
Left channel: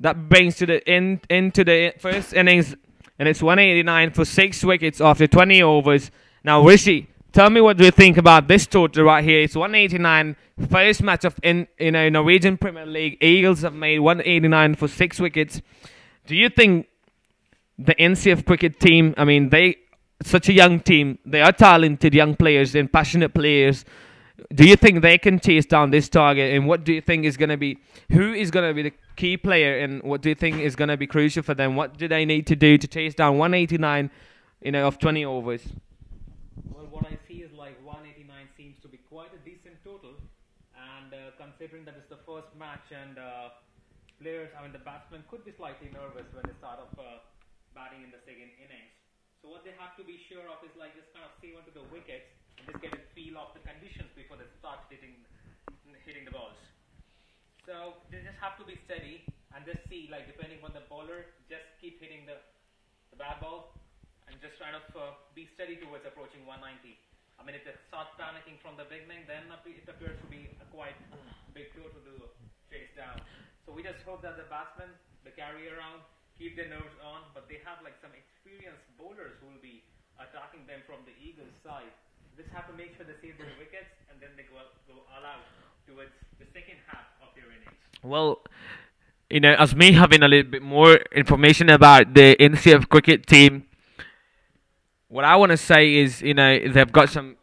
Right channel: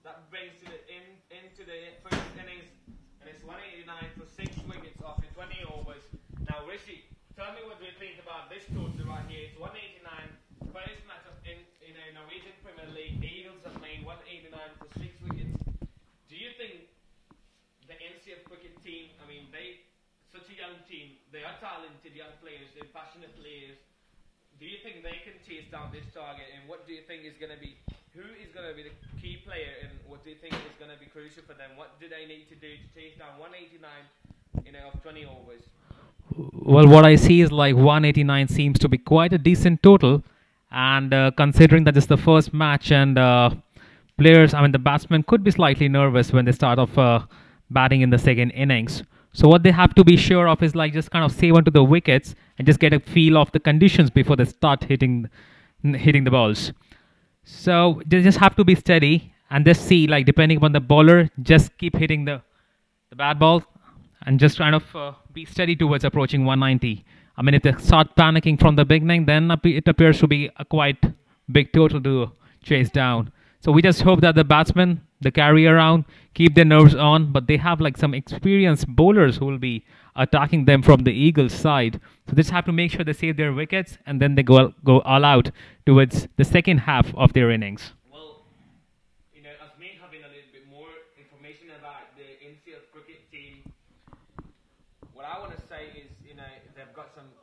That brings to the end into the first innings, and it's 189 for 6 wickets after 20 overs. Now, Rishi, tell me what do you think about this total right here? It's 189. First match of in Norwegian Premier League. Eagles have made 189 for 6 wickets. Do you think the NCF cricket team? I mean, they such a young team. They are talented young players and passionate players. Do you think they can chase down this target? And what do you think is going to be, who is going to be the key player? And what do you think is going to be crucial for them? What do they need to do to chase down 189, of 20 overs? Well, what I see is like 189 seems to be quite a decent total. And considering that it's the first match and players, I mean, the batsmen could be slightly nervous when they start off batting in the second innings. So what they have to be sure of is like just kind of save onto the wickets and just get a feel of the conditions before they start hitting the balls. So they just have to be steady and just see, like, depending upon the bowler, just keep hitting the bad ball and just kind of be steady towards approaching 190. I mean, if they start panicking from the beginning, then it appears to be a quite big total to chase down. So we just hope that the batsmen, the carry around, keep their nerves on, but they have like some experienced bowlers who will be attacking them from the Eagles side. So they just have to make sure they save their wickets and then they go all out towards the second half of their innings. Well, as me having a little bit more information about the NCF cricket team, what I want to say is, they've got some,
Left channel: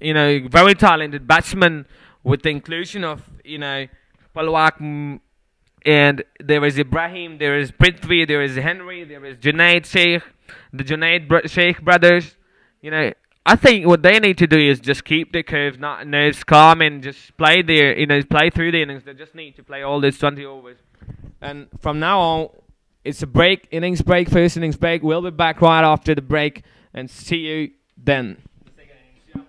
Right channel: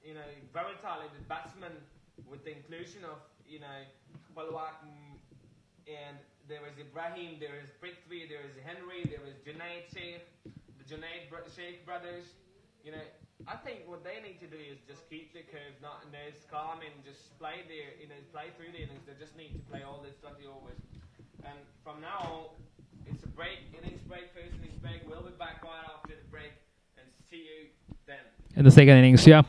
very talented batsmen with the inclusion of, Palwak, and there is Ibrahim, there is Prithvi, there is Henry, there is Junaid Sheikh, the Junaid Sheikh brothers. I think what they need to do is just keep the nerves calm and just play play through the innings. They just need to play all these 20 overs. And from now on, it's a innings break, first innings break. We'll be back right after the break and see you then. In the second innings, yeah.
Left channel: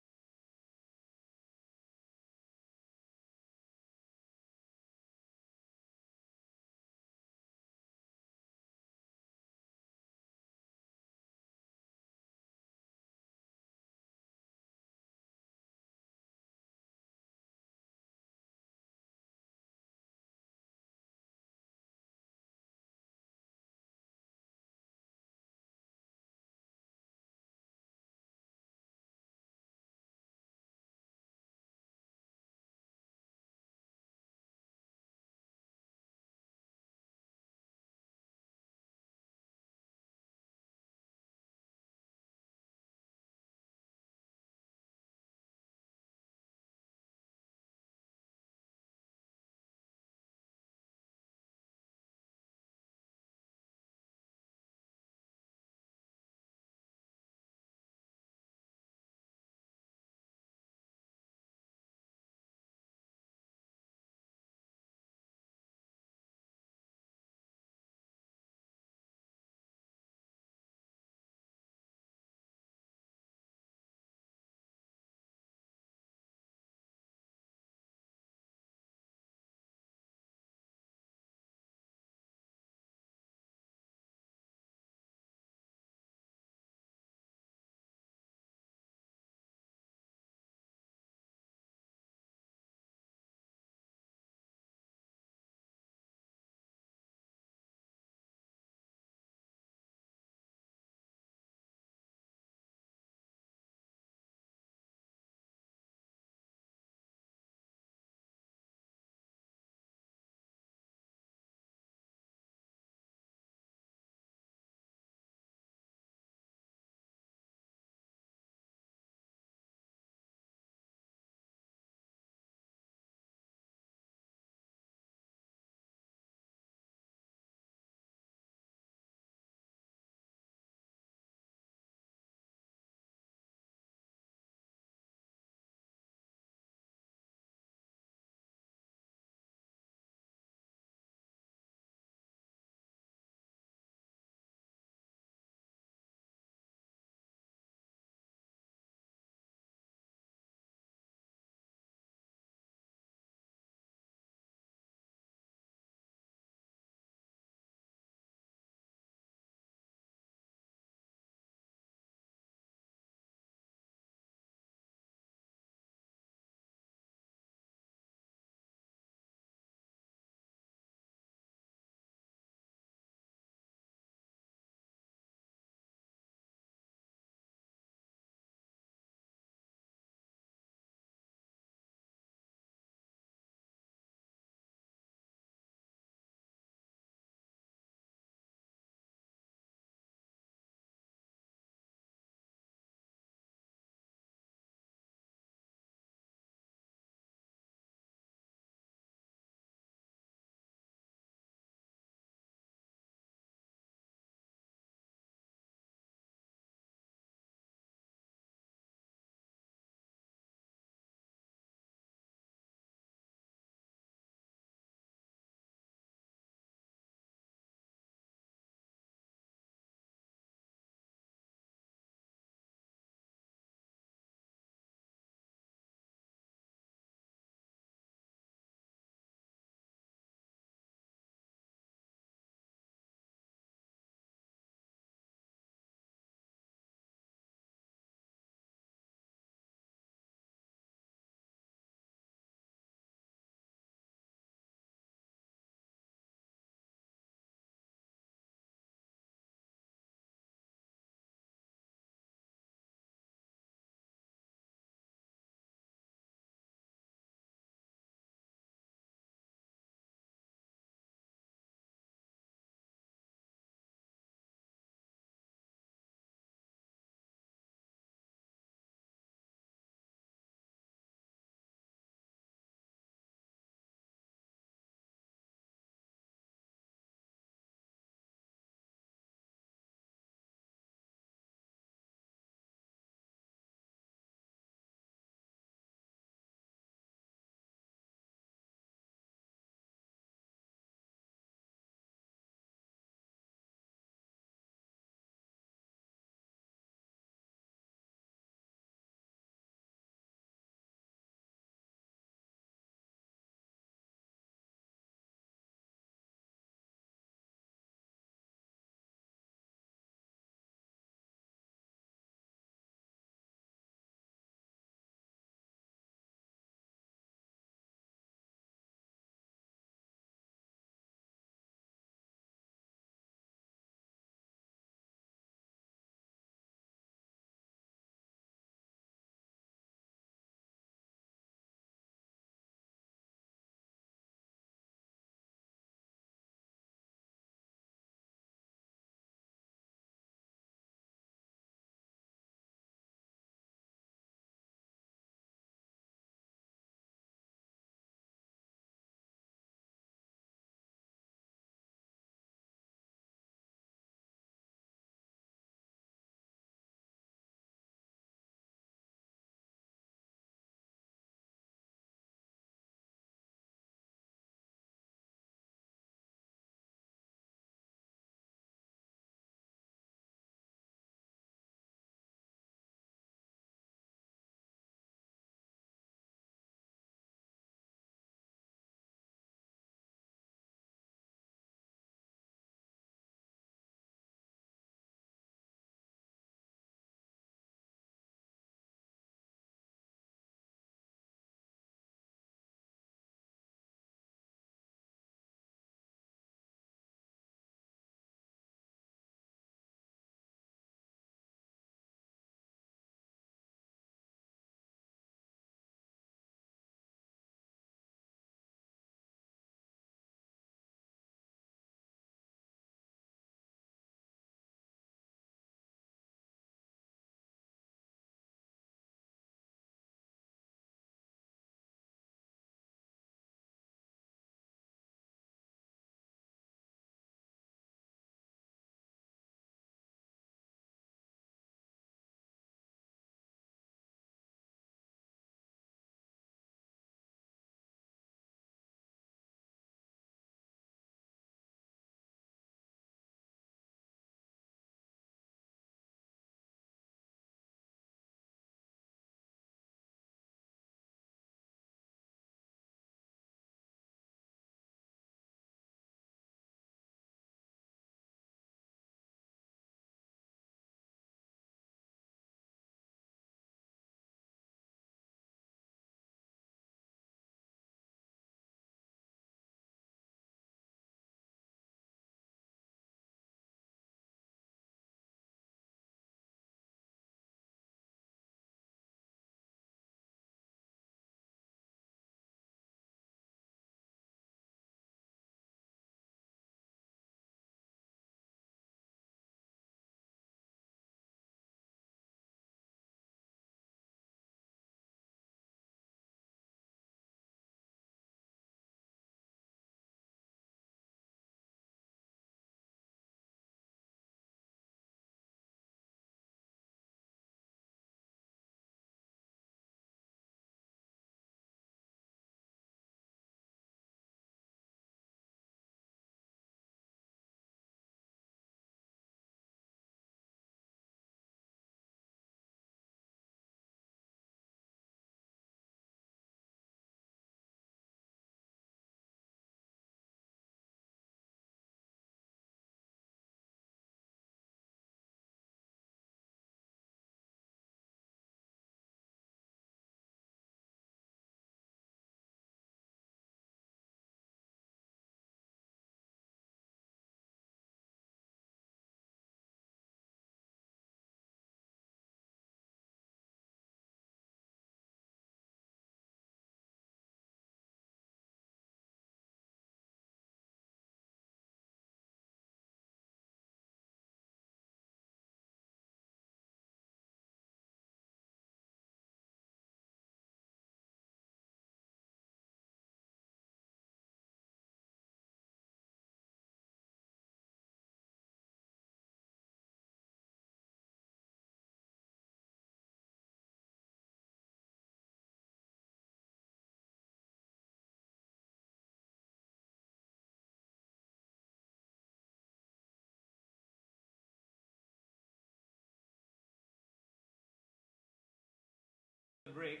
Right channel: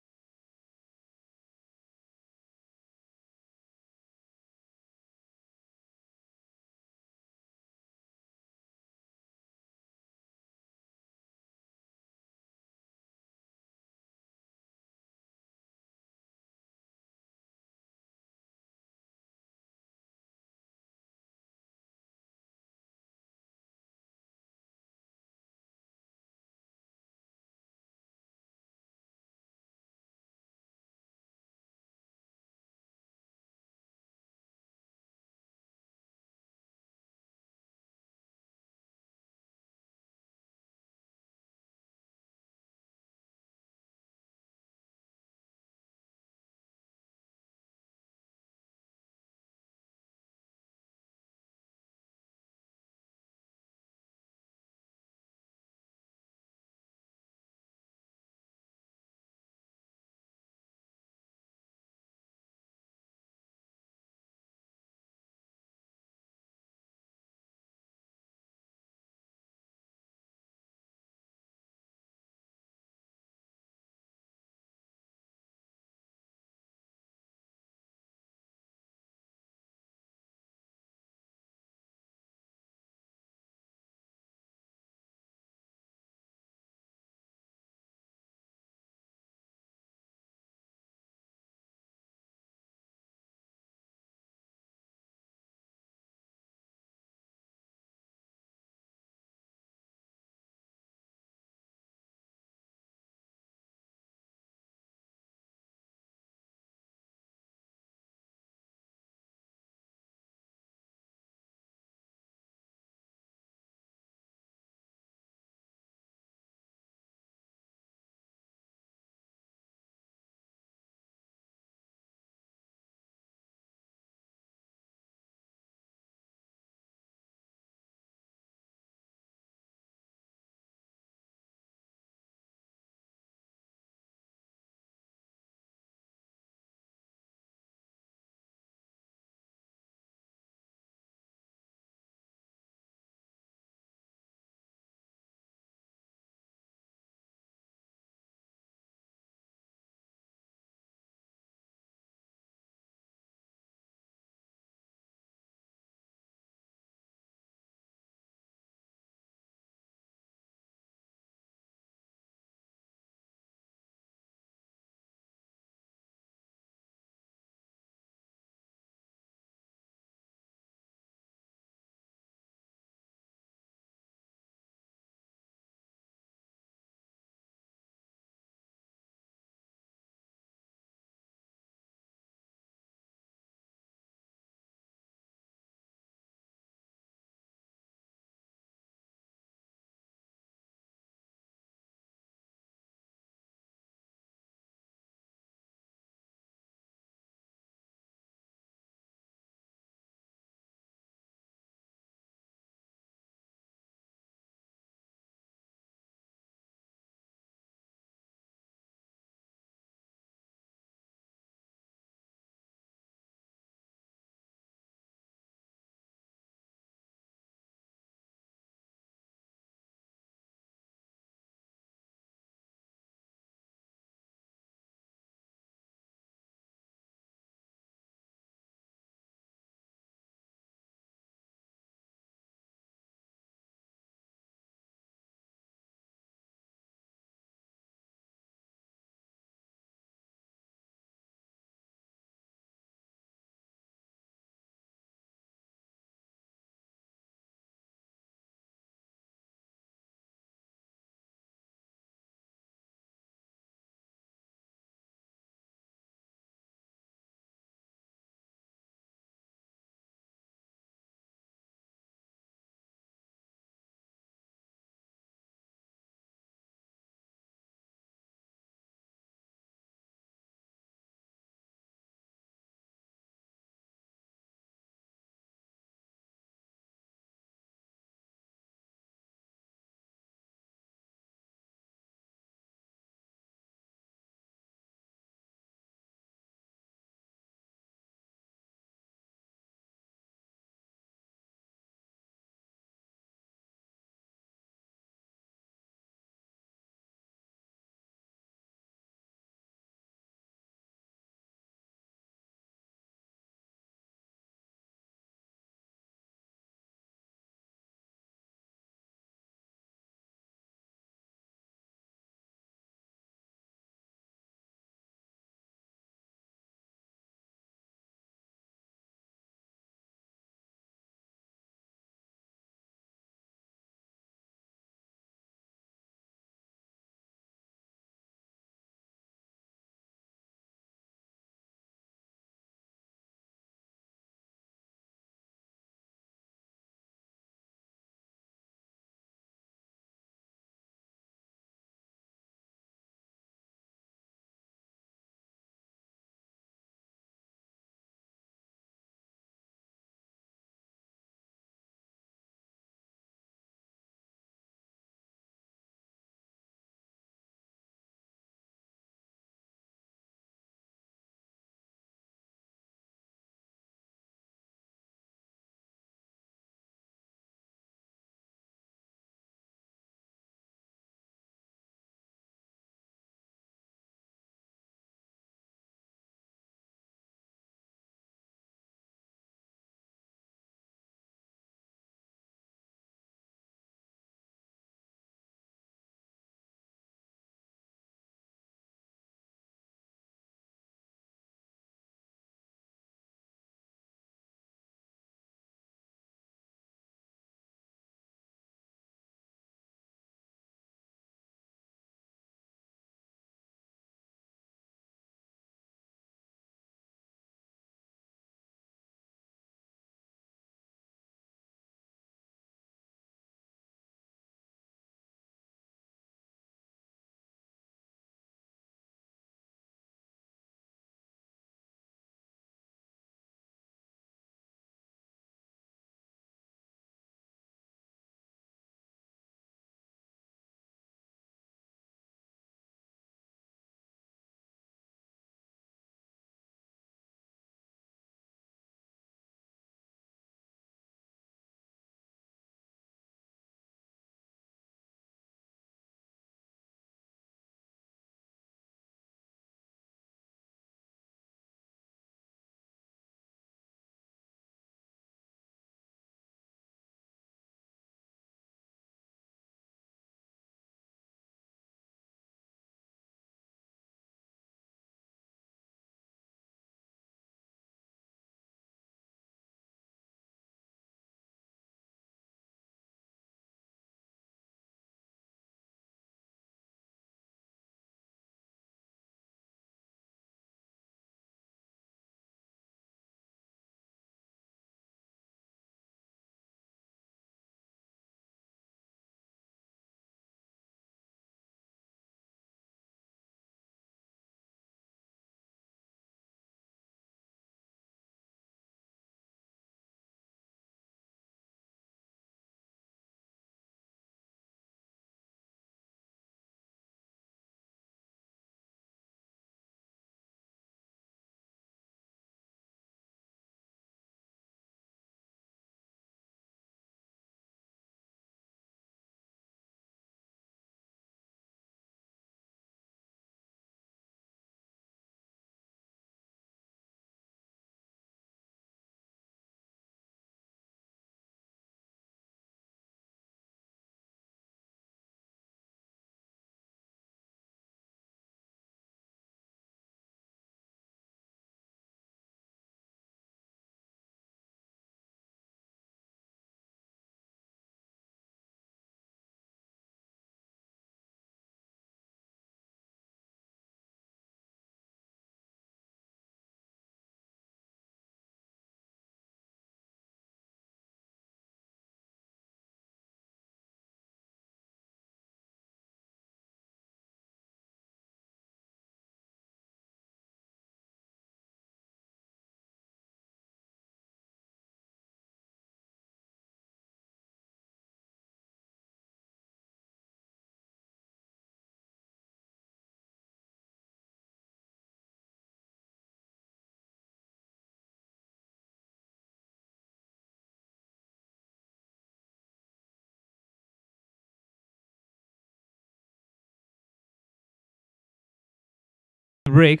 break.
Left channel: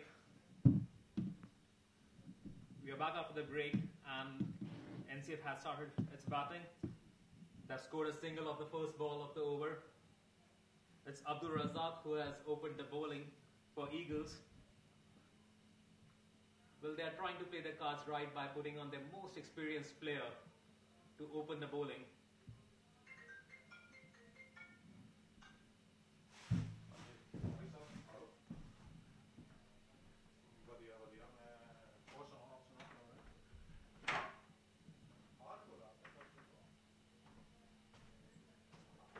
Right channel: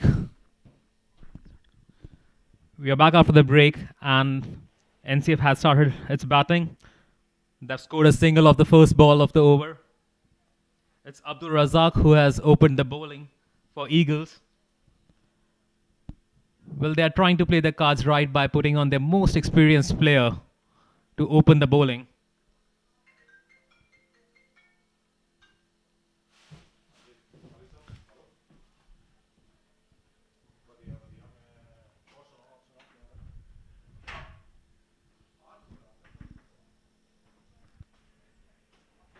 We are back after the break, and NCF has started its batting. They've scored a single of the first ball of the over. It's Abdul Razak who has opened the bowling for Eagles. Well, they are trying to play the cards right by putting on their most experienced player to open the bowling.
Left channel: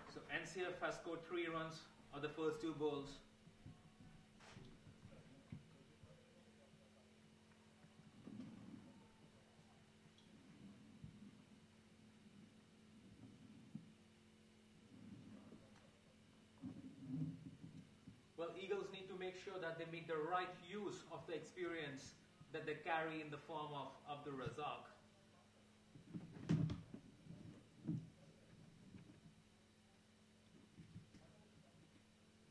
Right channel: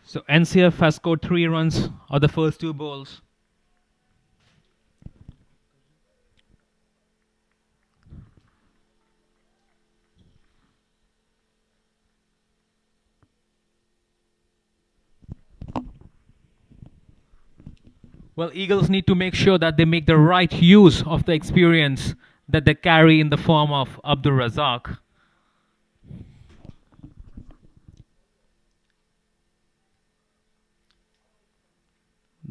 So NCF has scored 3 runs on the first 2 balls. Well, Eagles need to make sure that they make the right use of the experience that they carry in the form of Abdul Razak.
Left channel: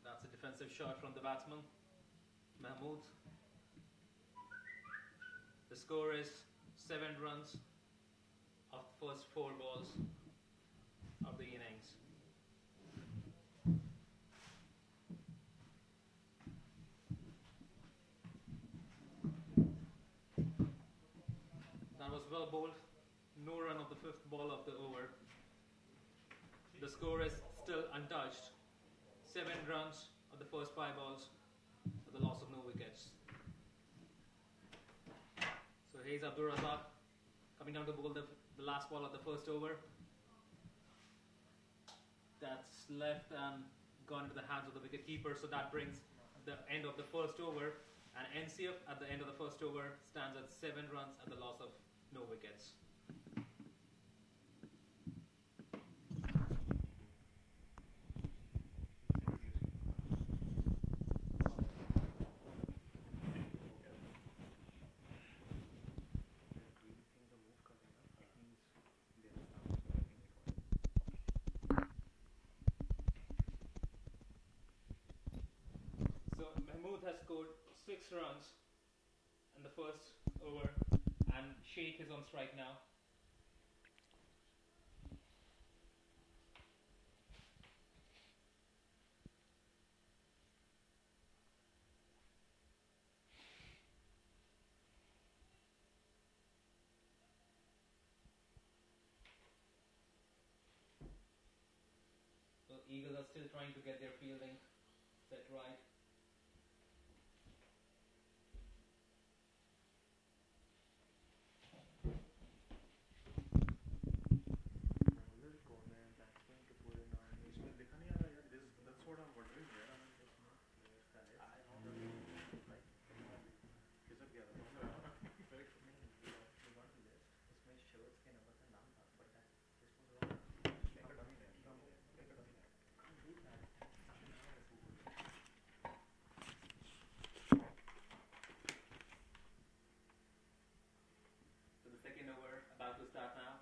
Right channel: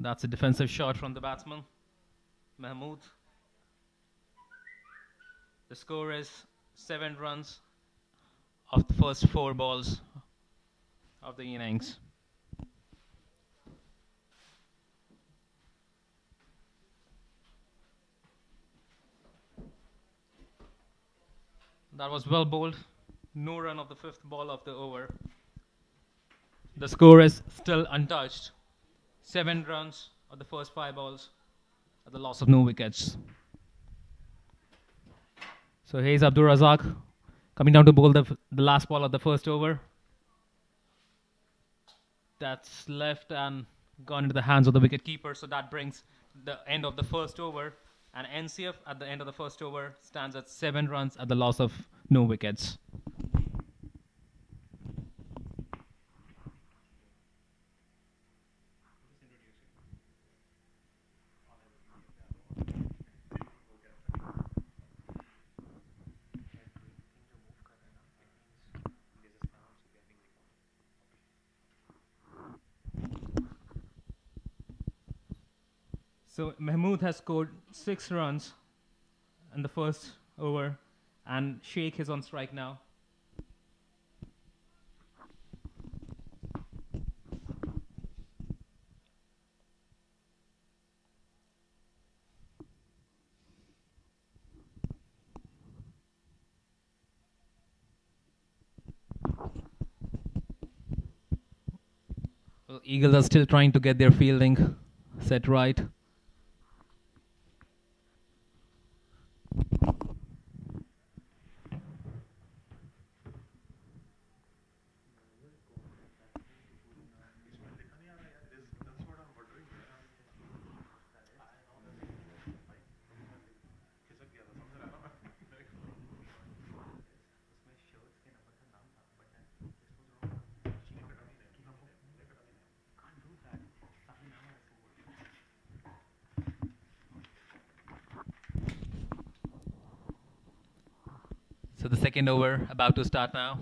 That's a defensive shot from the batsman, Mahmood. The score is 7 runs of the first 4 balls of the innings. That was well bowled. No run of the 5th ball of the over. The score is still untouched. 7 runs of the first 5 balls at the loss of no wickets. So here's Abdul Razak coming down to bowl the last ball of the first over. That's left and gone into the hands of the wicket keeper. So that brings the end of the first over. And NCF at the end of the first over stands at 7 runs at the loss of no wickets. So Mahmood has scored 6 runs in the first over, and Sheikh is on strike now. Well, Eagles are still trying to get their fielding set right. So the second over about to start now.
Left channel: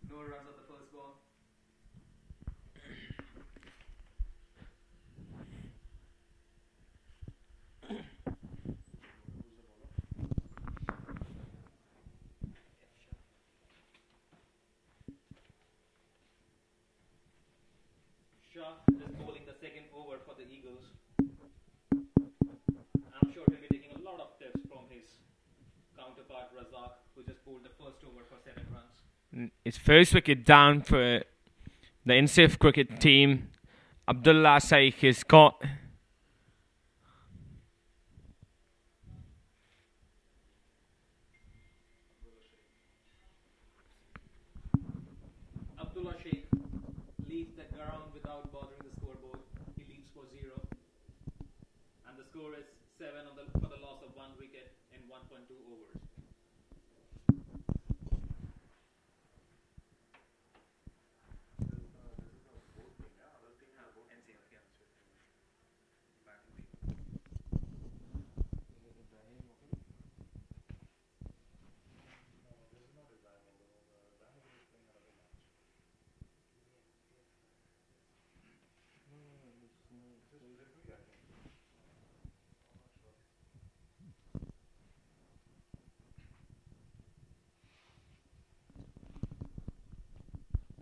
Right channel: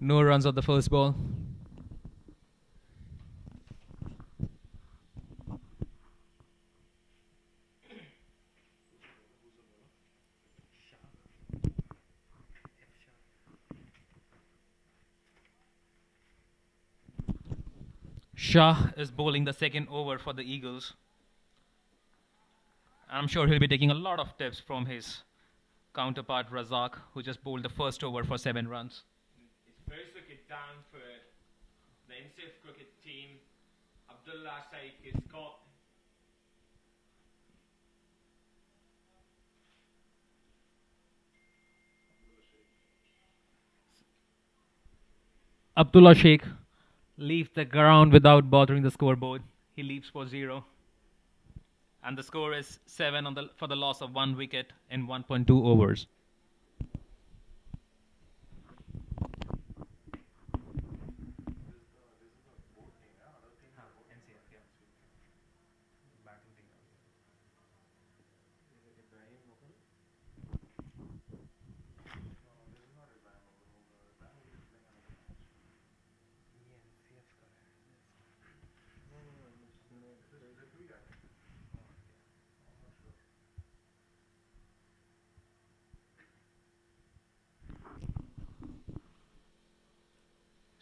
No runs on the first ball. Shah is bowling the second over for the Eagles. I'm sure he'll be taking a lot of tips from his counterpart Razak, who just bowled the first over for 7 runs. It's first wicket down for the NCF cricket team. Abdullah Shaikh has got Abdullah Sheikh leaves the ground without bothering the scoreboard. He leaves for 0. And the score is 7 for the loss of 1 wicket in 1.2 overs.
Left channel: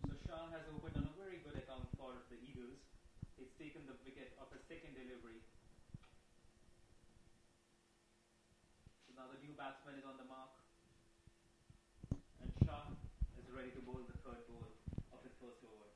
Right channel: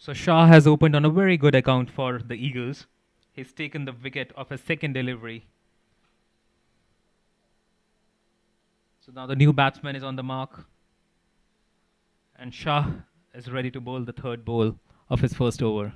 So Shah has opened on a very good account for the Eagles. He's taken the wicket of his second delivery. So now the new batsman is on the mark. And Shah is ready to bowl the third ball of his first over.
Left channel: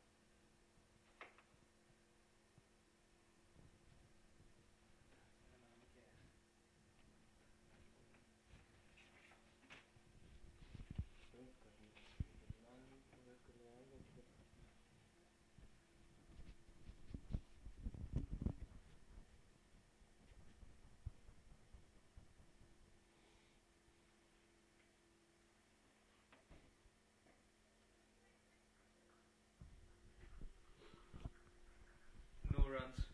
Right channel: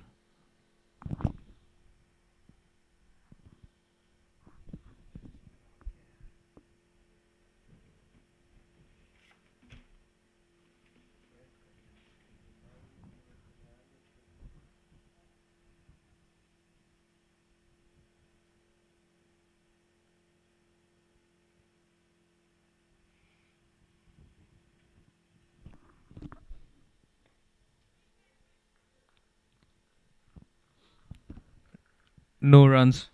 No runs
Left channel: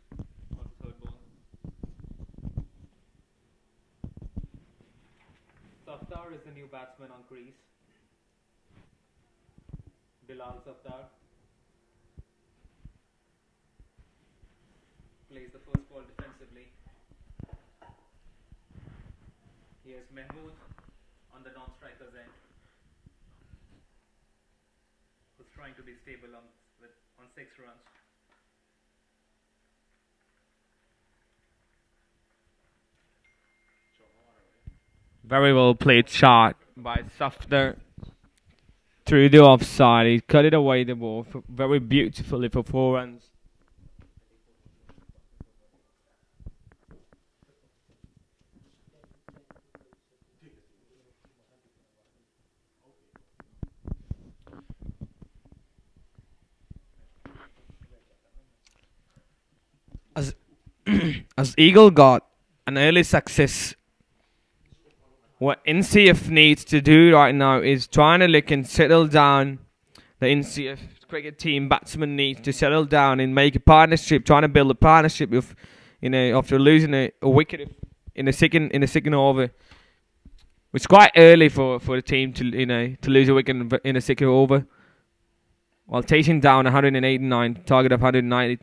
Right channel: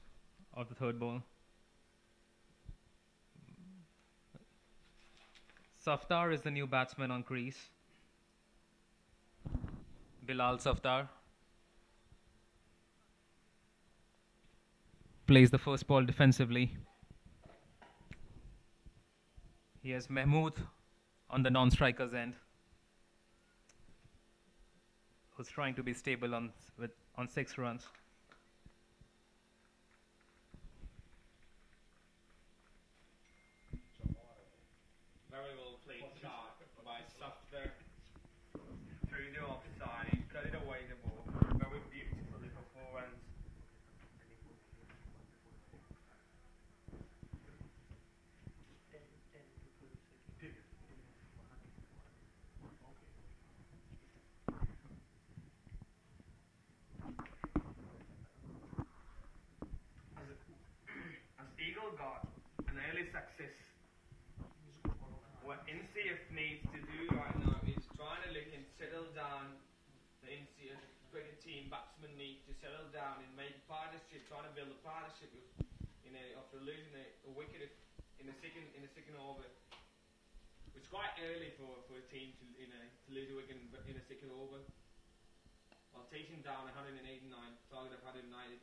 of the third ball. Saftar is the new batsman on crease. Bilal Saftar plays the first ball defensively. He has Mahmood on the non-striker's end, who's trying to be stable on 6 runs. Very well played shot by Safter through the offside. He cut it away the ball very beautifully for 4 runs. As as Eagle got an early success, what NCF needs to do right now is trying to look and settle down. The NCF cricket team batsmen need to settle down and make a partnership, trying to build a partnership with, after losing a wicket in the second over. It's quite early for the team to lose a wicket in the second over, while chasing down 189, target of 190.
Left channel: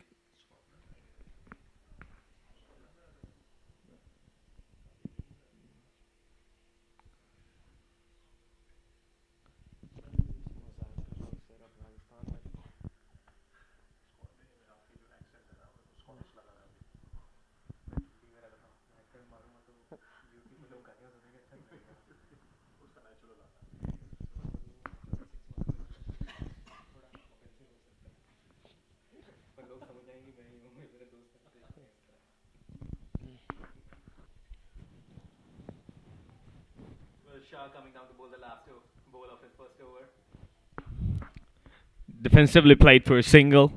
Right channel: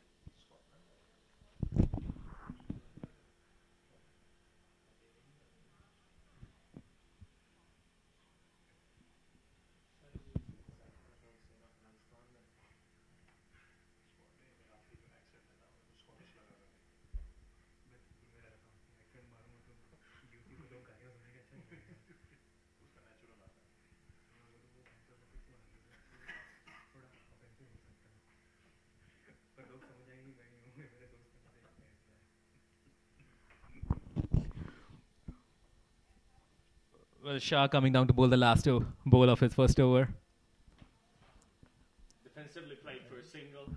Well, Shah coming down to bowl the last ball of his first over. Defensively played for a single.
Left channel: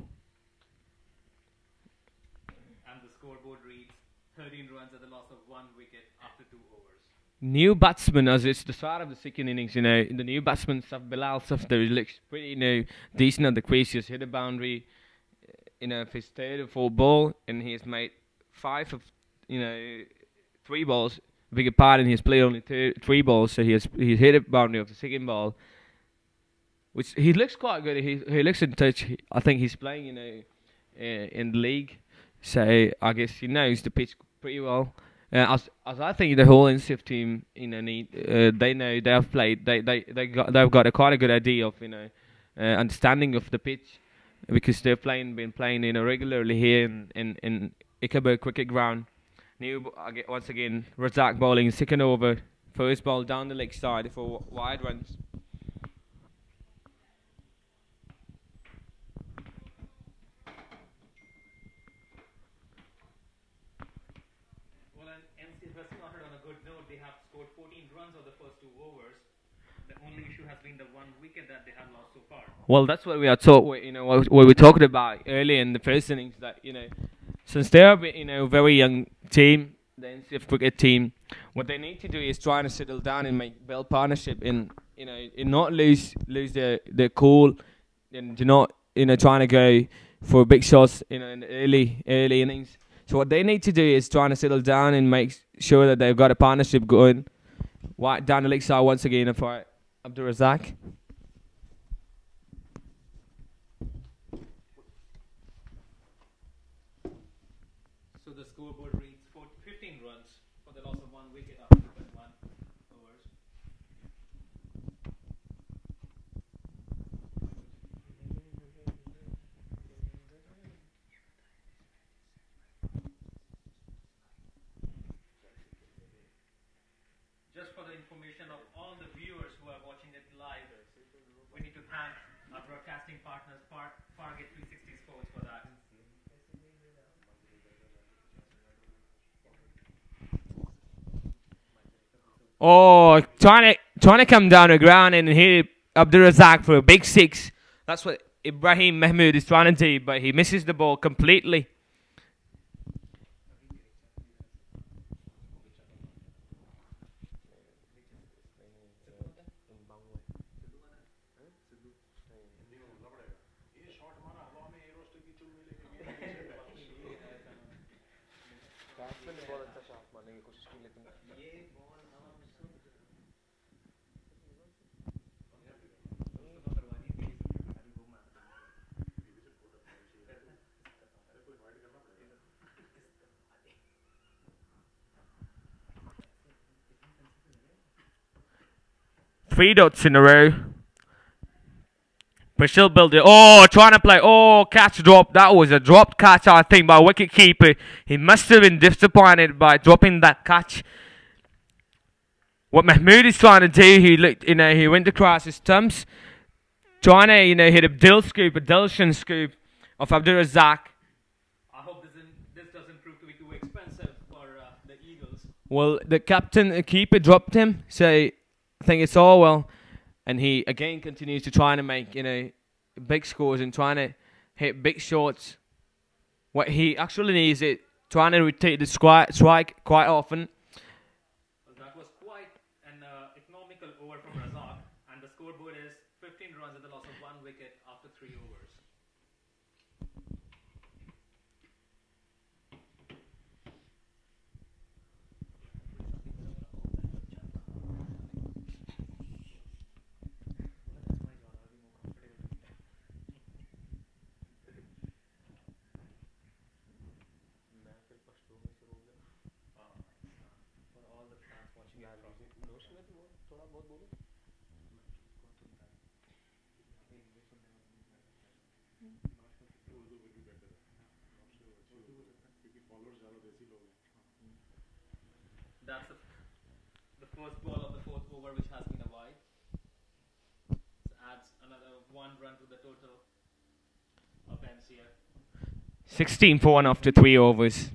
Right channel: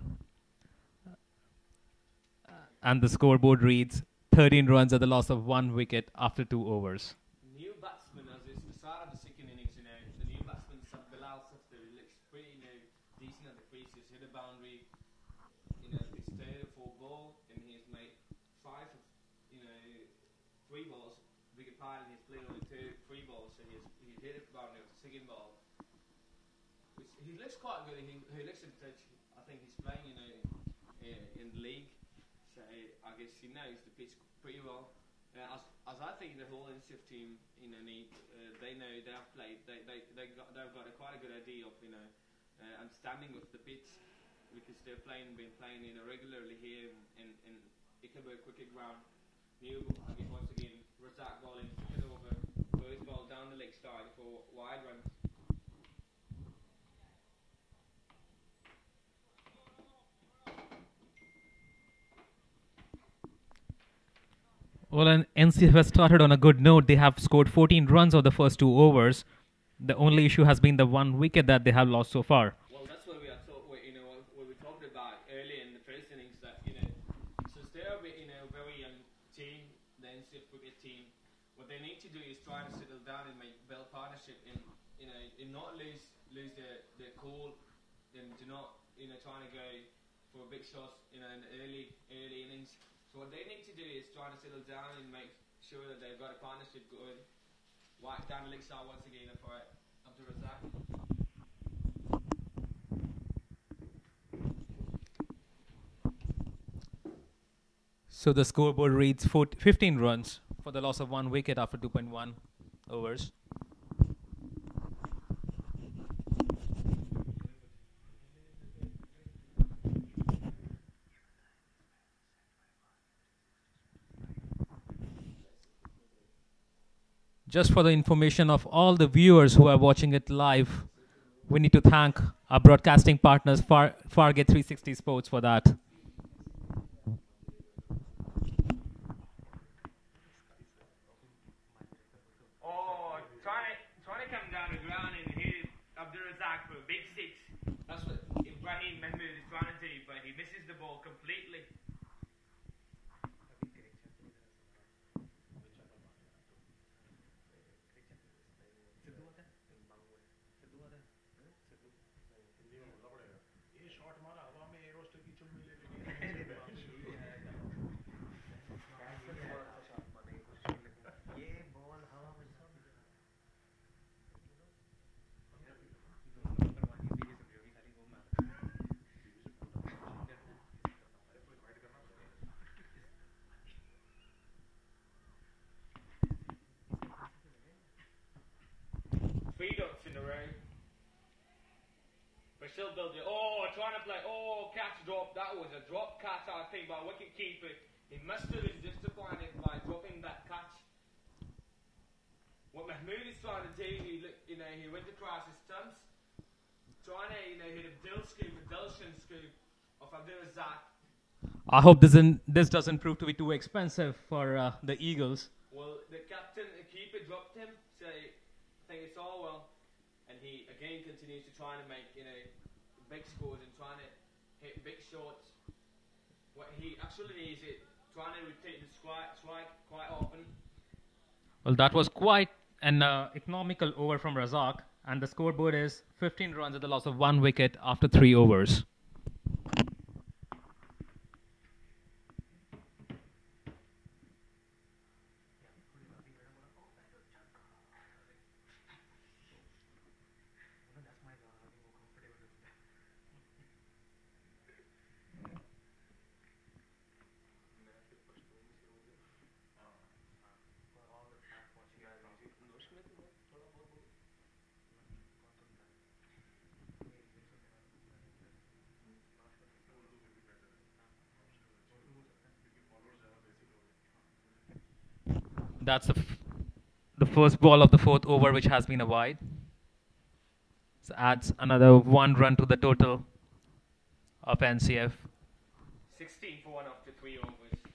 And the scoreboard reads 13 runs at the loss of 1 wicket after 2 overs. New batsman, as it's the start of the second innings, the new batsman, Bilal Safdar, looks pretty, decent at the crease. He's hit a boundary, for his third or fourth ball, and he's made 5 of, 3 balls. Beg your pardon, he's played only 3 balls, so he's hit a boundary of the second ball, which he looks quite good. He looks in touch. I think he's playing, in the league, so I guess he knows the pitch pretty well. As I think the whole NCF team, they know they've played. They've got quite a good idea of understanding of the pitch, because they've been playing regularly here in Ichabod cricket ground. Once again, Razak bowling second over, first ball down the leg side for wide runs. Well, and NCF has started on a good note. They have scored 14 runs of the first 2 overs. The only issue has been the 1 wicket that they have lost so far. Well, that's what we are what we talked about earlier in the first innings. That since they are a very young team, the NCF cricket team, what they need to do is try to settle down and build partnership, and not lose their cool, and do not trying to go for big shots in the early innings. So what they need to do is trying to settle down and make sure that they've got a partnership going. Right down the leg side once again for Abdul Razak. So the scoreboard reads 15 runs for the loss of 1 wicket after 2.1 overs. Just for the information of all the viewers who are watching it live, we need to thank our broadcasting partners, Fargate 360 Sports, for that. Oh, trying to come down the ground and hit Abdul Razak for a big six. That's what Ibrahim Mahmoud is trying to do, but he misses the ball completely. Three dots in a row. Brazil build it. Oh, trying to play. Oh, catch drop. That was a dropped catch, I think, by wicket keeper. He must have been disappointed by dropping that catch. What Mahmood is trying to do, he looked, he went across his stumps, trying to, hit a Dilshan scoop of Abdul Razak. I hope this doesn't prove to be too expensive for the Eagles. Well, the keeper dropped him, so I think it's all well. And he again continues to try to make big scores and trying to hit big shots. What he actually needs is trying to rotate the strike quite often. Well, that was quite an economical over from Razak, and the scoreboard is 15 runs at the loss of 1 wicket after 3 overs. That's the first ball of the 4th over, which has been a wide. So adds another 1 run to the total of NCF. 16 for 1 after 3 overs.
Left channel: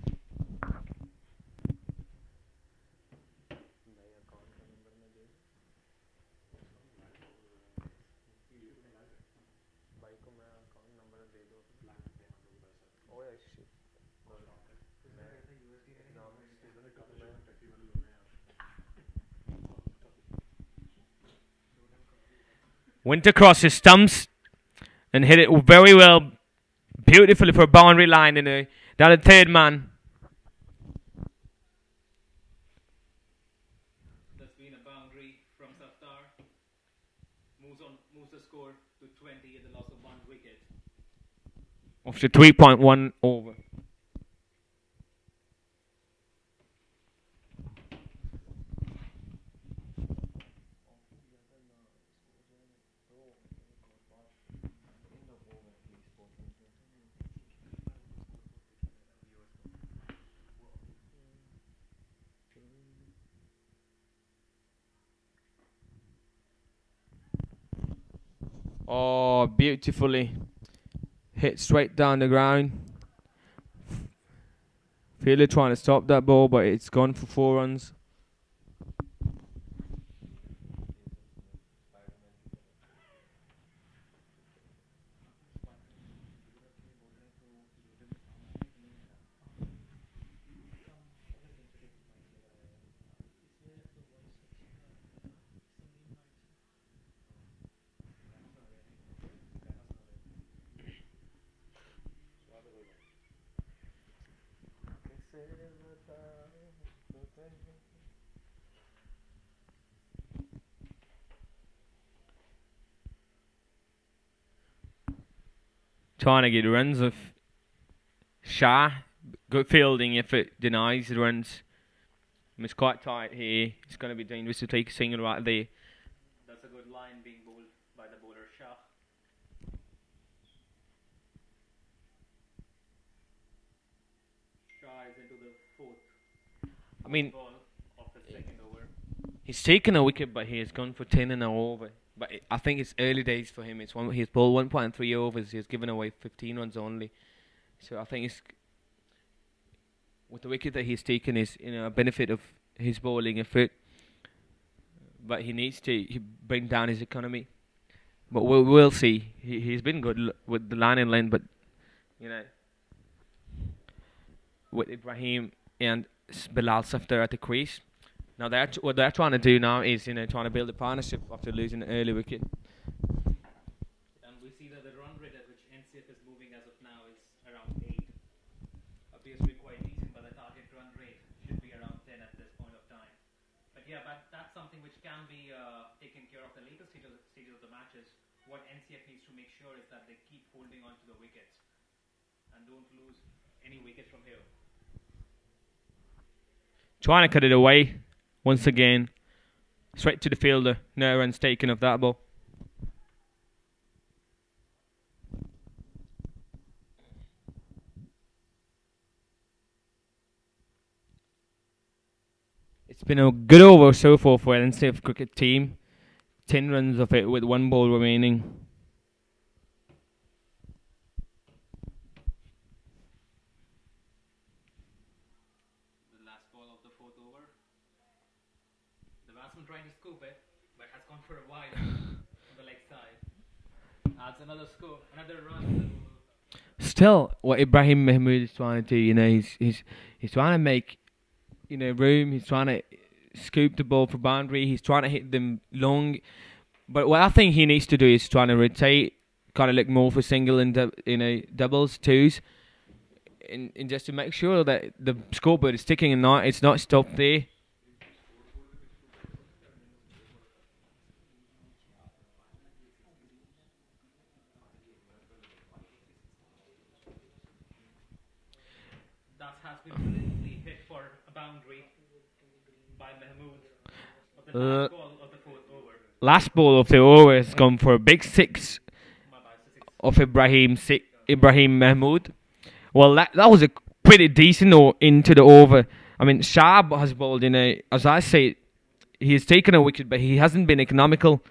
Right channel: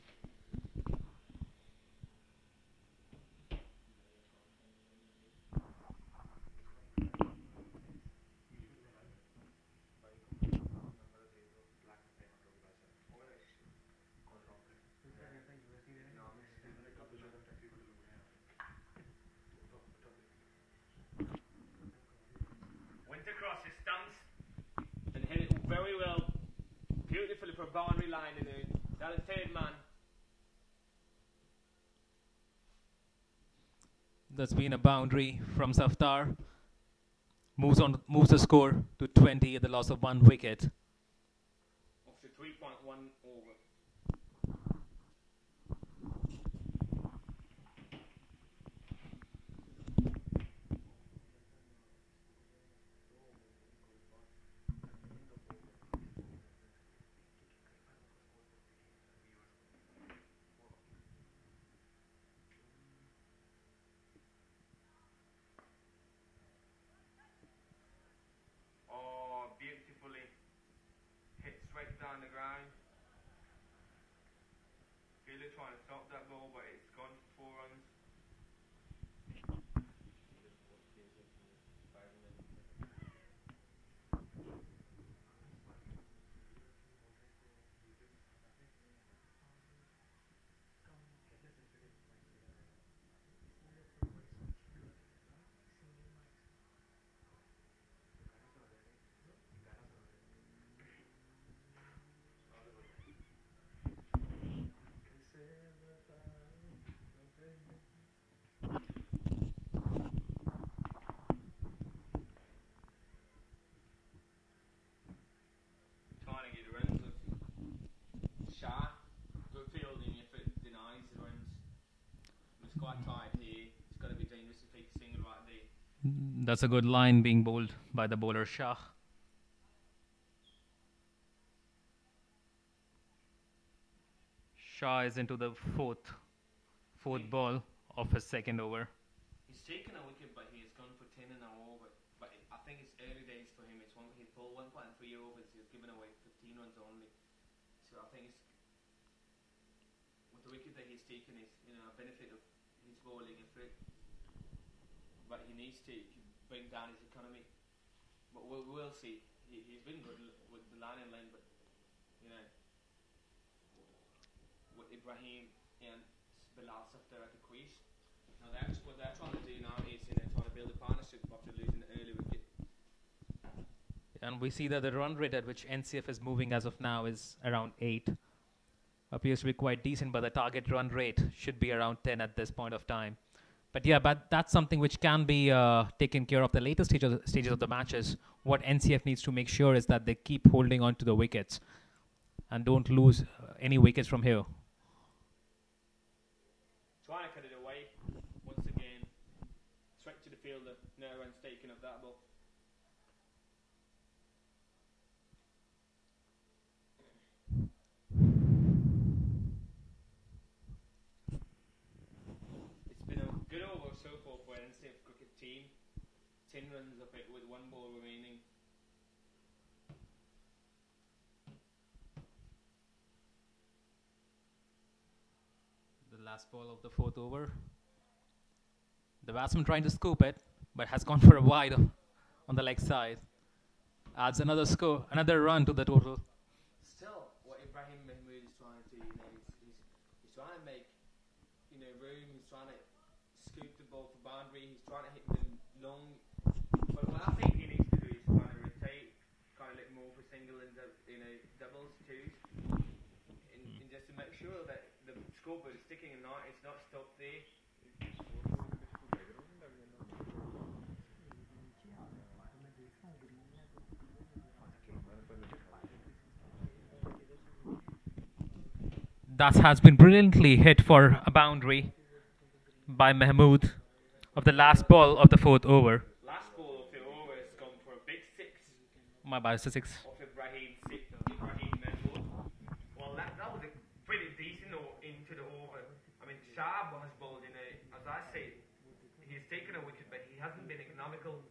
Went across his stumps and hit it very well, beautifully for a boundary line down the third man. That's been a boundary from Saftar. Moves the score to 20 at the loss of 1 wicket. After 3.1 over. Oh, beautifully hit straight down the ground. Fielder trying to stop that ball, but it's gone for 4 runs. Trying to get runs of Shah. Good fielding if it denies the runs. It's quite tight here. It's going to be dangerous to take a single right there. That's a good line being bowled by the bowler Shah. Shah is into the fourth ball of his second over. He's taken a wicket, but he has gone for 10 and an over. But I think it's early days for him. He's bowled 1.3 overs. He's given away 15 runs only. So I think it's with the wicket that he's taken is a benefit of his bowling effort. But he needs to bring down his economy. But we'll see. He's been good with the line and length, but with Ibrahim and Bilal Safdar at the crease. Now what they're trying to do now is trying to build a partnership after losing an early wicket. And we see that the run rate at which NCF is moving as of now is around 8. Appears to be quite decent, but the target run rate should be around 10 at this point of time. But yeah, that's something which can be taken care of the later stages of the matches. What NCF needs to make sure is that they keep holding on to the wickets and don't lose any wickets from here. Trying to cut it away once again. Straight to the fielder. No runs taken of that ball. It's been a good over so far for NCF cricket team. 10 runs of it with 1 ball remaining. The last ball of the 4th over. The batsman trying to scoop it, but has gone for a wide on the leg side. Adds another run to the total. Still, what Ibrahim Mahmood is trying to do, he's trying to make, room. He's trying to scoop the ball for boundary. He's trying to hit them long. But what I think he needs to do is trying to rotate, kind of look more for single and doubles, twos, and just to make sure that the scoreboard is ticking and it's not stopped there. That has been brilliantly hit for a boundary by Mahmood of the last ball of the 4th over. Last ball of the over has gone for a big 6. My bad, it's a 6. Of Ibrahim Mahmood. Well, that was a pretty decent into the over. I mean, Shab has bowled as I say, he has taken a wicket, but he hasn't been economical.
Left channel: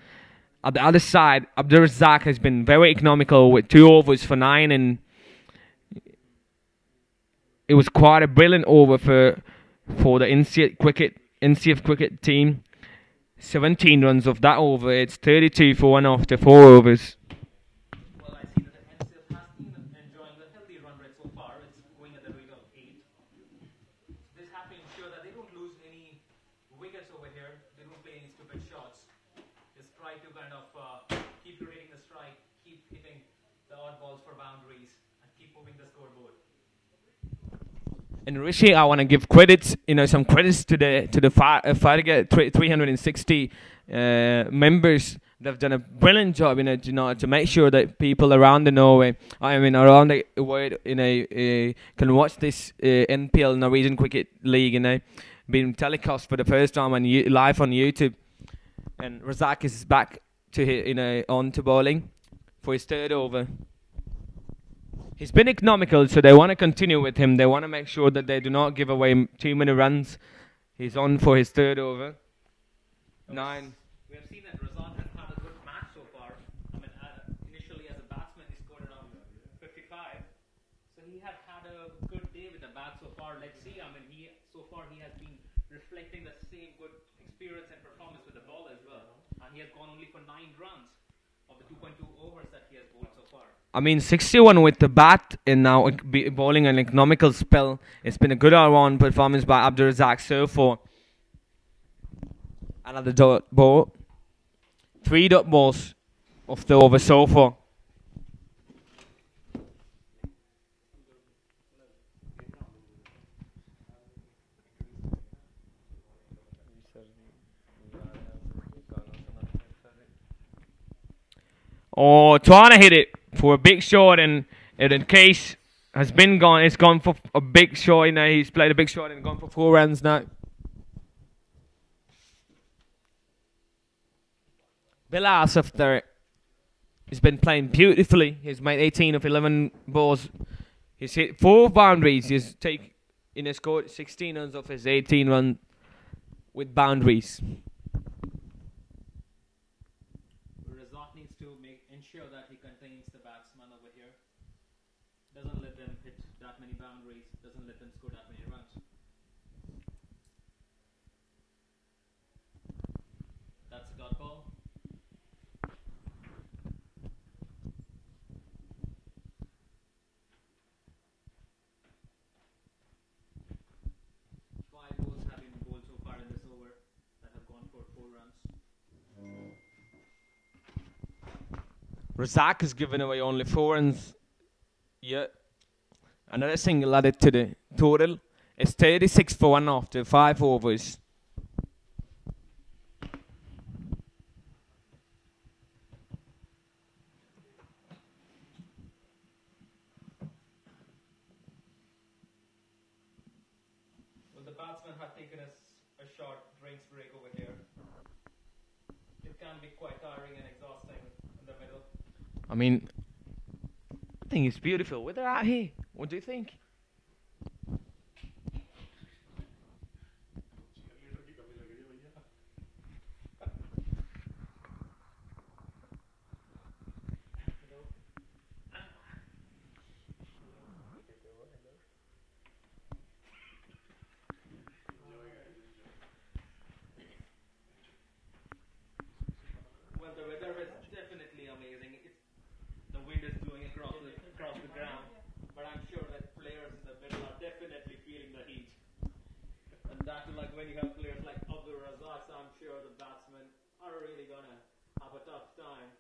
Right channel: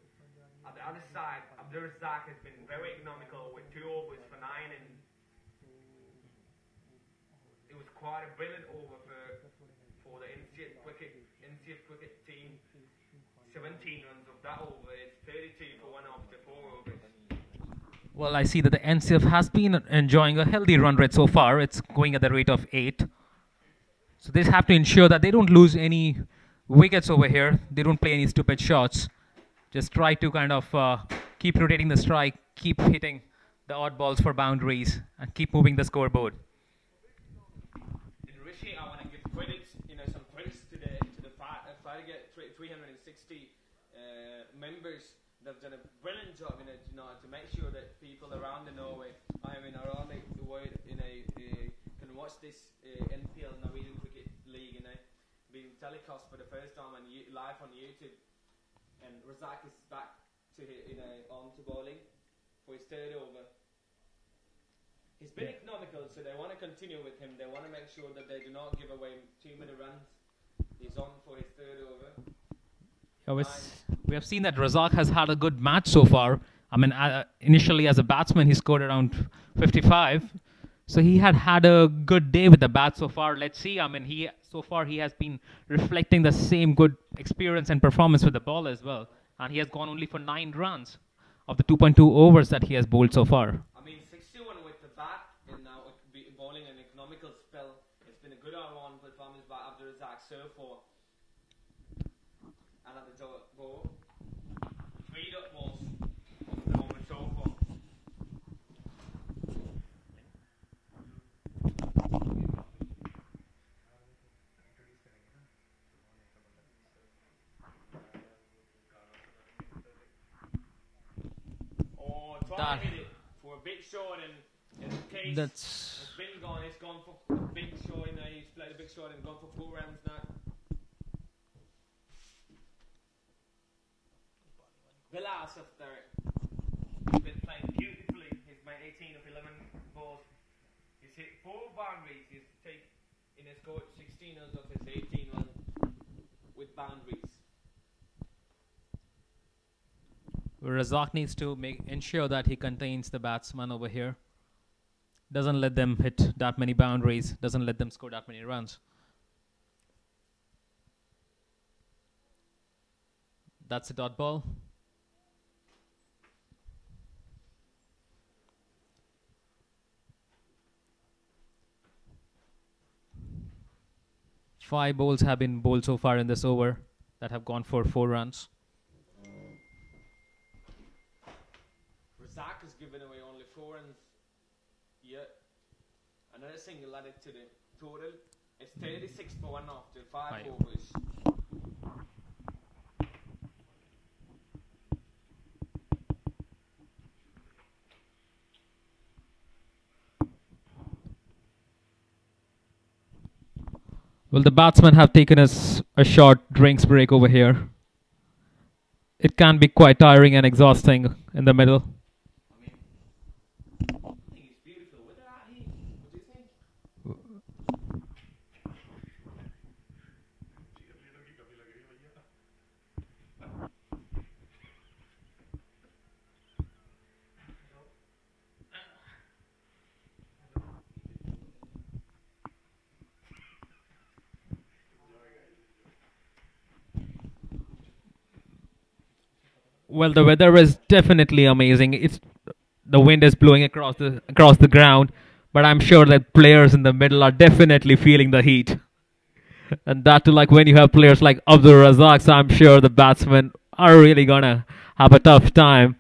At the other side, Abdur Razzaq has been very economical with 2 overs for 9, and it was quite a brilliant over for the NCF cricket team. 17 runs of that over. It's 32 for 1 after 4 overs. Well, I see that the NCF has been enjoying a healthy run rate so far. It's going at the rate of 8. So they have to ensure that they don't lose any wickets over here. They don't play any stupid shots. Just try to kind of keep rotating the strike, keep hitting the odd balls for boundaries, and keep moving the scoreboard. And Rishi, I want to give credits, some credits to the Farga 360 members. They've done a brilliant job, to make sure that people around the Norway, around the world, can watch this NPL Norwegian Cricket League, being telecast for the first time live on YouTube. And Razak is back to on to bowling for his 3rd over. He's been economical, so they want to continue with him. They want to make sure that they do not give away too many runs. He's on for his 3rd over. We have seen that Razak has had a good match so far. Initially as a batsman, he scored around 55. So he had a good day with the bat so far. Let's see. So far he has been reflecting the same good experience and performance with the ball as well. And he has gone only for 9 runs of the 2.2 overs that he has bowled so far. 61 with the bat and now bowling an economical spell. It's been a good all-round performance by Abdur Razzaq so far. Another dot ball. 3 dot balls of the over so far. Oh, trying to hit it for a big shot, and in case has been gone. It's gone for a big shot. He's played a big shot and gone for 4 runs now. Bilal Safdar has been playing beautifully. He's made 18 of 11 balls. He's hit 4 boundaries. He's scored 16 runs of his 18 run. with boundaries. Razak needs to ensure that he contains the batsman over here. Doesn't let them hit that many boundaries. Doesn't let them score that many runs. That's a dot ball. Five balls have been bowled so far in this over that have gone for 4 runs. Razak has given away only 4 runs. Yeah. Another single added to the total. It's 36 for 1 after 5 overs. Well, the batsmen have taken a short drinks break over here. It can be quite tiring and exhausting in the middle. I mean, I think it's beautiful weather out here. What do you think? Well, the weather is definitely amazing. The wind is blowing across the ground, but I'm sure that players in the middle are definitely feeling the heat. And that too, like when you have players like Abdul Razak, so I'm sure the batsmen are really gonna have a tough time.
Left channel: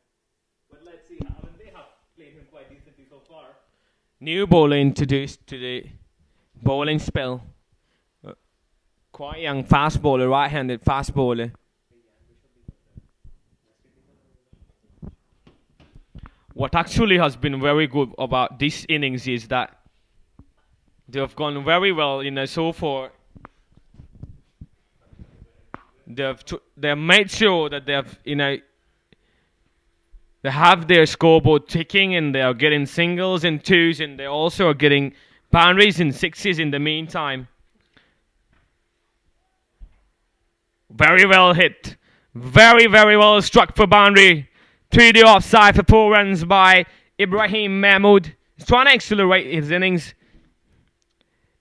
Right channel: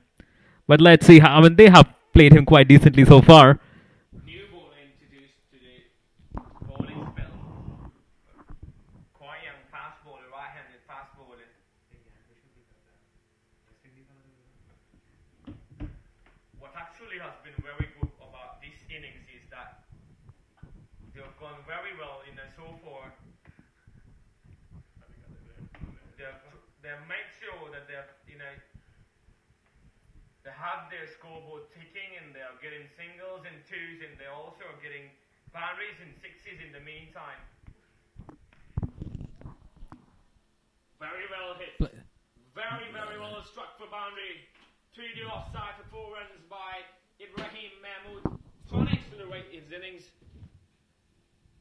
But let's see. I mean, they have played him quite decently so far. New bowler introduced to the bowling spell. Quite young fast bowler, right-handed fast bowler. What actually has been very good about this innings is that they have gone very well, so far. They've made sure that they have their scoreboard ticking, and they are getting singles and twos, and they also are getting boundaries and sixes in the meantime. Very well hit. Very, very well struck for boundary. 3D offside for 4 runs by Ibrahim Mahmood. He's trying to accelerate his innings.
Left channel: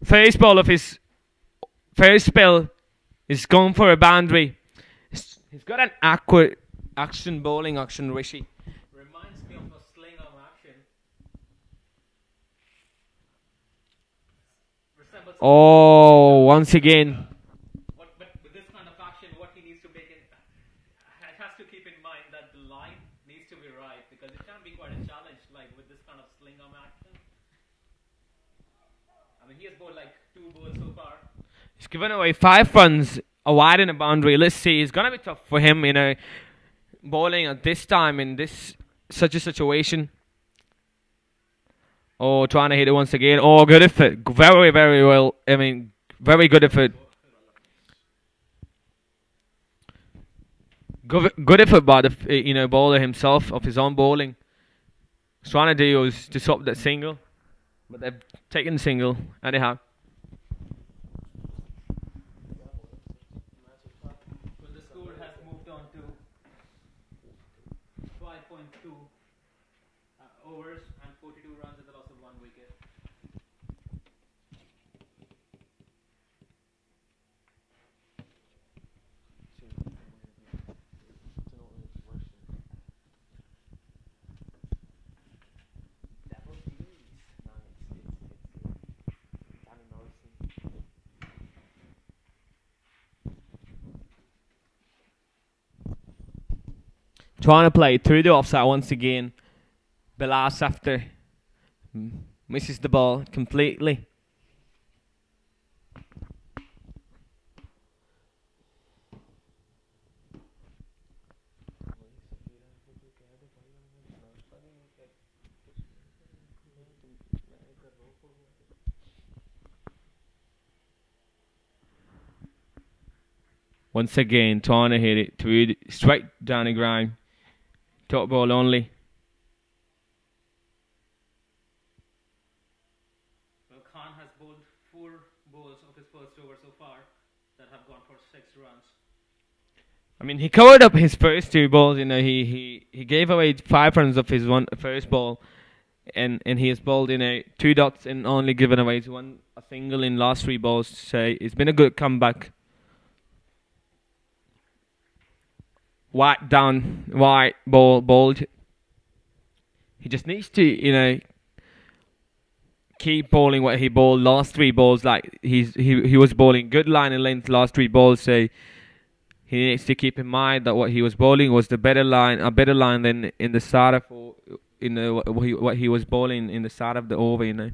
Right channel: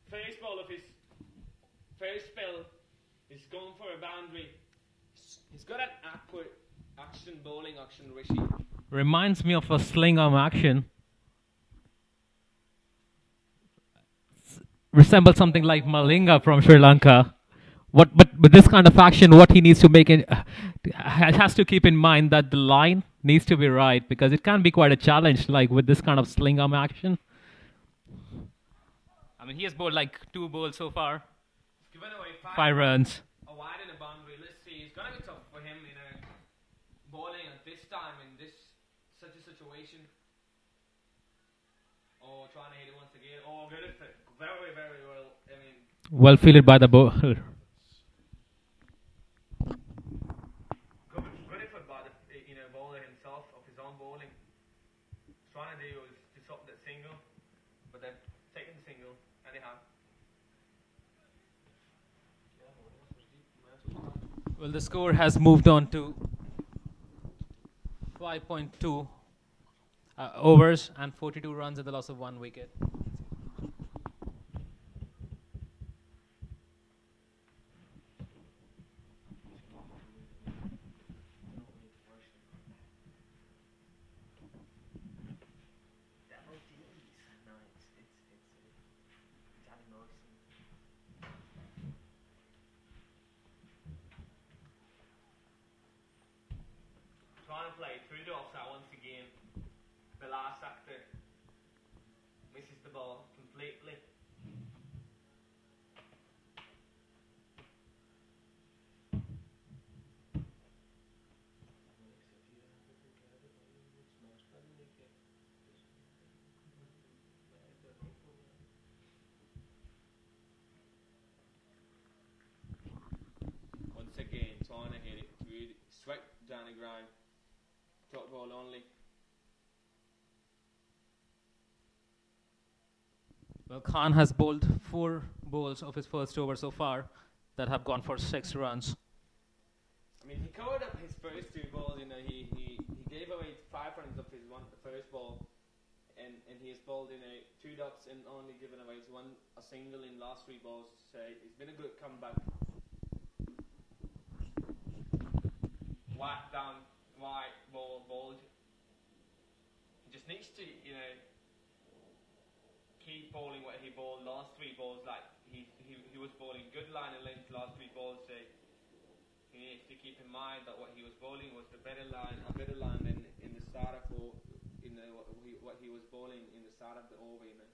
First ball of his first spell is gone for a boundary. He's got an accurate bowling action, Rishi. Reminds me of a sling arm action. Resembles something like Malinga from Sri Lanka. But with this kind of action, what he needs to make it has to keep in mind that the line needs to be right, because it can be quite a challenge, like with this kind of sling arm action. I mean, he has bowled like 2 balls so far. He's given away 5 runs, a wide and a boundary. Let's see, it's gonna be tough for him, bowling at this time in such a situation. Oh, trying to hit it once again. Oh, good effort. Very, very well. I mean, well very good by effort. The bowler. Good effort by the bowler himself of his own bowling. He's trying to do was to stop that single, but they've taken the single anyhow. Well, the score has moved on to 5.2 overs and 42 runs at the loss of 1 wicket. Trying to play through the offside once again. Bilas after misses the ball completely. Once again, trying to hit it through straight down the ground. Top ball only. Well, Khan has bowled 4 balls of his first over so far. that have gone for 6 runs. I mean, he covered up his first 2 balls. He gave away 5 runs of his first ball, and he has bowled 2 dots and only given away a single in last 3 balls. So it's been a good comeback. White bowled. He just needs to keep bowling what he bowled last 3 balls. Like he was bowling good line and length last 3 balls. So he needs to keep in mind that what he was bowling was a better line than in the start of what he was bowling in the start of the over.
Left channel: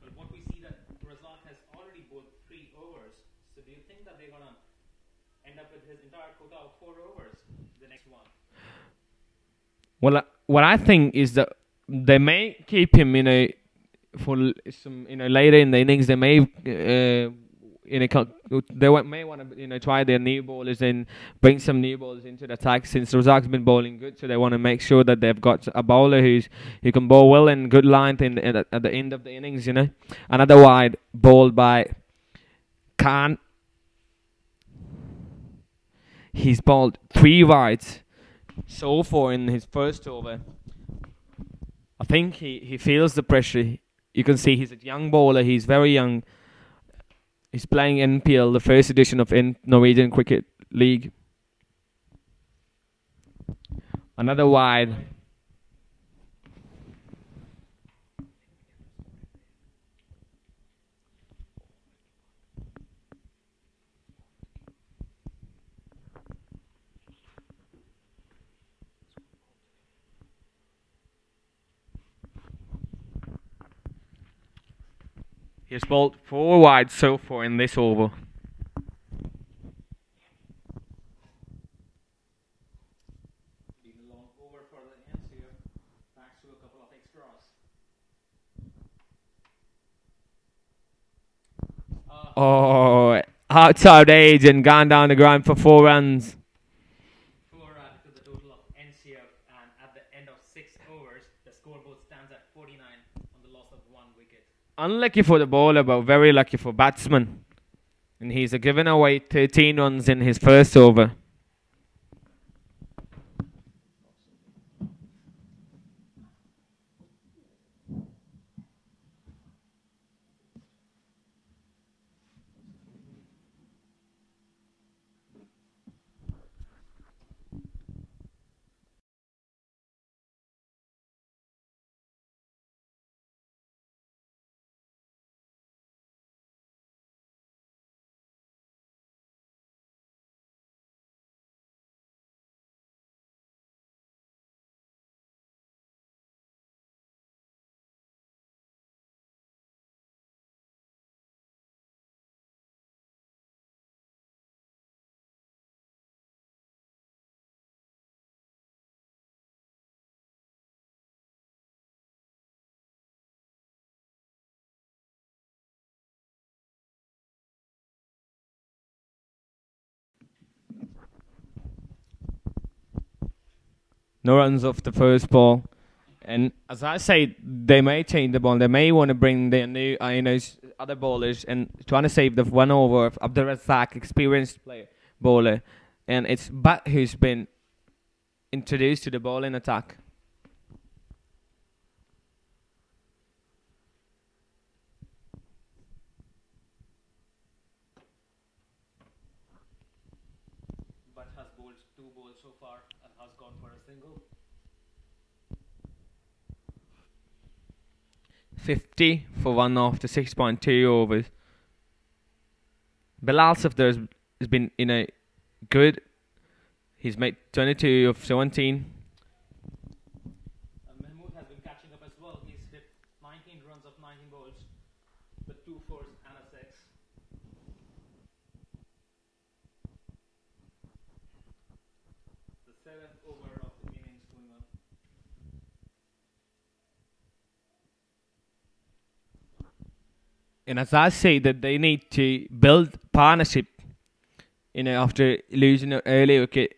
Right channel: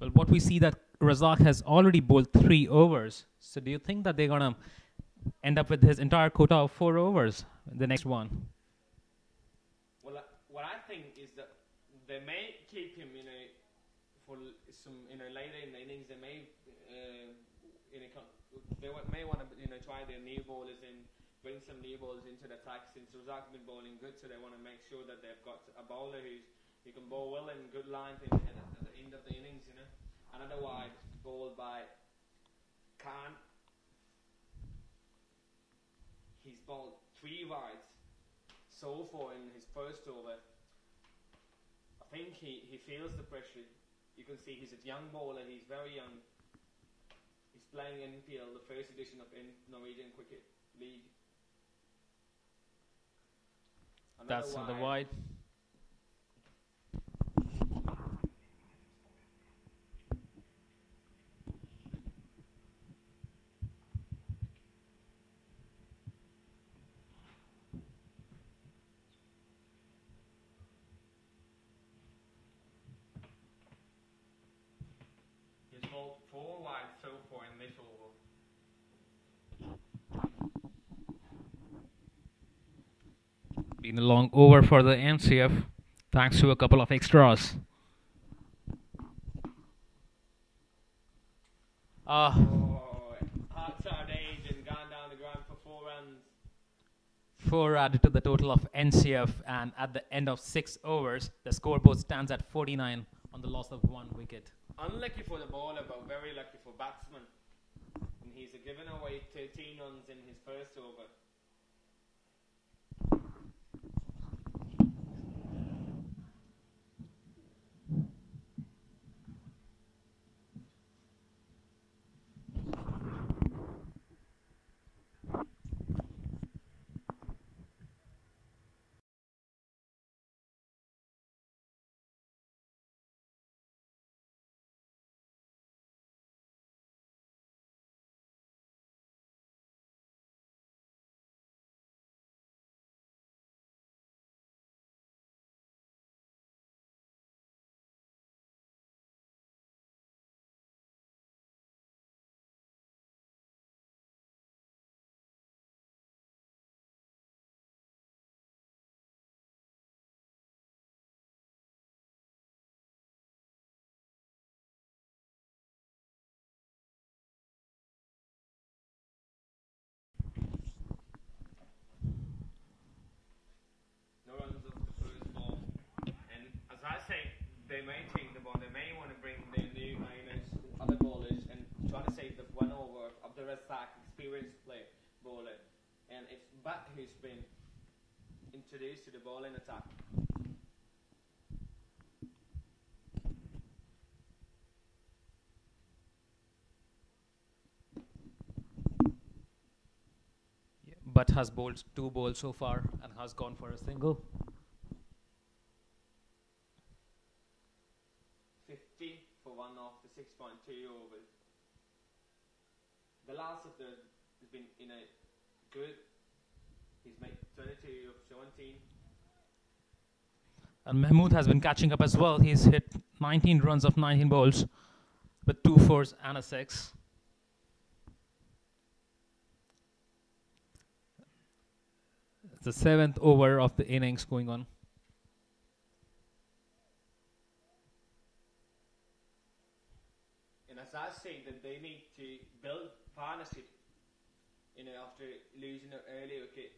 Well, what we see that Razak has already bowled 3 overs. So do you think that they're gonna end up with his entire quota of 4 overs, the next one? Well, what I think is that they may keep him, for some, later in the innings. They may, may want to, try their new bowlers and bring some new bowlers into the attack. Since Razak's been bowling good, so they want to make sure that they've got a bowler who can bowl well and good length at the end of the innings. Another wide bowled by Khan. He's bowled 3 wides so far in his first over. I think he feels the pressure. You can see he's a young bowler. He's very young. He's playing NPL, the first edition of Norwegian Cricket League. Another wide. He has bowled 4 wide so far in this over. Been a long over for the NCF, thanks to a couple of extras. Outside age and gone down the ground for 4 runs. 4 added to the total of NCF, and at the end of 6 overs, the scoreboard stands at 49 on the loss of 1 wicket. Unlucky for the bowler, but very lucky for batsman. And he's given away 13 runs in his first over. No runs off the first ball. And as I say, they may change the ball. They may want to bring their new other bowlers and trying to save the 1 over of Abdul Razak, experienced bowler. And it's Butt who's been introduced to the bowling attack. But has bowled 2 balls so far and has gone for a single. 50 for 1 after 6.2 overs. Bilal Safdar has been good. He's made 22 of 17. And Mahmood has been catching up as well. He's hit 19 runs of 19 balls with 2 fours and a 6. It's the 7th over of the innings going on. And as I say, that they need to build partnership. After losing an early wicket,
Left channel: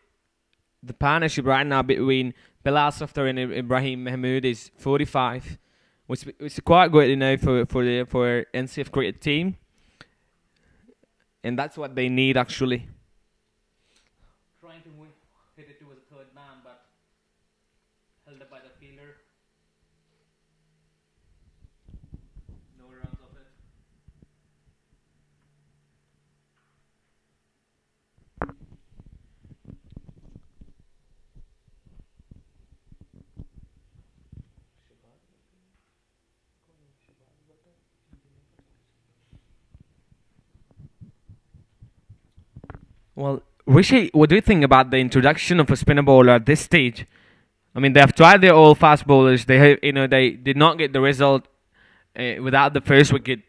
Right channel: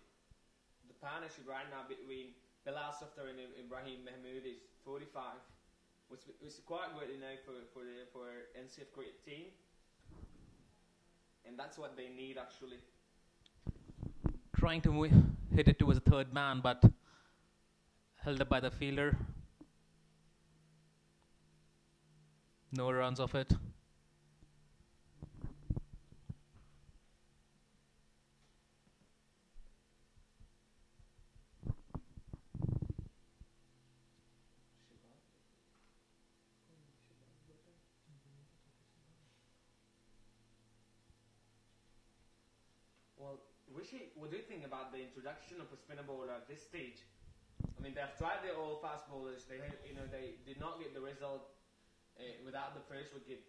the partnership right now between Bilal Safdar and Ibrahim Mahmood is 45, which is quite good, for NCF cricket team, and that's what they need actually. Trying to hit it towards the third man, but held up by the fielder. No runs off it. Well, Rishi, what do you think about the introduction of a spinner bowler at this stage? I mean, they have tried their all fast bowlers. They did not get the result without the first wicket.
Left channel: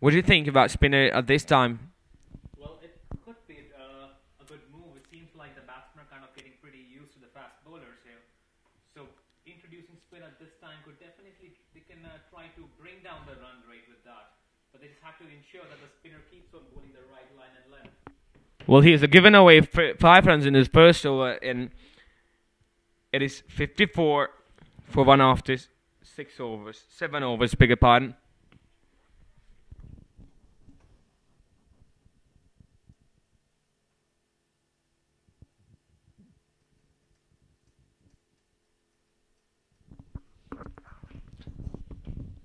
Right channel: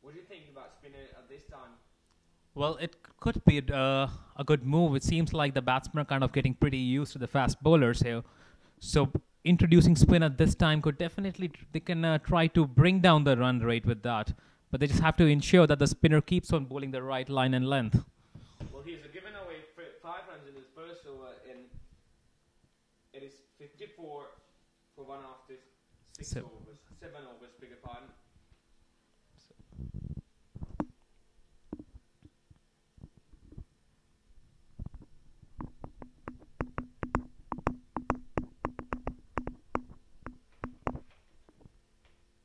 What do you think about spinner at this time? Well, it could be a good move. It seems like the batsmen are kind of getting pretty used to the fast bowlers here. So introducing spin at this time could definitely, they can try to bring down the run rate with that. But they just have to ensure that the spinner keeps on bowling the right line and length. Well, he has given away 5 runs in his first over, and it is 54 for one after 7 overs, beg your pardon.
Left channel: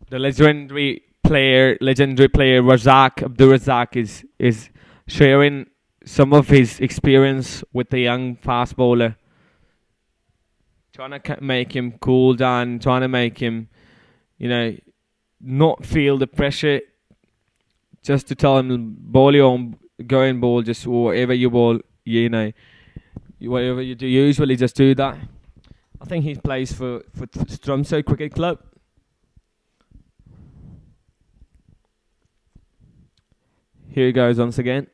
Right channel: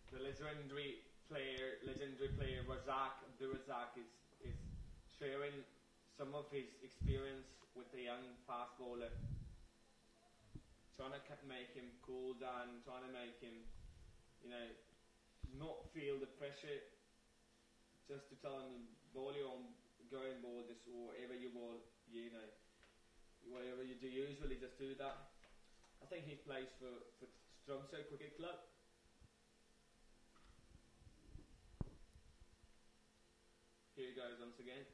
The legendary player Razak Abdul Razak is sharing some of his experience with the young fast bowler, trying to make him cool down, trying to make him, not feel the pressure. Just to tell him, bowl your own, go and bowl, just whatever you bowl, whatever you do, usually just do that. I think he plays for Stromso Cricket Club. Here he goes once again.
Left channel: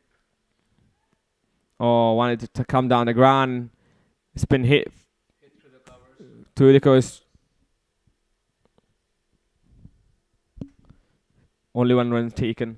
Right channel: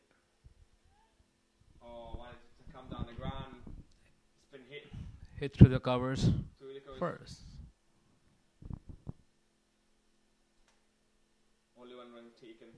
Oh, wanted to come down the ground. It's been hit through the covers. Through the covers. Only 1 run taken.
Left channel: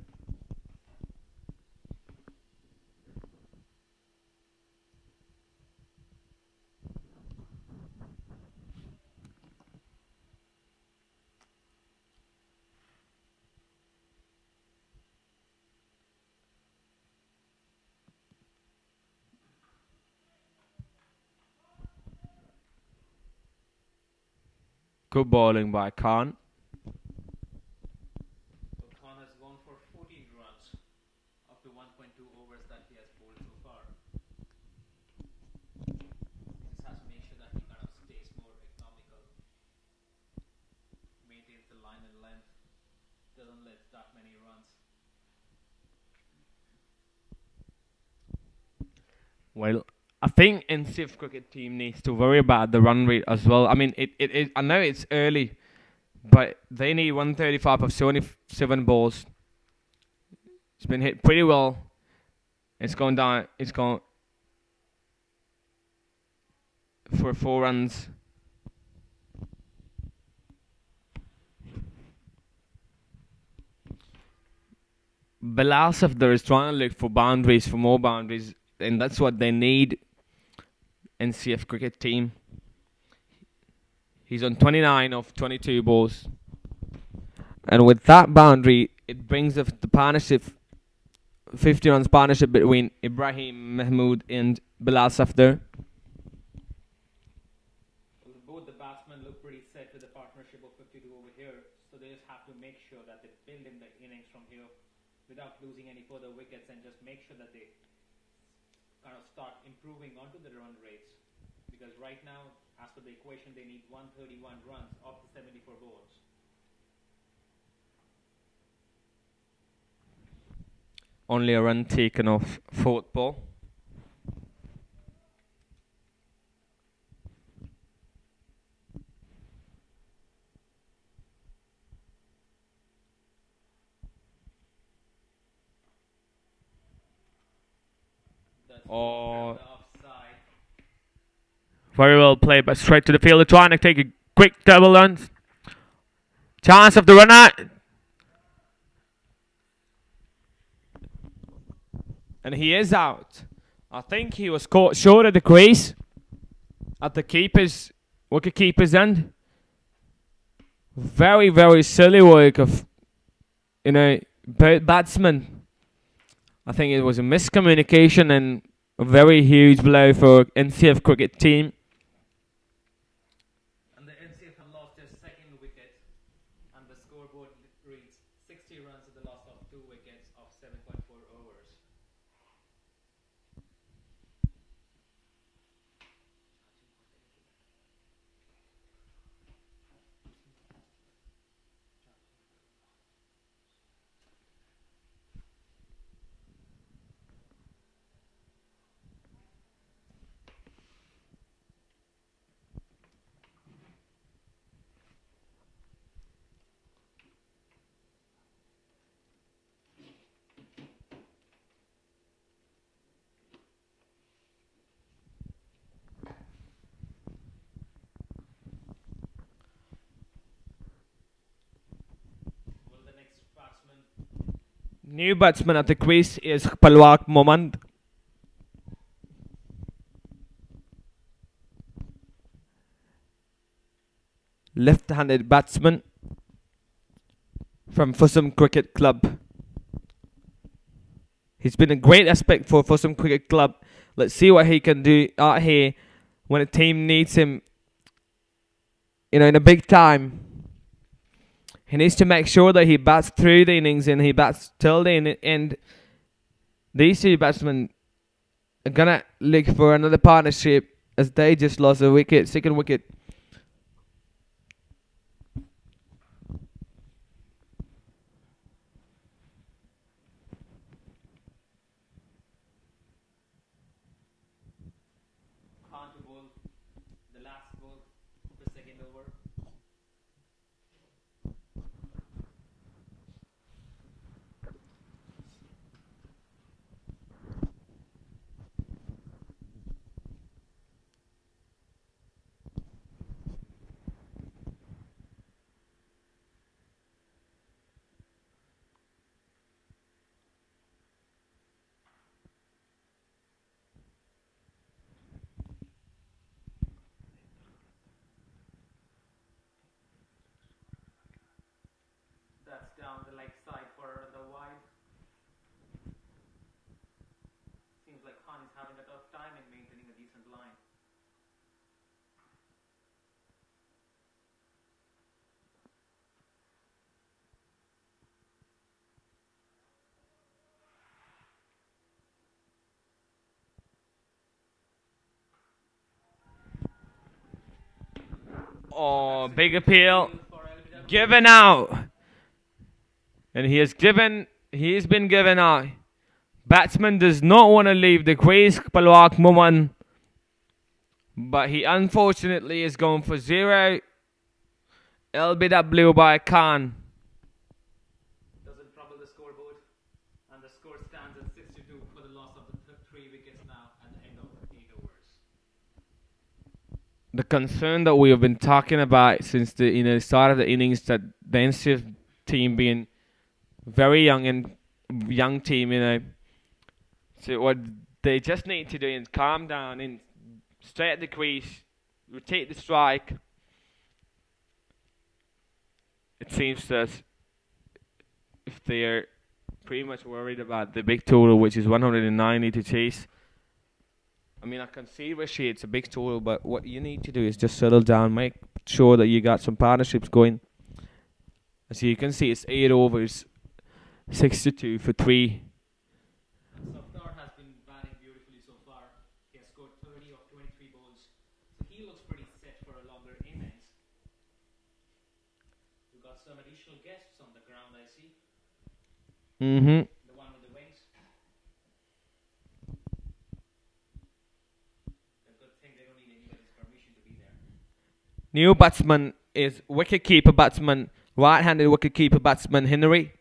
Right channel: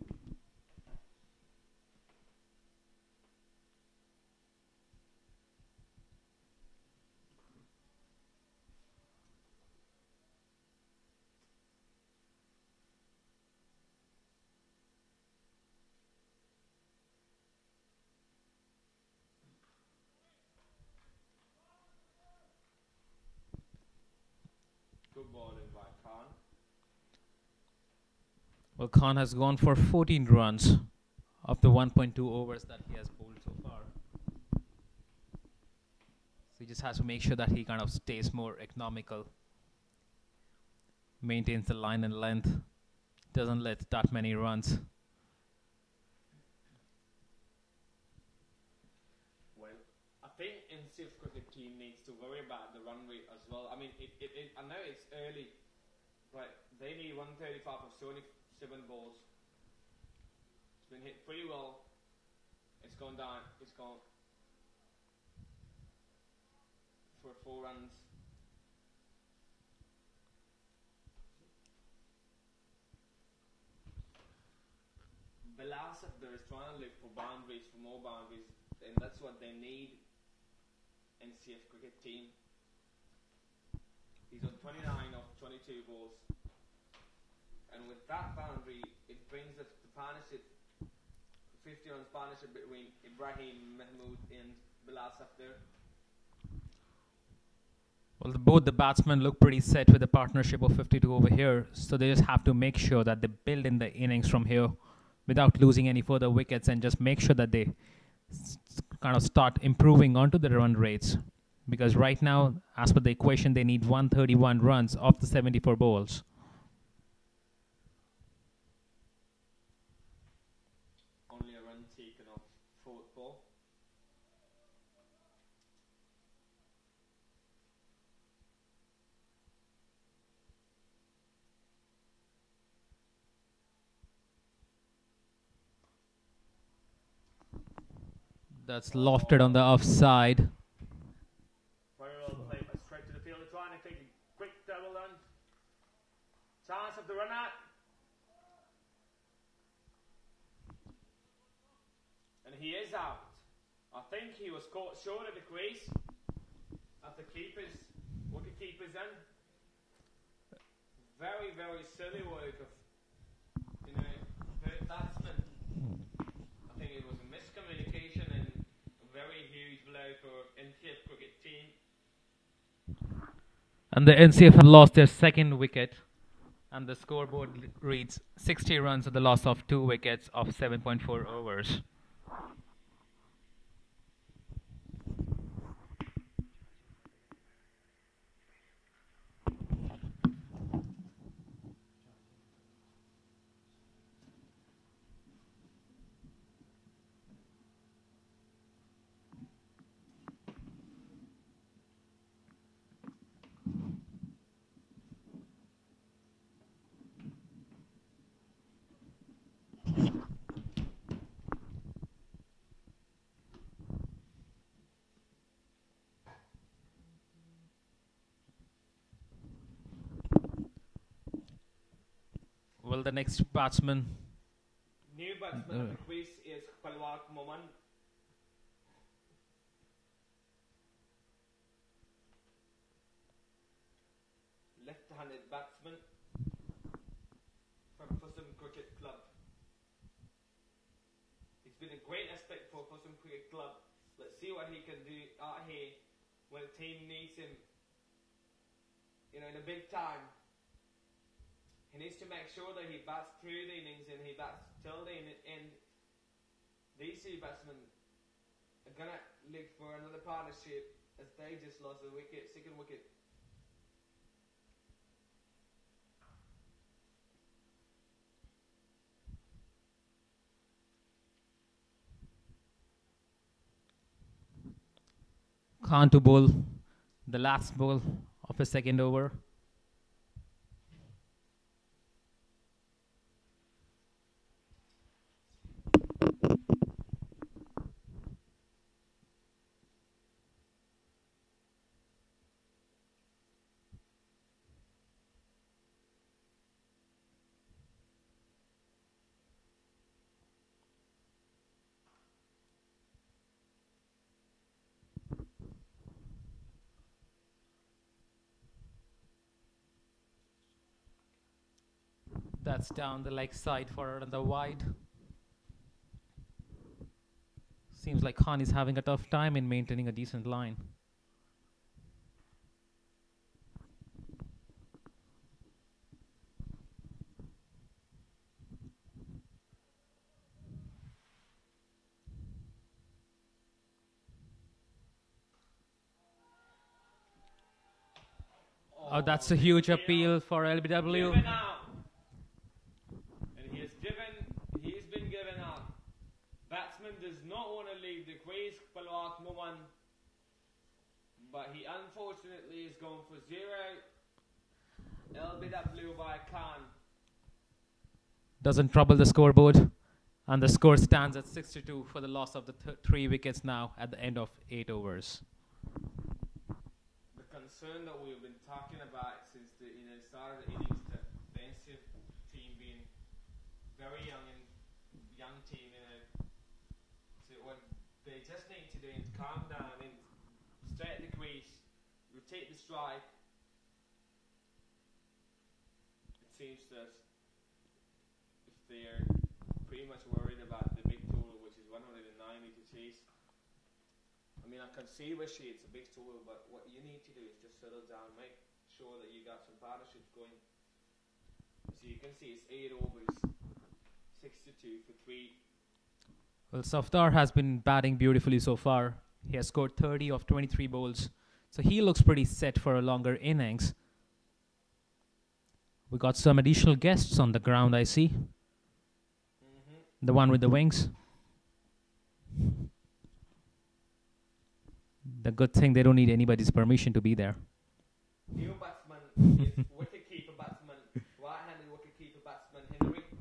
Good bowling by Khan. Well, Khan has gone for 14 runs of the 1.2 overs that he has bowled so far. So he just has to make sure that he kind of stays more economical, maintains the line and length, doesn't let that many runs. Well, I think NCF cricket team needs to worry about the run rate as well. I mean, I know it's early, but they need 135 of 77 balls. It's been hit pretty well. It's gone down. It's gone for 4 runs. Bilal Safdar is trying to look for boundaries, for more boundaries, and that's what they need. NCF cricket team. He's on 29 of 22 balls. And with that boundary, it brings the partnership, 50 runs partnership between Ibrahim Mahmood and Bilal Safdar. Well, both the batsmen look pretty set with a partnership of 52 over here, so they just have to make sure that they build in the innings from here without losing any further wickets, and just make sure that they kind of start improving onto the run rates, because right now, as per the equation, they need 131 runs off the 74 balls. Only a run taken off 4th ball. That's lofted on the offside. Very well played, but straight to the fielder, trying to take a quick double run. Chance of the run out. And he is out. I think he was caught short of the crease. at the wicket keeper's end. Very, very silly work of, batsman. I think it was a miscommunication and a very huge blow for NCF cricket team. And the NCF have lost their second wicket. And the scoreboard reads 60 runs at the loss of 2 wickets of 7.4 overs. Well, the next batsman. New batsman at the crease is Palwak Momand. Left-handed batsman from Fussum Cricket Club. He's been a great aspect for Fussum Cricket Club. Let's see what he can do out here when a team needs him, in a big time. He needs to make sure that he bats through the innings and he bats till the end. These two batsmen are gonna look for another partnership as they just lost a wicket, second wicket. Khan to bowl the last ball of his second over. That's down the leg side for the wide. Seems like Khan is having a tough time in maintaining a decent line. Oh, that's a big huge appeal for LBW. given out. And he's been given out. Batsman does not want to leave the crease, Palwak Muman. But he unfortunately is going for 0. LBW by Khan. Doesn't trouble the scoreboard. And the score stands at 62 for the loss of the 3 wickets now at the end of 8 overs. The concern that we have been talking about since the start of the innings, that the NCF team being very young team, so what they just need to do is calm down and stay at the crease, rotate the strike. It seems that if they're pretty much worried about the big total, which is 190 to chase. I mean, I can see Rishi, it's a big total, but what you need to do is just settle down, make sure that you got some partnerships going. As you can see, it's 8 overs, 62 for 3. Well, Safdar has been batting beautifully so far. He has scored 30 of 23 bowls. So he looks pretty set for a longer innings. We got some additional guests on the ground, I see. Mm-hmm. The one with the wings. The good thing, they don't need anybody's permission to be there. New batsman is wicket-keeper batsman, right-handed wicket-keeper batsman Henry.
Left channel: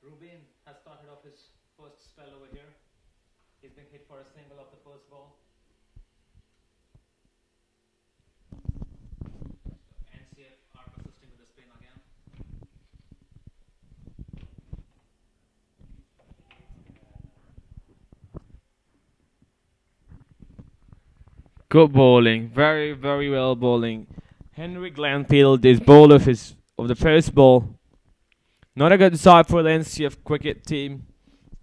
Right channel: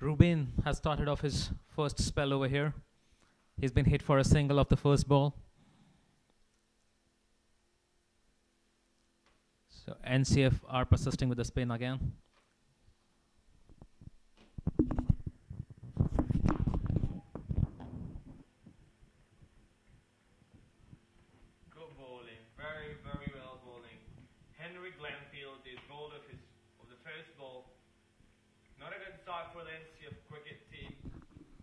Ruben has started off his first spell over here. He's been hit for a single of the first ball. So NCF are persisting with the spin again. Good bowling, very very well bowling. Henry Glanfield is bowler of the first ball. Not a good side for the NCF cricket team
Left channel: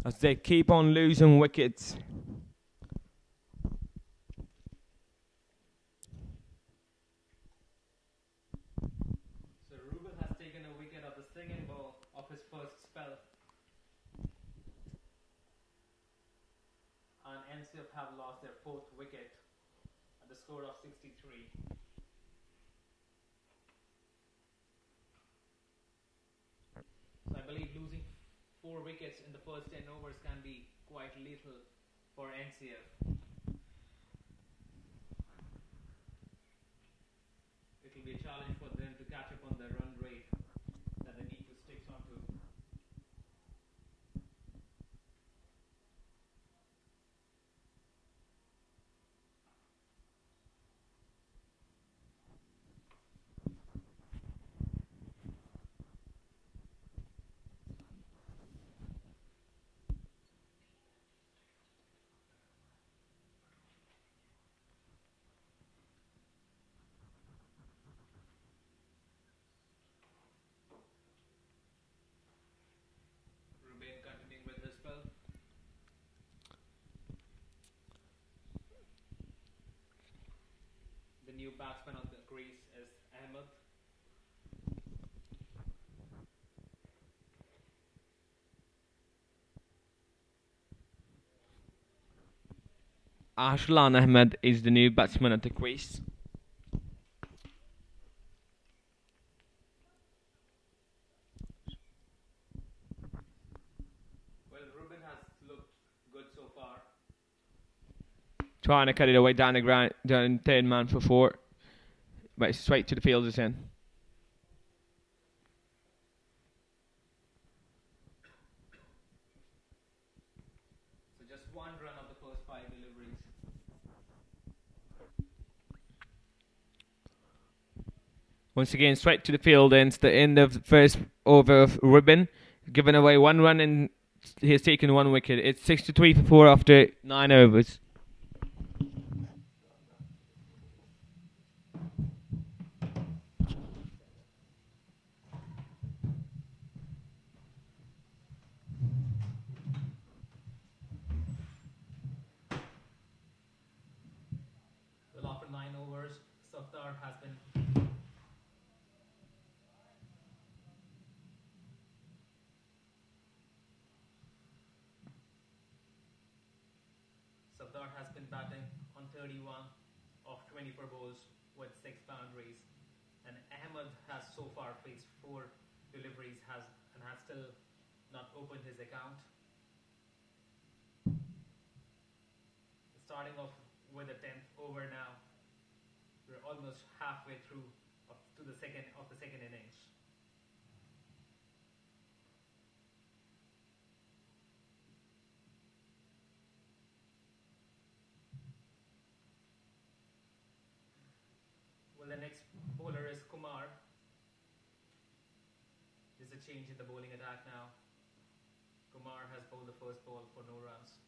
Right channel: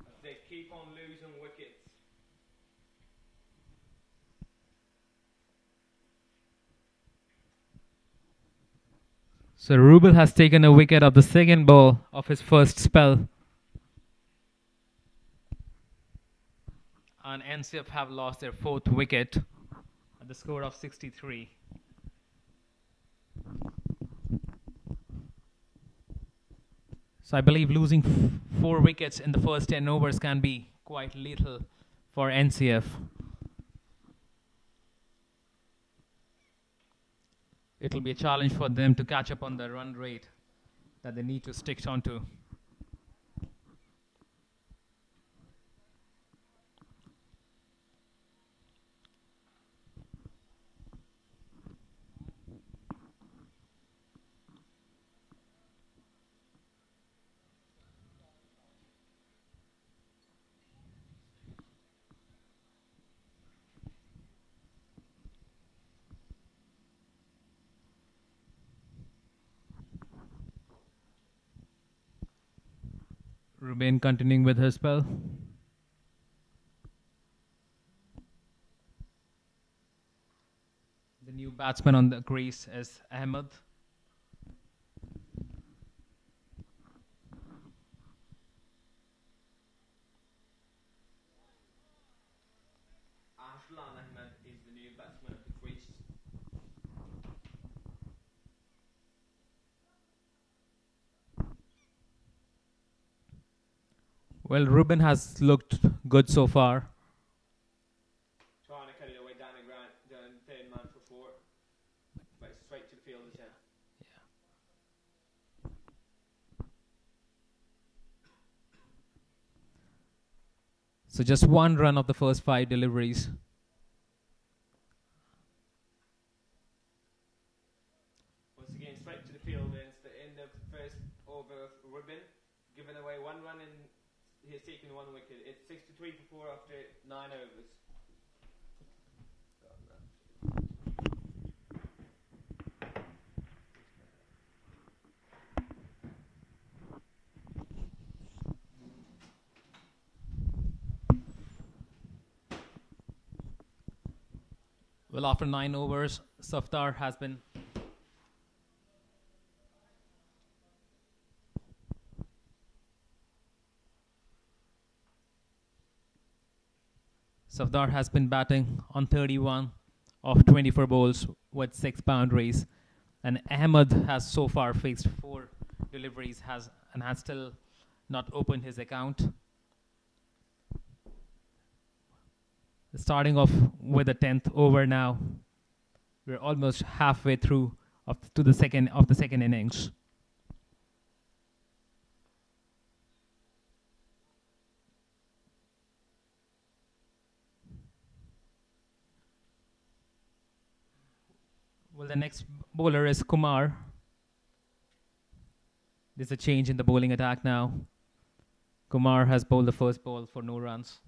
as they keep on losing wickets. So Rubel has taken a wicket of the second ball of his first spell. And NCF have lost their fourth wicket at the score of 63. So I believe losing 4 wickets in the first 10 overs can be quite lethal for NCF. It'll be a challenge for them to catch up on the run rate that they need to stick onto. Ruben continuing with her spell. The new batsman on the crease is Ahmed. Ashlan Ahmed is the new batsman at the crease. Well, Ruben has looked good so far. Trying to cut it away down the ground, down third man for 4. But it's straight to the fielders in. So just 1 run of the first 5 deliveries. Once again, straight to the field ends the end of the first over of Ruben. Giving away 1 run and he's taken 1 wicket. It's 63 for 4 after 9 overs. Well, after 9 overs, Safdar has been batting on 31 of 24 balls with 6 boundaries, and Ahmed has so far faced 4 deliveries and has still not opened his account. Starting off with the 10th over now. We're almost halfway through to the second innings. Well, the next bowler is Kumar. There's a change in the bowling attack now. Kumar has bowled the first ball for no runs.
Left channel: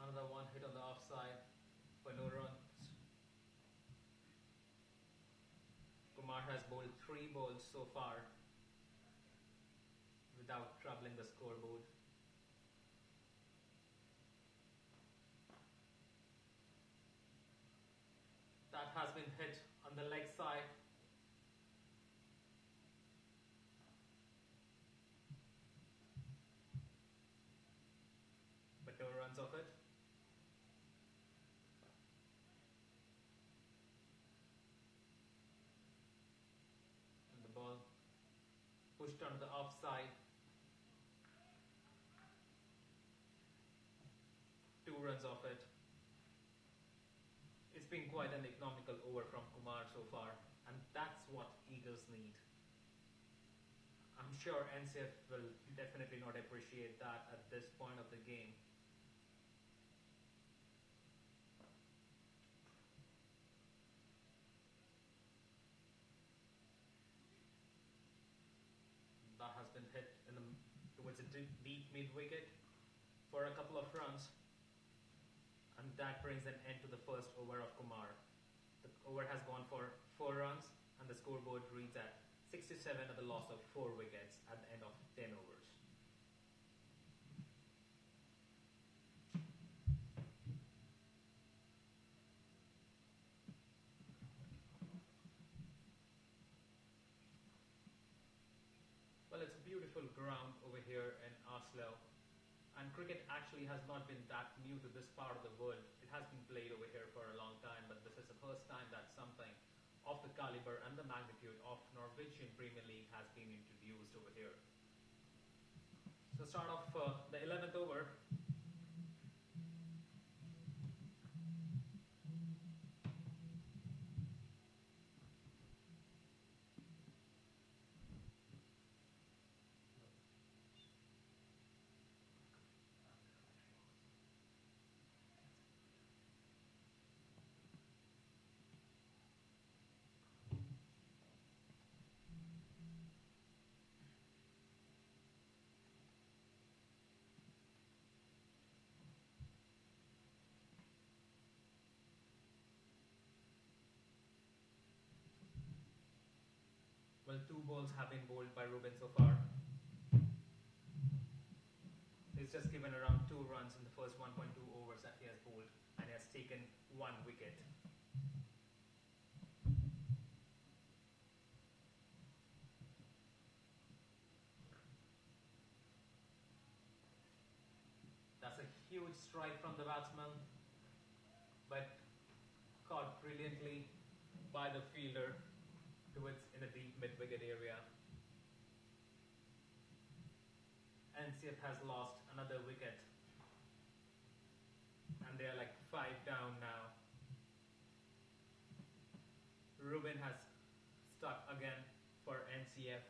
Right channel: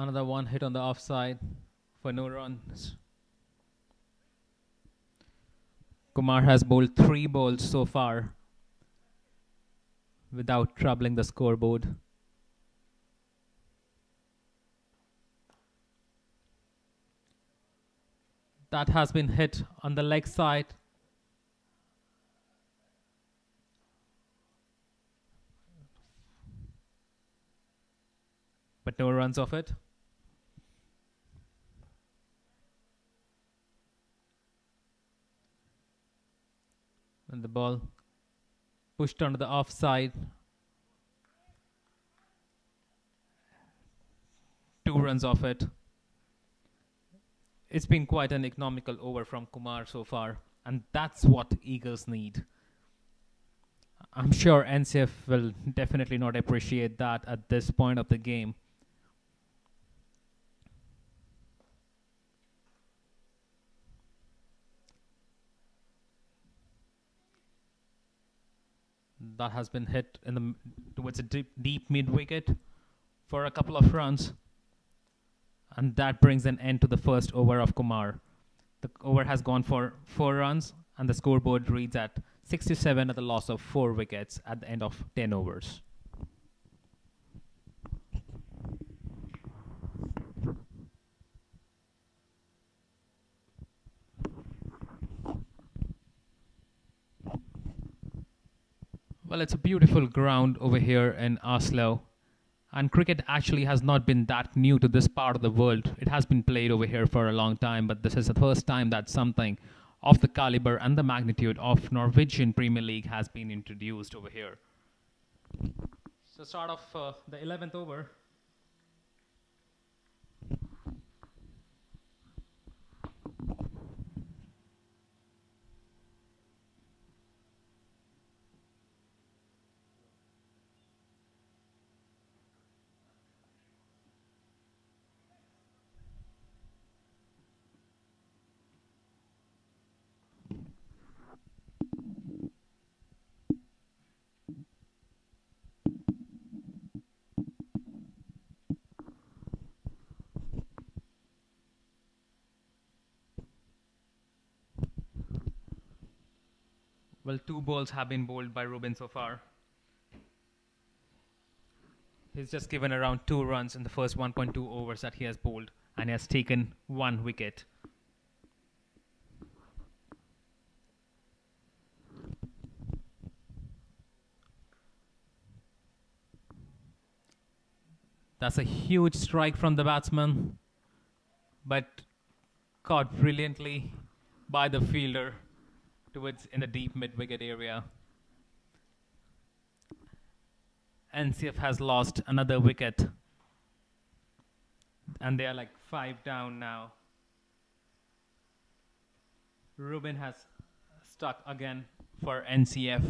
Another 1 hit on the offside for no runs. Kumar has bowled 3 balls so far without troubling the scoreboard. That has been hit on the leg side. but no runs off it. And the ball pushed onto the offside. 2 runs off it. It's been quite an economical over from Kumar so far, and that's what Eagles need. I'm sure NCF will definitely not appreciate that at this point of the game. That has been hit in the towards a deep mid wicket for a couple of runs, and that brings an end to the first over of Kumar. The over has gone for 4 runs, and the scoreboard reads at 67 at the loss of 4 wickets at the end of 10 overs. Well, it's a beautiful ground over here in Oslo. And cricket actually has not been that new to this part of the world. It has been played over here for a long time, but this is the first time that something of the caliber and the magnitude of Norwegian Premier League has been introduced over here. So start off the 11th over. Well, 2 balls have been bowled by Ruben so far. He's just given around 2 runs in the first 1.2 overs that he has bowled, and he has taken 1 wicket. That's a huge strike from the batsman, but caught brilliantly by the fielder towards in the deep mid-wicket area. NCF has lost another wicket, and they are like 5 down now. Ruben has stuck again for NCF.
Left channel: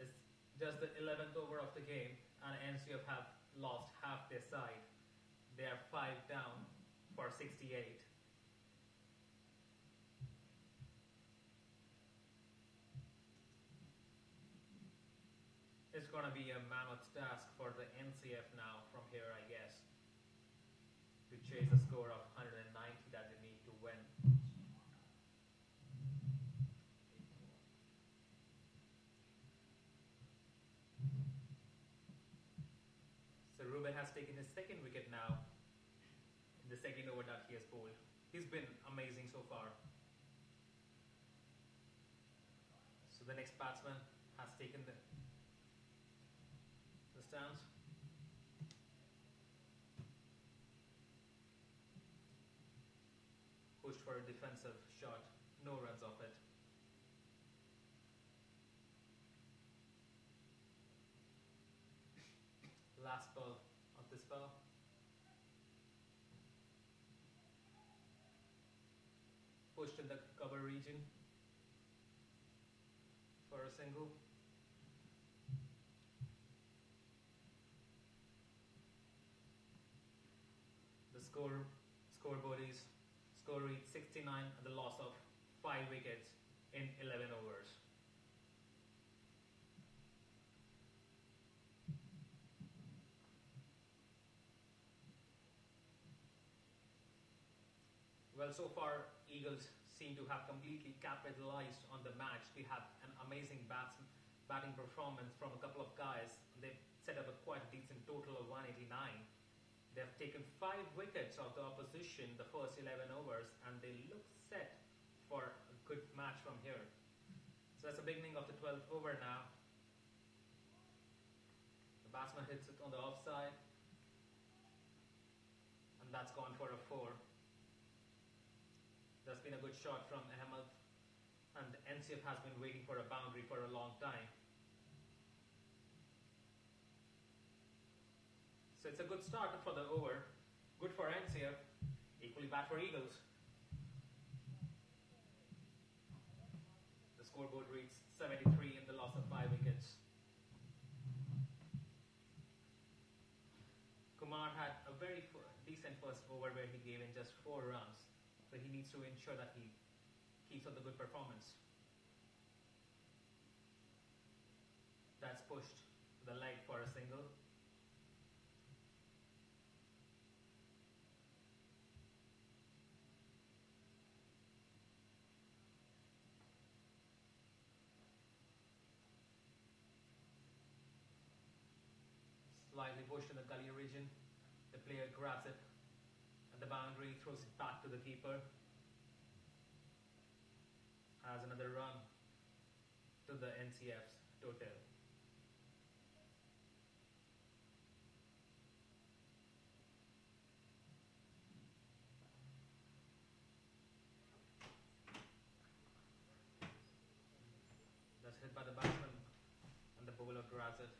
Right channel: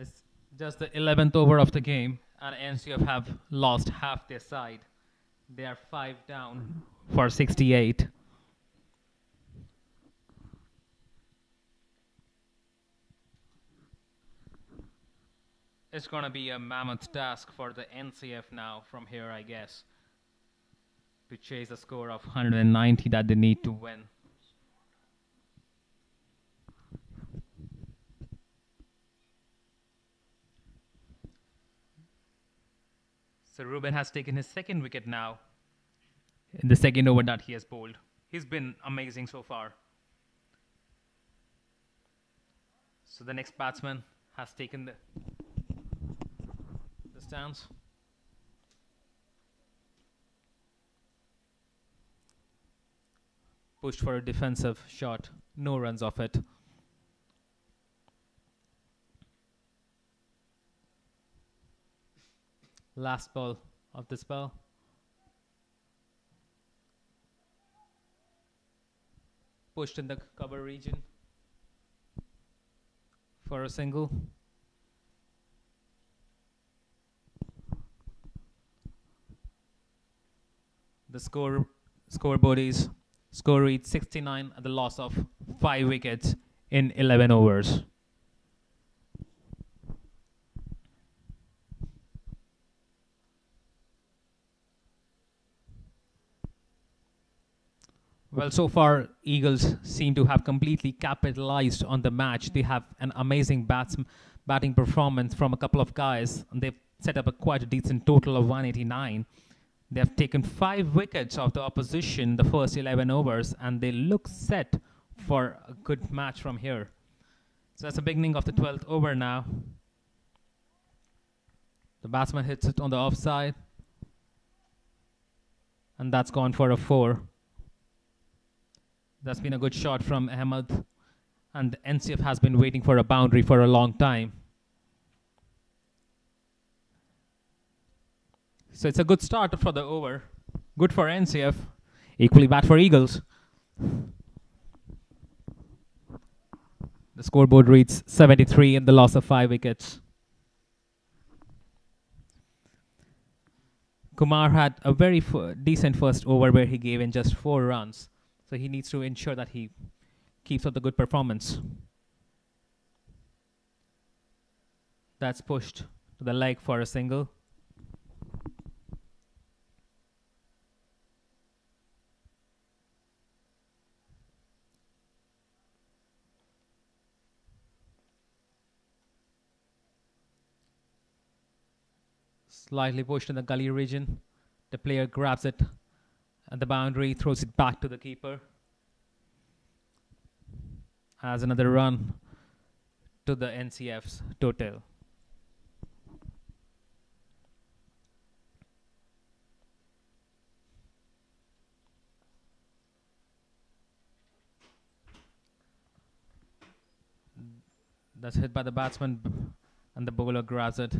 It's just the 11th over of the game, and NCF have lost half their side. They are 5 down for 68. It's going to be a mammoth task for the NCF now from here, I guess, to chase a score of 190 that they need to win. So Ruben has taken his 2nd wicket now in the 2nd over that he has bowled. He's been amazing so far. So the next batsman has taken the stance. Pushed for a defensive shot. No runs off it. Last ball of the spell. Pushed in the cover region for a single. The scoreboard is score reads 69 at the loss of 5 wickets in 11 overs. Well, so far, Eagles seem to have completely capitalized on the match. They have an amazing batting performance from a couple of guys, and they've set up quite a decent total of 189. They have taken 5 wickets of the opposition the first 11 overs, and they look set for a good match from here. So that's the beginning of the 12th over now. The batsman hits it on the offside, and that's gone for a 4. That's been a good shot from Ahmed, and the NCF has been waiting for a boundary for a long time. So it's a good start for the over. Good for NCF, equally bad for Eagles. The scoreboard reads 73 and the loss of 5 wickets. Kumar had a very decent first over where he gave in just 4 runs. So he needs to ensure that he keeps up the good performance. That's pushed to the leg for a single. Slightly pushed in the gully region. The player grabs it at the boundary, throws it back to the keeper. Has another run to the NCF's total. That's hit by the batsman and the bowler grabs it.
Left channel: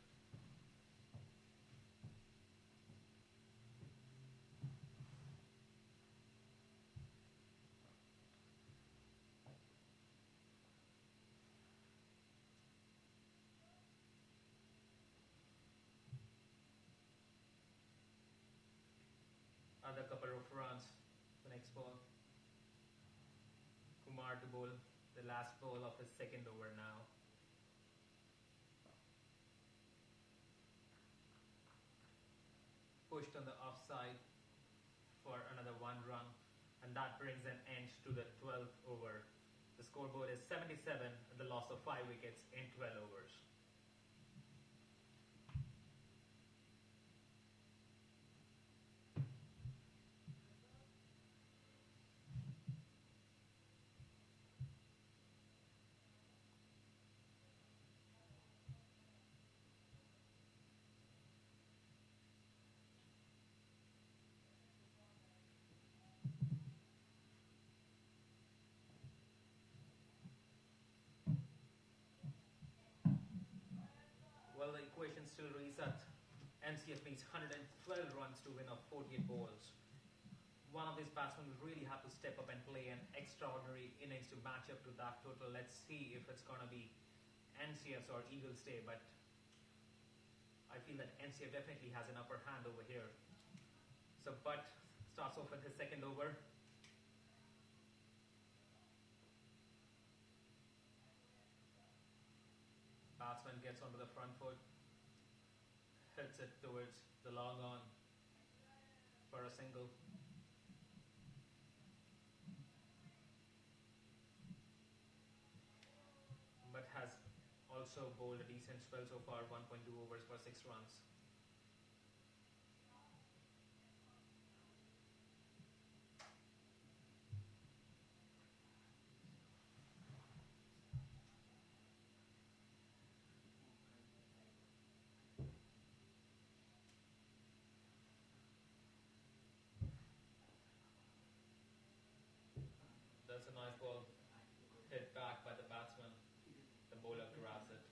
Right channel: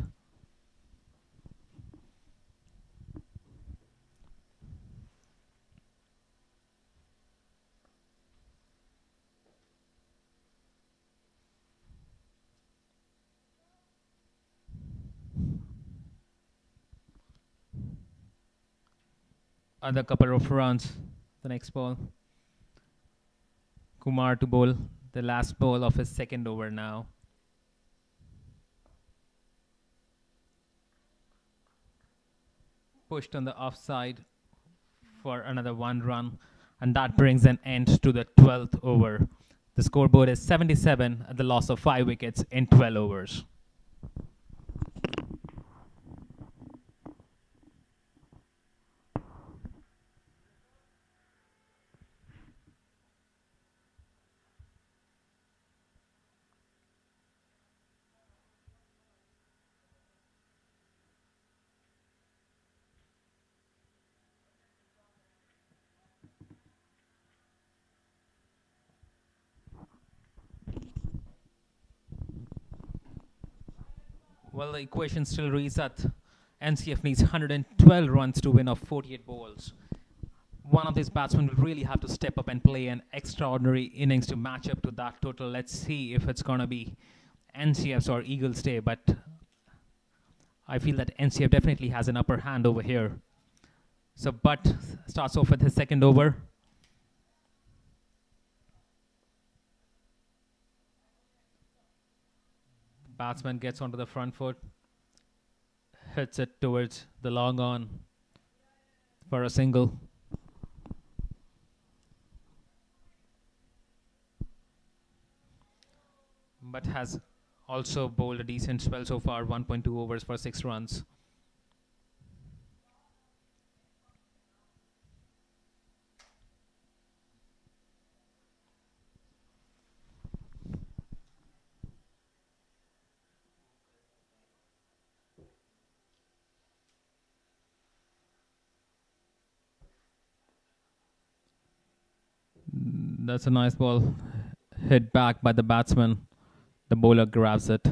Other couple of runs. The next ball. Kumar to bowl the last ball of his second over now. Pushed on the offside for another 1 run, and that brings an end to the 12th over. The scoreboard is 77 at the loss of 5 wickets in 12 overs. Well, the equation still reads that NCF needs 112 runs to win off 48 balls. One of these batsmen will really have to step up and play an extraordinary innings to match up to that total. Let's see if it's going to be NCF's or Eagles' day, but I feel that NCF definitely has an upper hand over here. So Butt starts off with his second over. Batsman gets onto the front foot, hits it towards the long on for a single. But has also bowled a decent spell so far, 1.2 overs for 6 runs. That's a nice ball, hit back by the batsman. The bowler grabs it.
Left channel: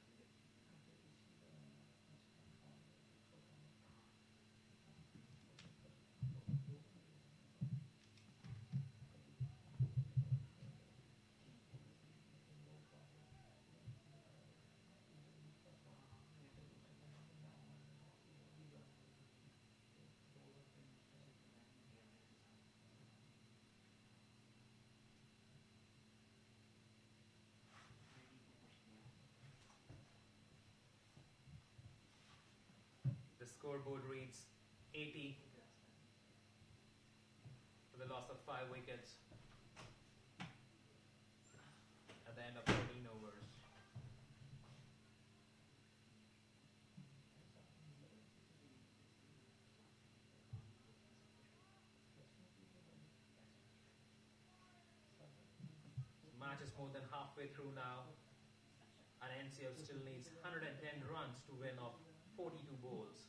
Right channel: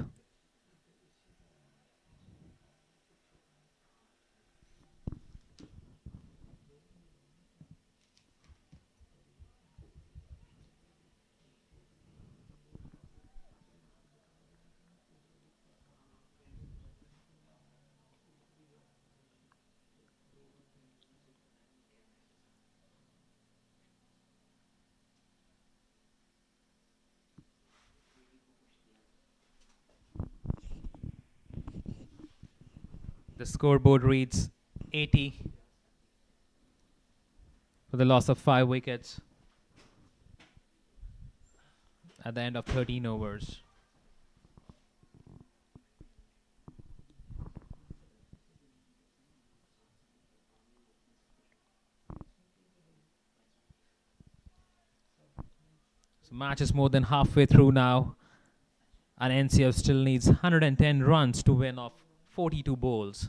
The scoreboard reads 80 for the loss of 5 wickets at the end of 13 overs. So match is more than halfway through now, and NCF still needs 110 runs to win off 42 bowls.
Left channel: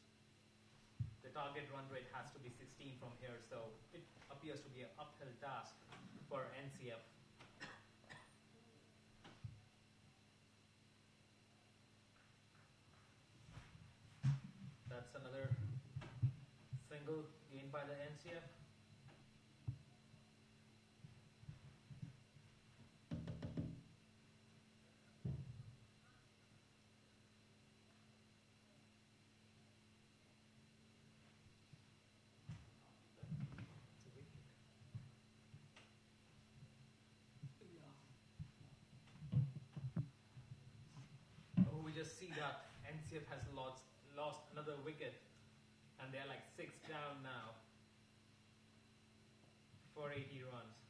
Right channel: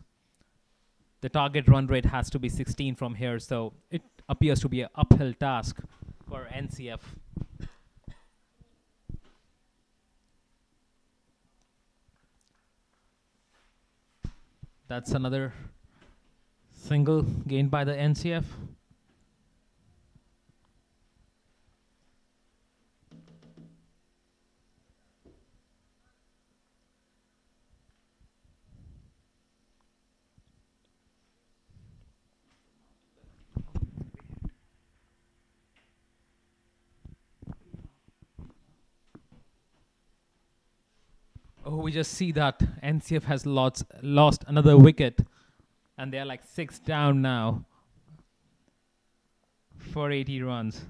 The target run rate has to be 16 from here, so it appears to be an uphill task for NCF. That's another single gained by the NCF. Oh, we just see that NCF has lost another wicket, and they're like 6 down now for 80 runs.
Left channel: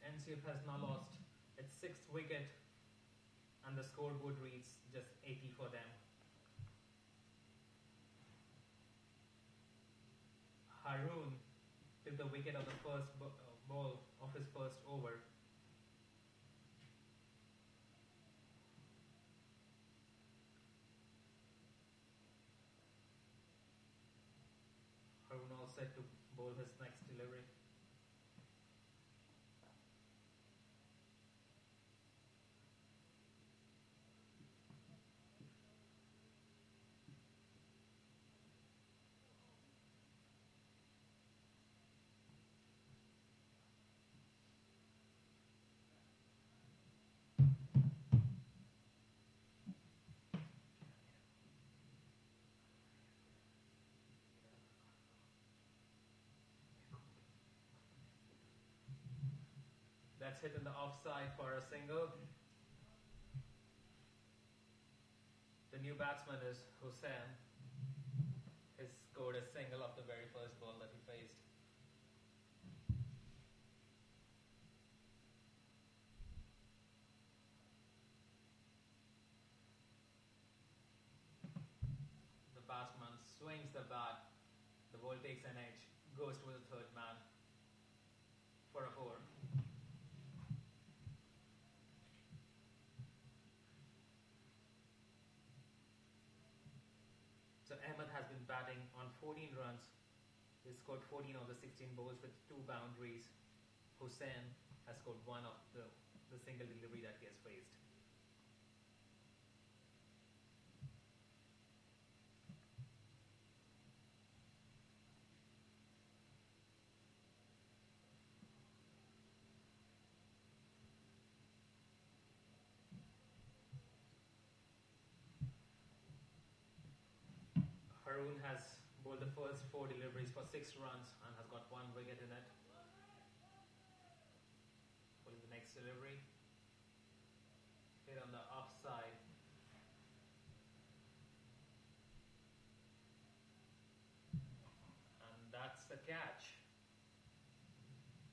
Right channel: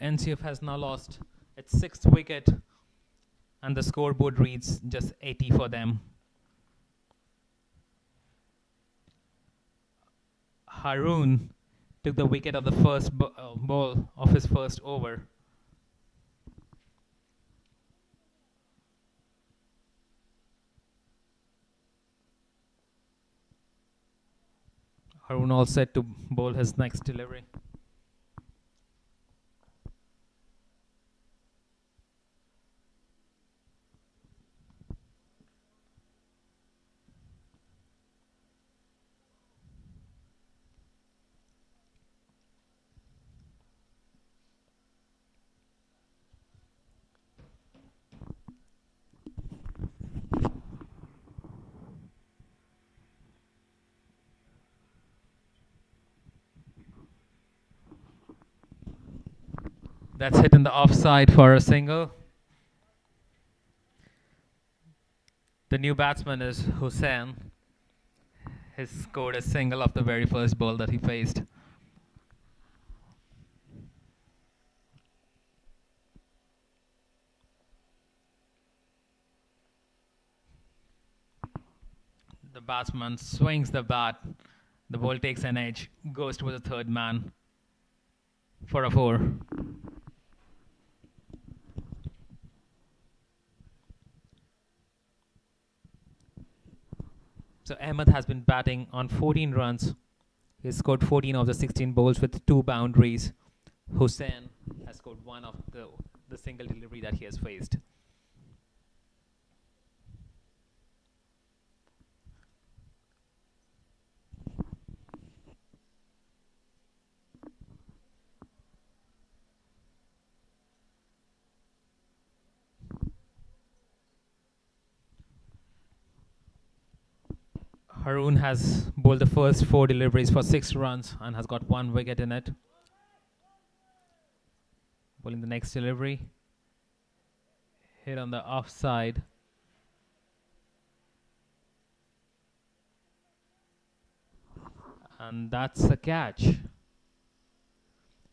NCF has now lost its 6th wicket, and the scoreboard reads just 80 for them. Haroon took the wicket of the first ball of his first over. Haroon all set to bowl his next delivery. That's hit in the offside for a single. The new batsman is Hussain. He scored a single off the very first ball that he faced. The batsman swings the bat. The ball takes an edge, goes to the third man for a 4. So Ahmed has been batting on 14 runs. He scored 14 of the 16 balls with 2 boundaries. Hussain has scored 1 of the single delivery that he has faced. Haroon has bowled the first 4 deliveries for 6 runs and has got 1 wicket in it. Bowling the next delivery. Hit on the offside. And that's a catch.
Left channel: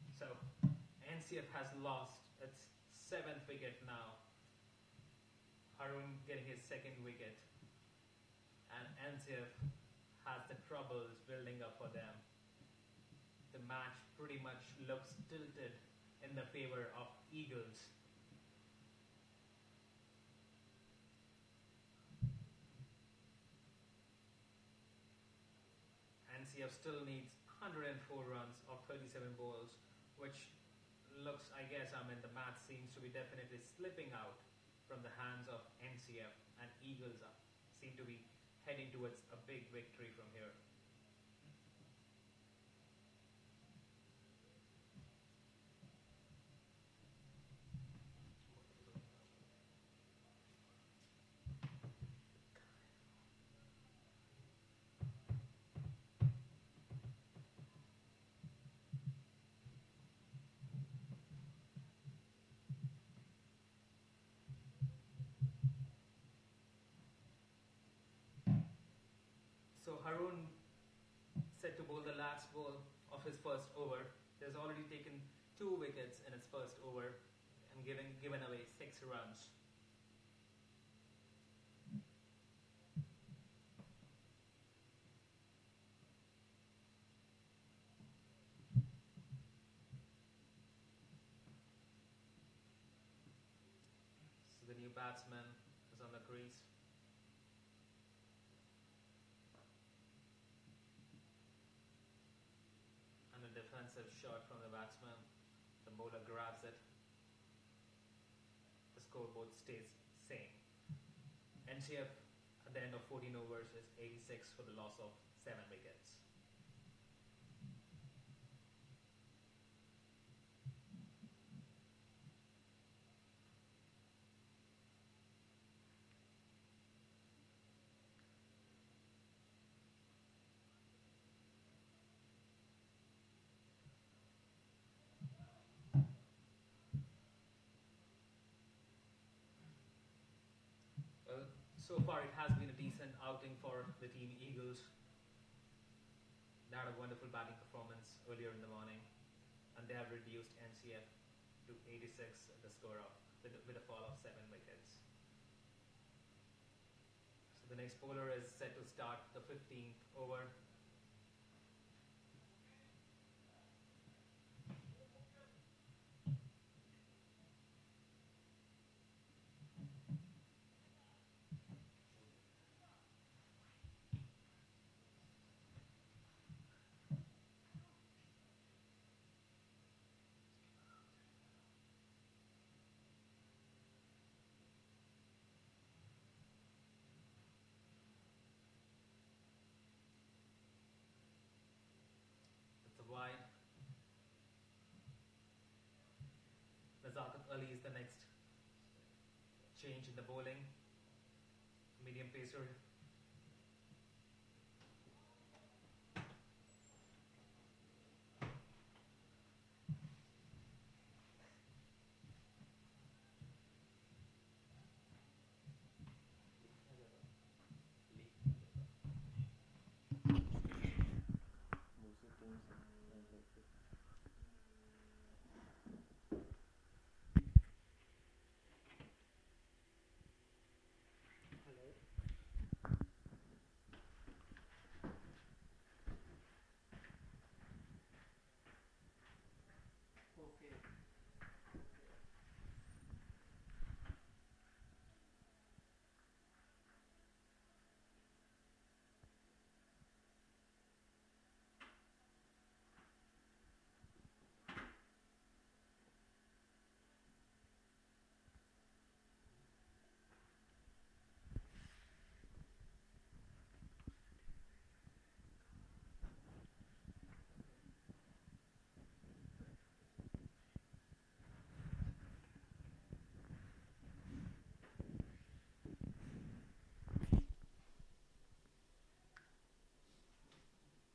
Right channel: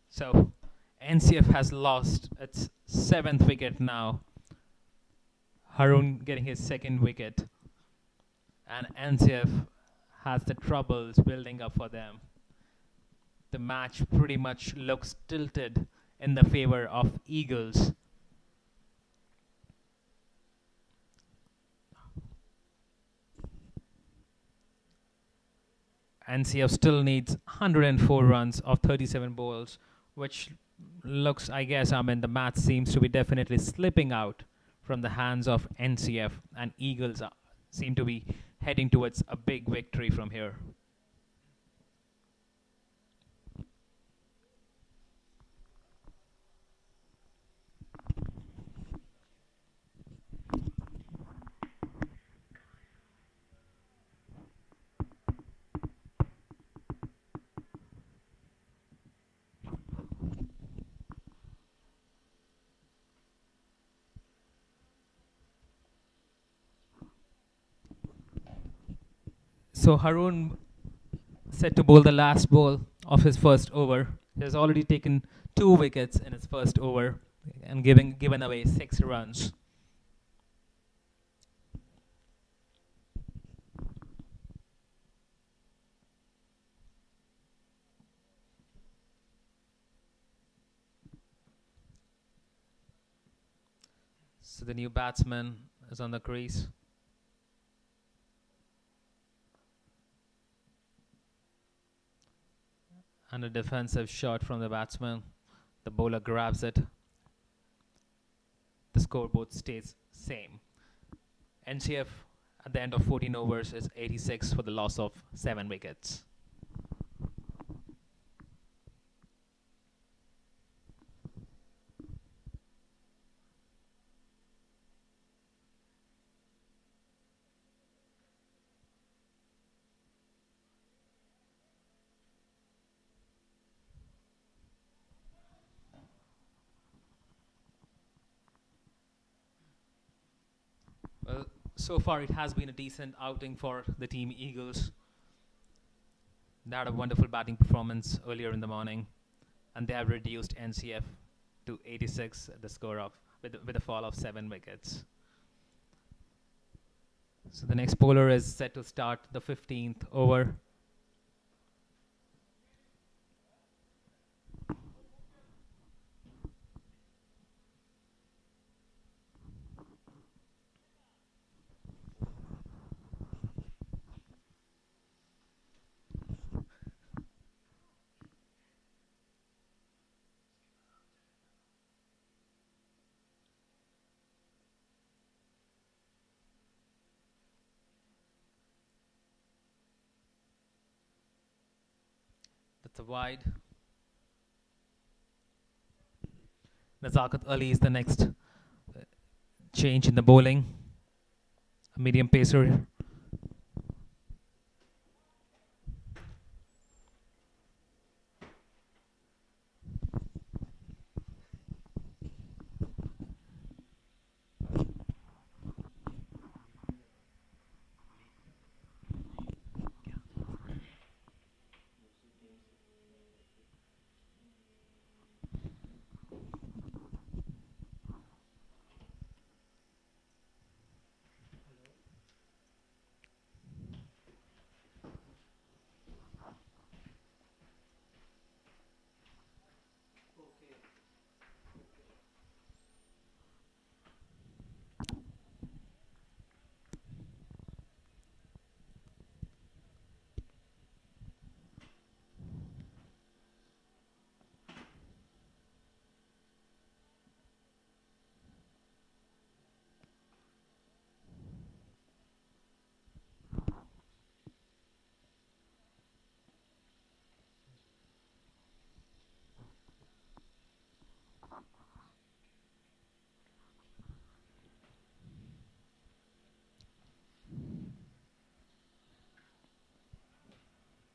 So NCF has lost its 7th wicket now. Haroon getting his 2nd wicket. And NCF has the troubles building up for them. The match pretty much looks tilted in the favor of Eagles. NCF still needs 104 runs of 37 balls, which looks, I guess, the match seems to be definitely slipping out from the hands of NCF, and Eagles seem to be heading towards a big victory from here. So Harun set to bowl the last ball of his first over. He has already taken 2 wickets in his first over and given away 6 runs. So the new batsman is on the crease. And a defensive shot from the batsman. The bowler grabs it. The scoreboard stays same. NCF at the end of 14 overs is 86 for the loss of 7 wickets. Well, so far it has been a decent outing for the team Eagles. They had a wonderful batting performance earlier in the morning, and they have reduced NCF to 86, the score of with a fall of 7 wickets. So the next bowler is set to start the 15th over. That's a wide. Nazakat Ali is the next change in the bowling. A medium pacer.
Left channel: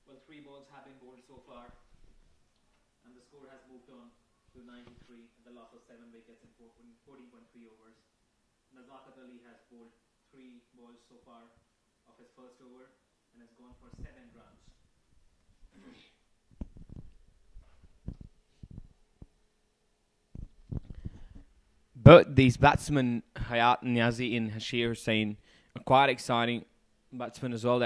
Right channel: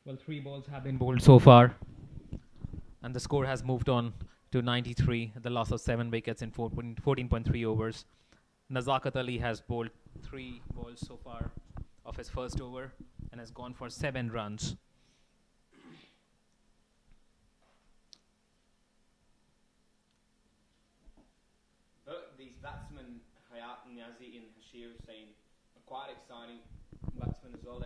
Well, 3 balls have been bowled so far, and the score has moved on to 93, the loss of 7 wickets in 14.3 overs. Nazakat Ali has bowled 3 balls so far of his first over and has gone for 7 runs. But these batsmen, Hayat Niazi and Hashir Hussain, are quite exciting batsmen as well.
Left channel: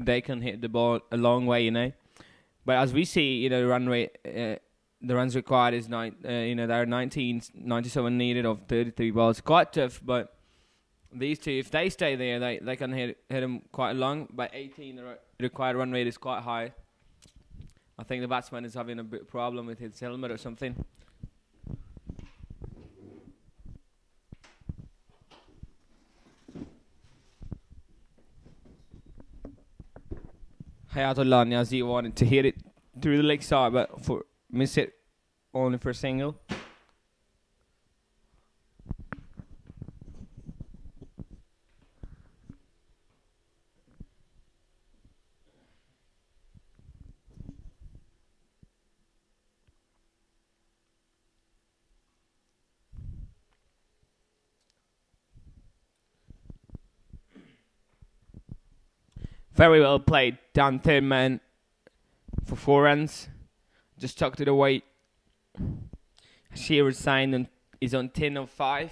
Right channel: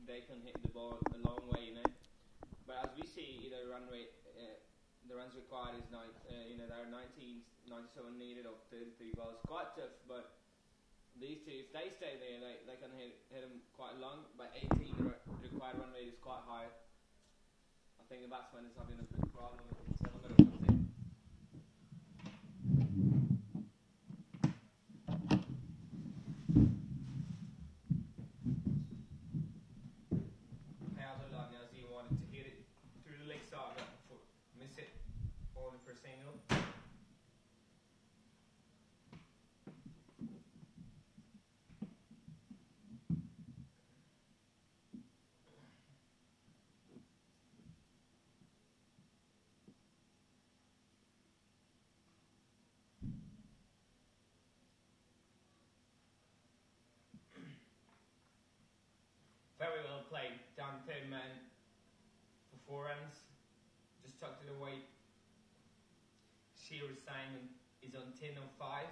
They can hit the ball a long way, you know. But as we see, the runs required is there are 97 needed of 33 balls. Quite tough, but these two, if they stay there, they can hit them quite long. But 18, the required run rate is quite high. I think the batsman is having a bit problem with his helmet or something. Hayatullah Niazi wanted to hit it through the leg side, but miss it only for a single. Very well played. Down third man for 4 runs. Just tucked it away. Shearer signed and is on 10 of 5.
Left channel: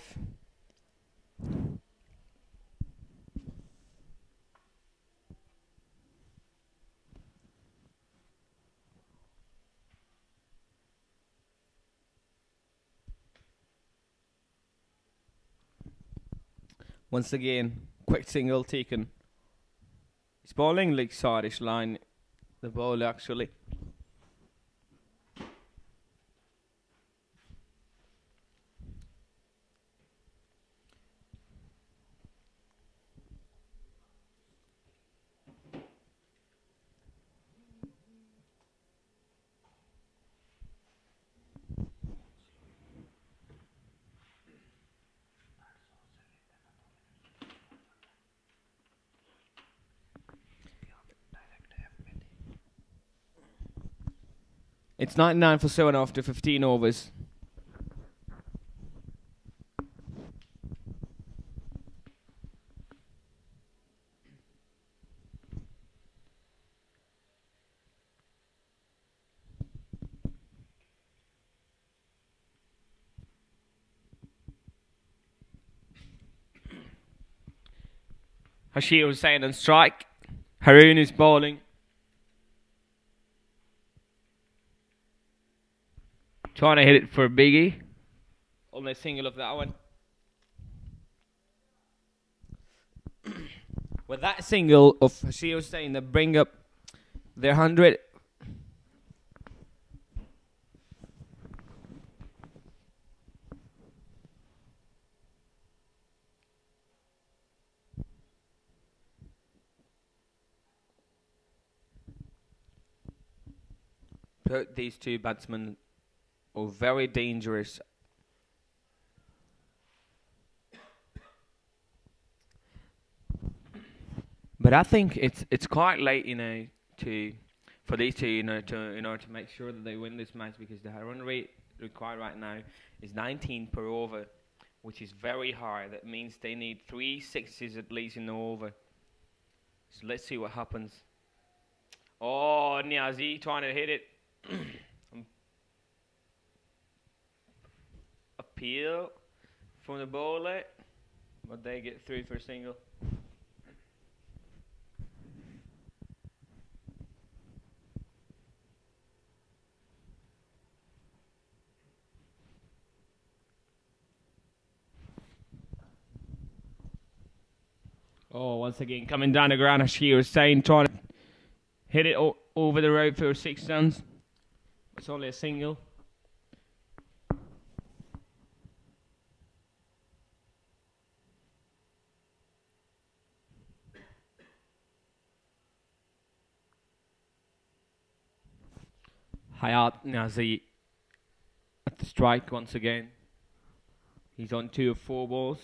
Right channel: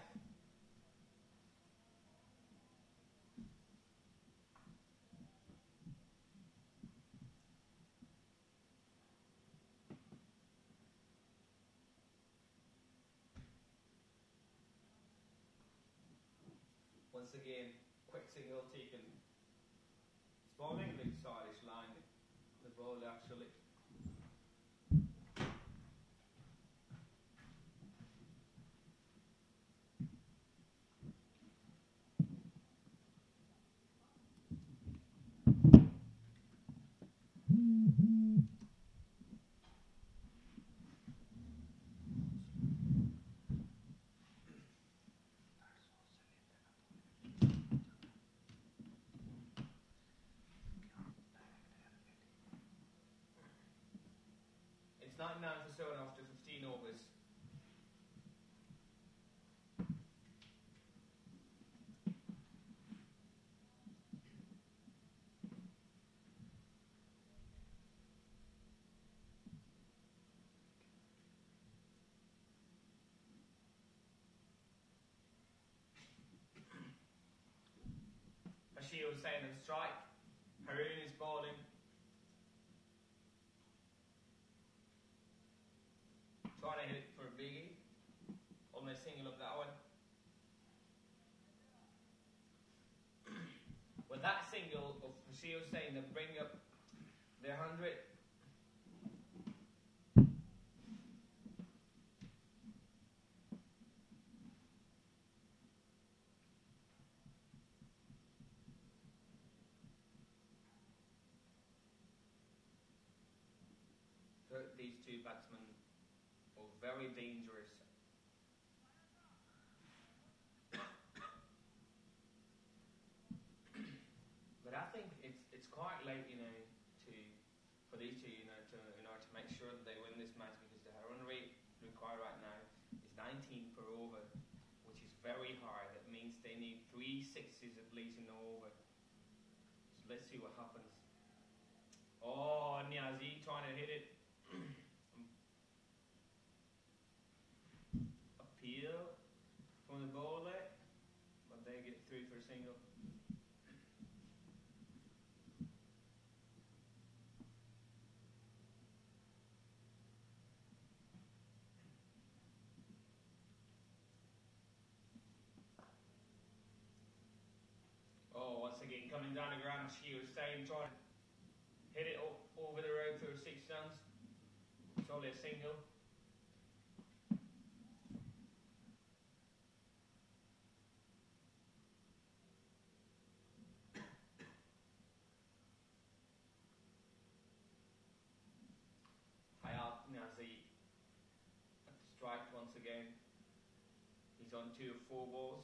Once again, quick single taken. He's bowling like Scottish line, the ball actually. It's 99 for 7 after 15 overs. Hashir Hussain on strike. Haroon is bowling. Trying to hit it for Biggie. Only a single of that one. With that single of Hashir Hussain, they bring up their 100. These two batsmen are very dangerous. But I think it's quite late, for these two, in order to make sure that they win this match, because the run rate required right now is 19 per over, which is very high. That means they need 3 sixes at least in the over. So let's see what happens. Oh, Niazi trying to hit it. Appeal from the bowler, but they get through for a single. Oh, once again, coming down the ground, as she was saying, trying to hit it over the road for 6 runs. It's only a single. Hayat Nazi at the strike once again. He's on 2 of 4 balls.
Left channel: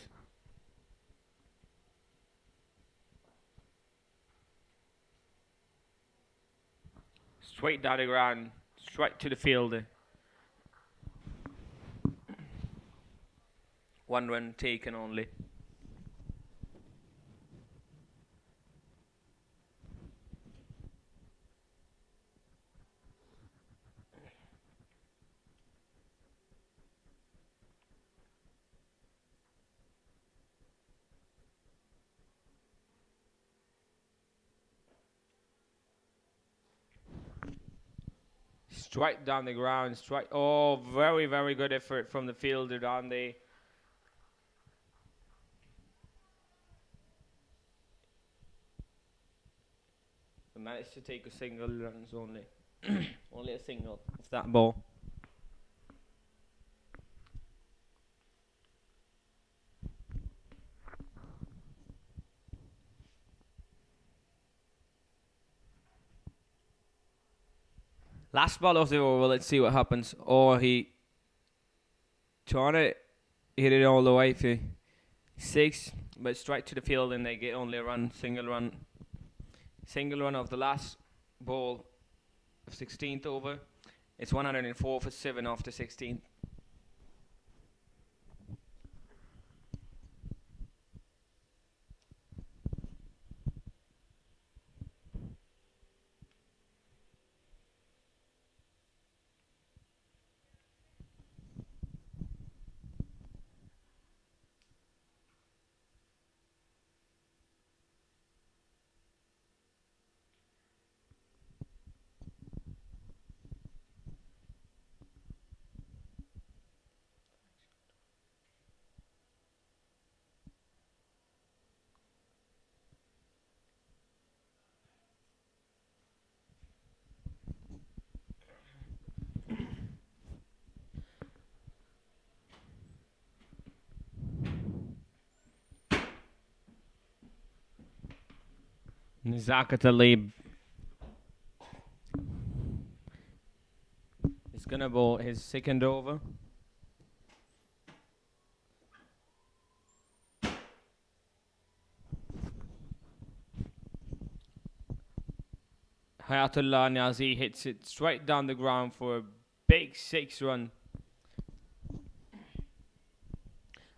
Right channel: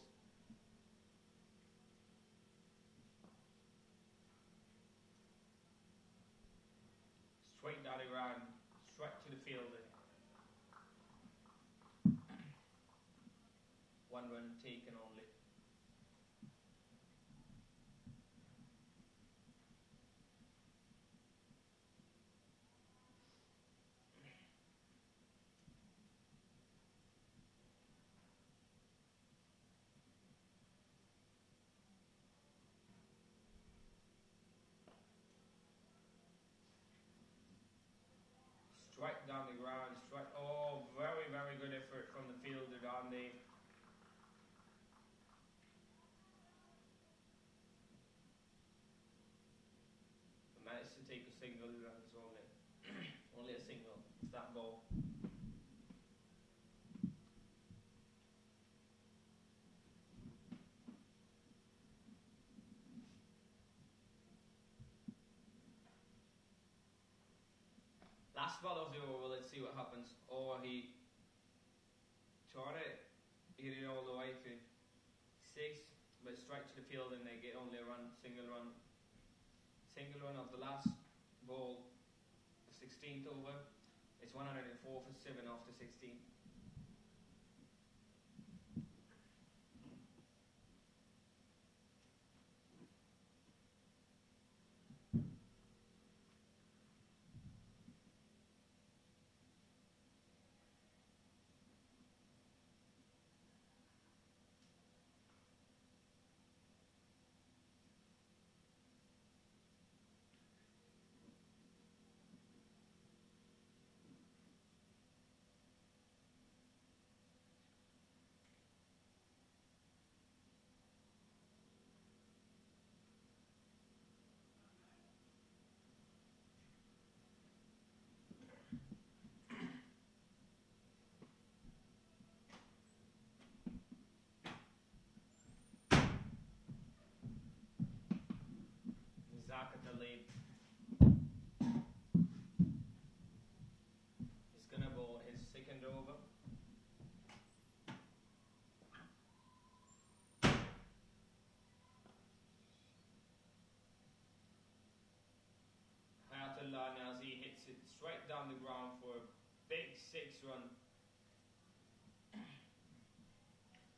Straight down the ground, straight to the fielder. 1 run taken only. Straight down the ground, straight. Oh, very, very good effort from the fielder down there. Managed to take a single runs only. Only a single of that ball. Last ball of the over, let's see what happens. Oh, he trying to hit it all the way for 6, but straight to the field, and they get only a run, single run. Single run of the last ball of 16th over. It's 104 for 7 after 16. Zakat Ali is gonna bowl his second over. Hayatullah Niazi hits it straight down the ground for a big 6-run.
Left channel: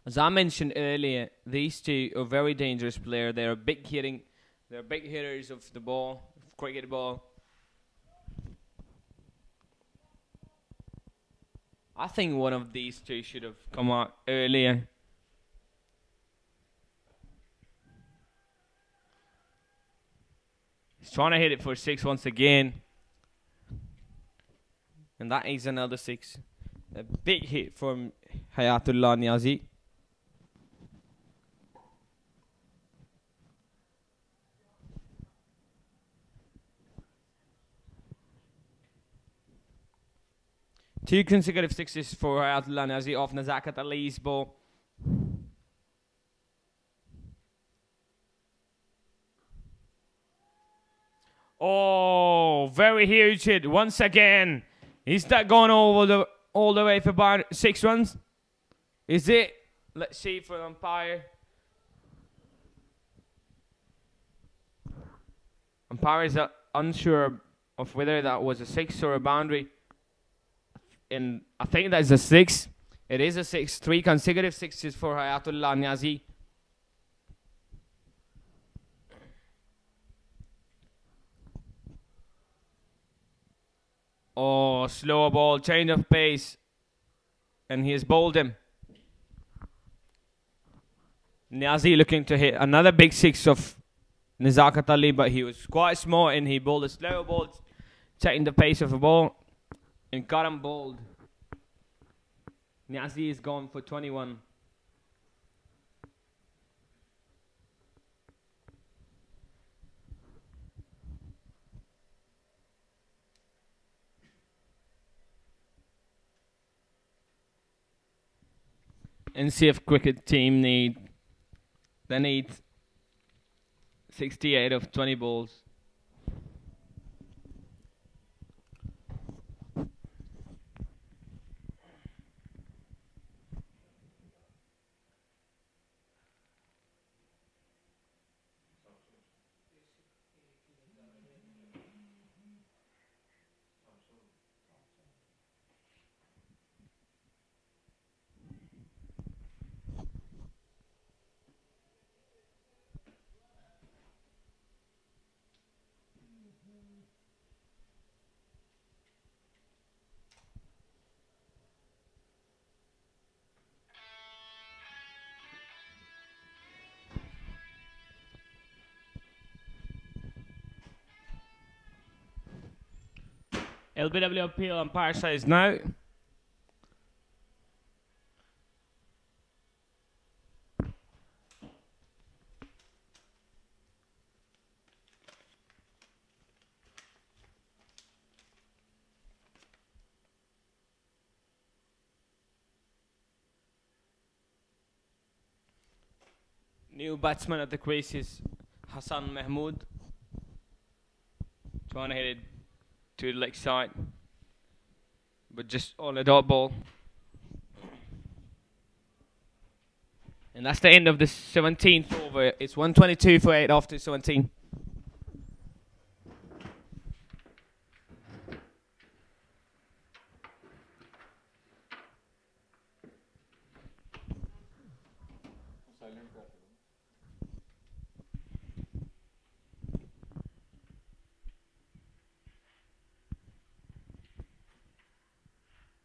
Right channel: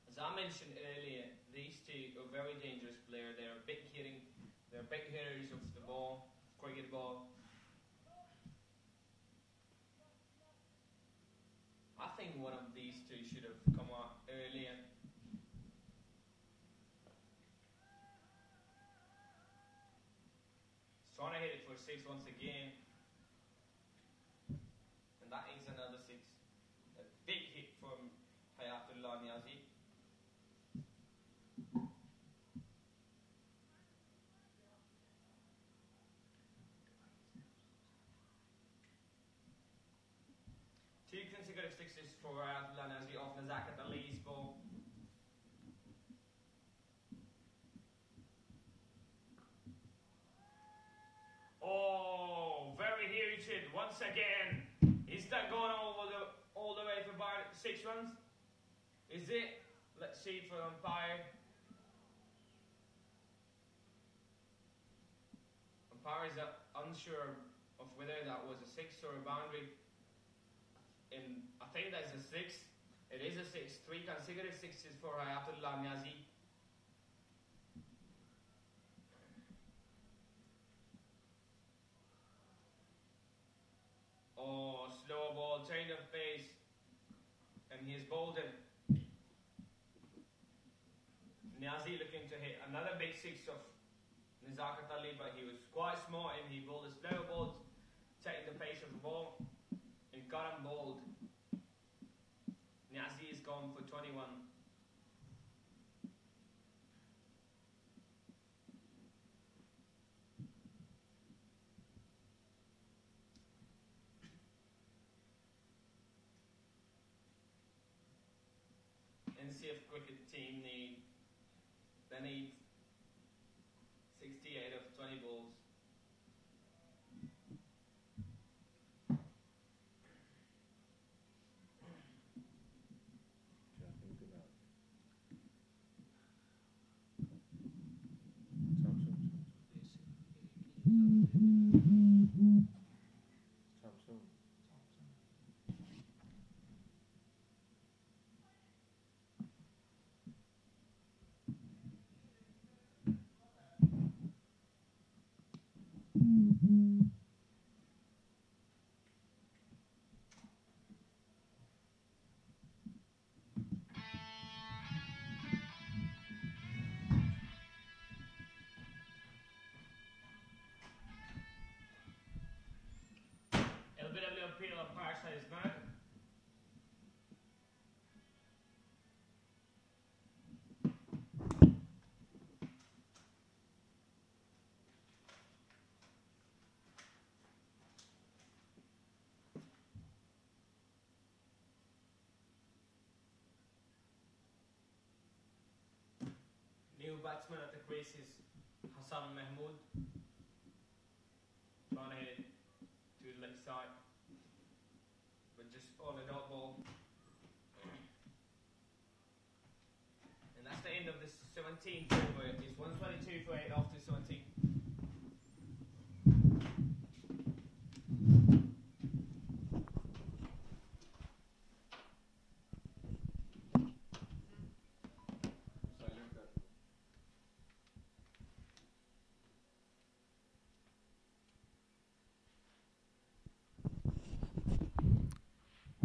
As I mentioned earlier, these two are very dangerous players. They're big hitters of the ball, cricket ball. I think one of these two should have come out earlier. He's trying to hit it for 6 once again. And that is another 6. A big hit from Hayatullah Niazi. Two consecutive 6s for Hayatullah Niazi off Nazakat Ali's ball. Oh, very huge hit once again. Is that gone all the way for about 6 runs? Is it? Let's see for the umpire. Umpire is unsure of whether that was a 6 or a boundary. And I think that is a 6. It is a 6. 3 consecutive 6s for Hayatullah Niazi. Oh, slow ball, change of pace. And he has bowled him. Niazi looking to hit another big 6 of Nazakat Ali, but he was quite smart and he bowled a slow ball, checking the pace of the ball. And got him bowled. Niazi is gone for 21. NCF cricket team need 68 of 20 balls. LBW appeal umpire says no. New batsman at the crease is Hassan Mahmood. Trying to hit it to the leg side, but just on a dot ball. And that's the end of the 17th over. It's 122 for 8 after 17.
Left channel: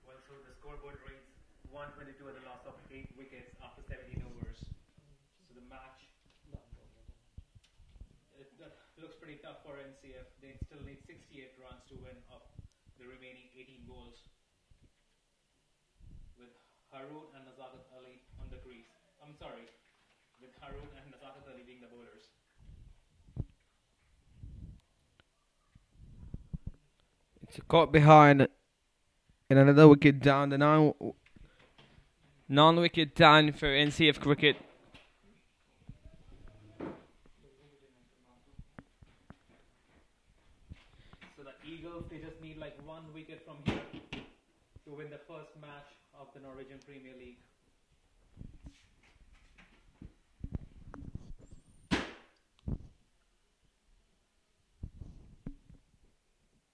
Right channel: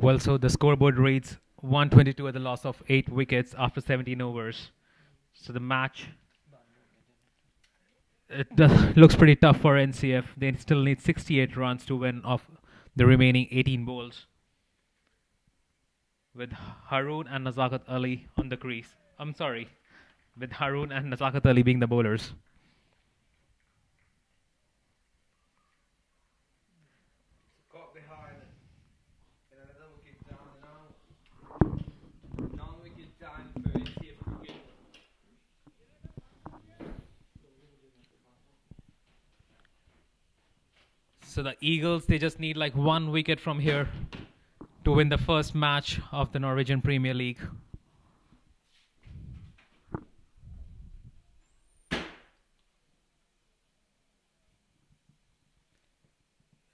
Well, so the scoreboard reads 122 at the loss of 8 wickets after 17 overs. So the match, looks pretty tough for NCF. They still need 68 runs to win off the remaining 18 balls, with Haroon and Nazakat Ali on the crease. I'm sorry, with Haroon and Nazakat Ali being the bowlers. It's caught behind and another wicket down. The non-wicket down for NCF cricket. So the Eagles, they just need like 1 wicket from here to win the first match of the Norwegian Premier League.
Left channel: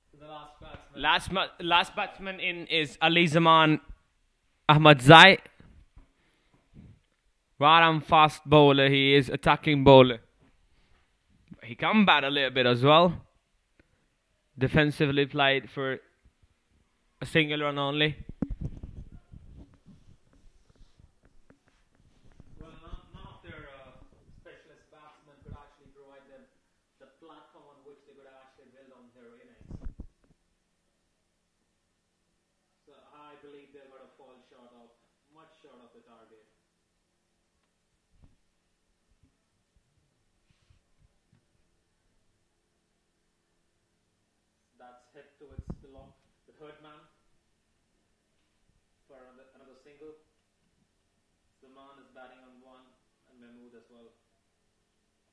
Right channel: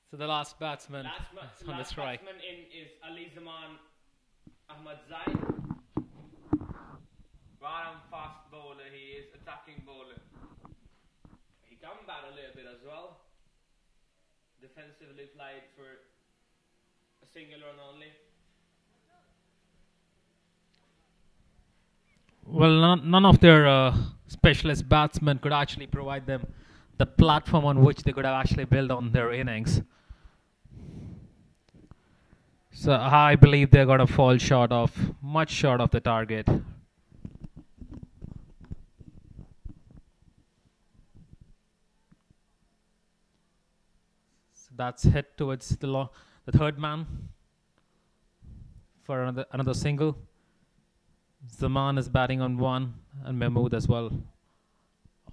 So the last batsman. Last try. batsman in is Ali Zaman Ahmad Zai. Right fast bowler. He is attacking bowler. He can bat a little bit as well. Defensively played for a single run only. Well, none of their specialist batsmen could actually provide them the platform on which they could have actually built on their innings. So I believe they're going to fall much short of the target. So that's hit towards the third man for another single. Zaman is batting on 1 and Mahmood as well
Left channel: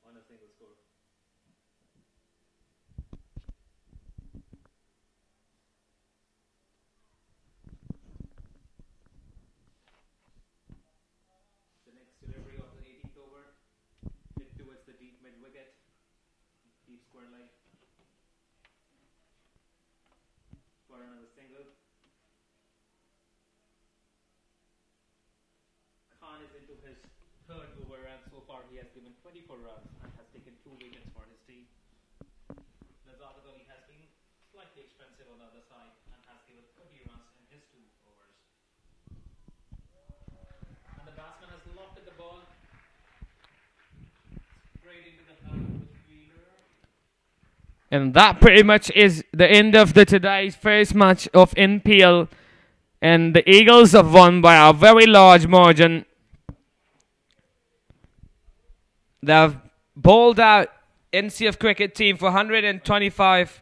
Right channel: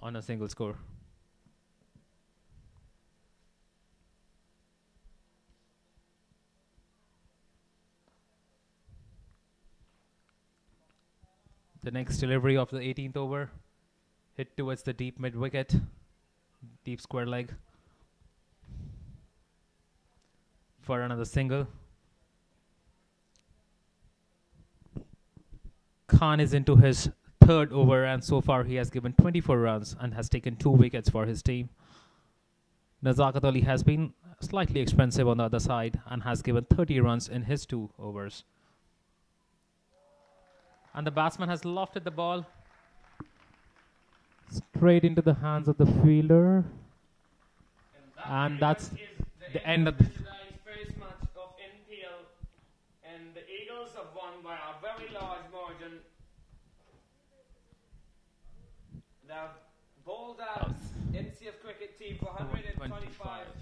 on a single score. The next delivery of the 18th over, hit towards the deep mid wicket, deep square leg for another single. Khan is into his third over, and so far he has given 24 runs and has taken 2 wickets for his team. Nazakat Ali has been slightly expensive on the other side and has given 30 runs in his 2 overs. And the batsman has lofted the ball straight into the hands of the fielder. And that pretty much is the end of today's first match of NPL. And the Eagles have won by a very large margin. They've bowled out NCF cricket team for 125.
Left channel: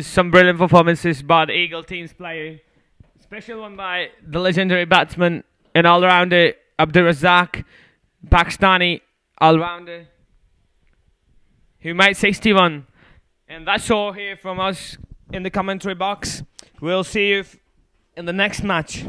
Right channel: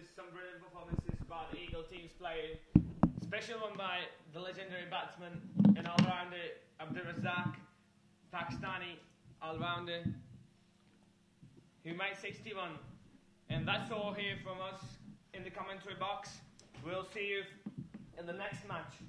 Some brilliant performances by the Eagle team's player. Special one by the legendary batsman and all-rounder Abdurrazak, Pakistani all-rounder, who made 61. And that's all here from us in the commentary box. We'll see you in the next match.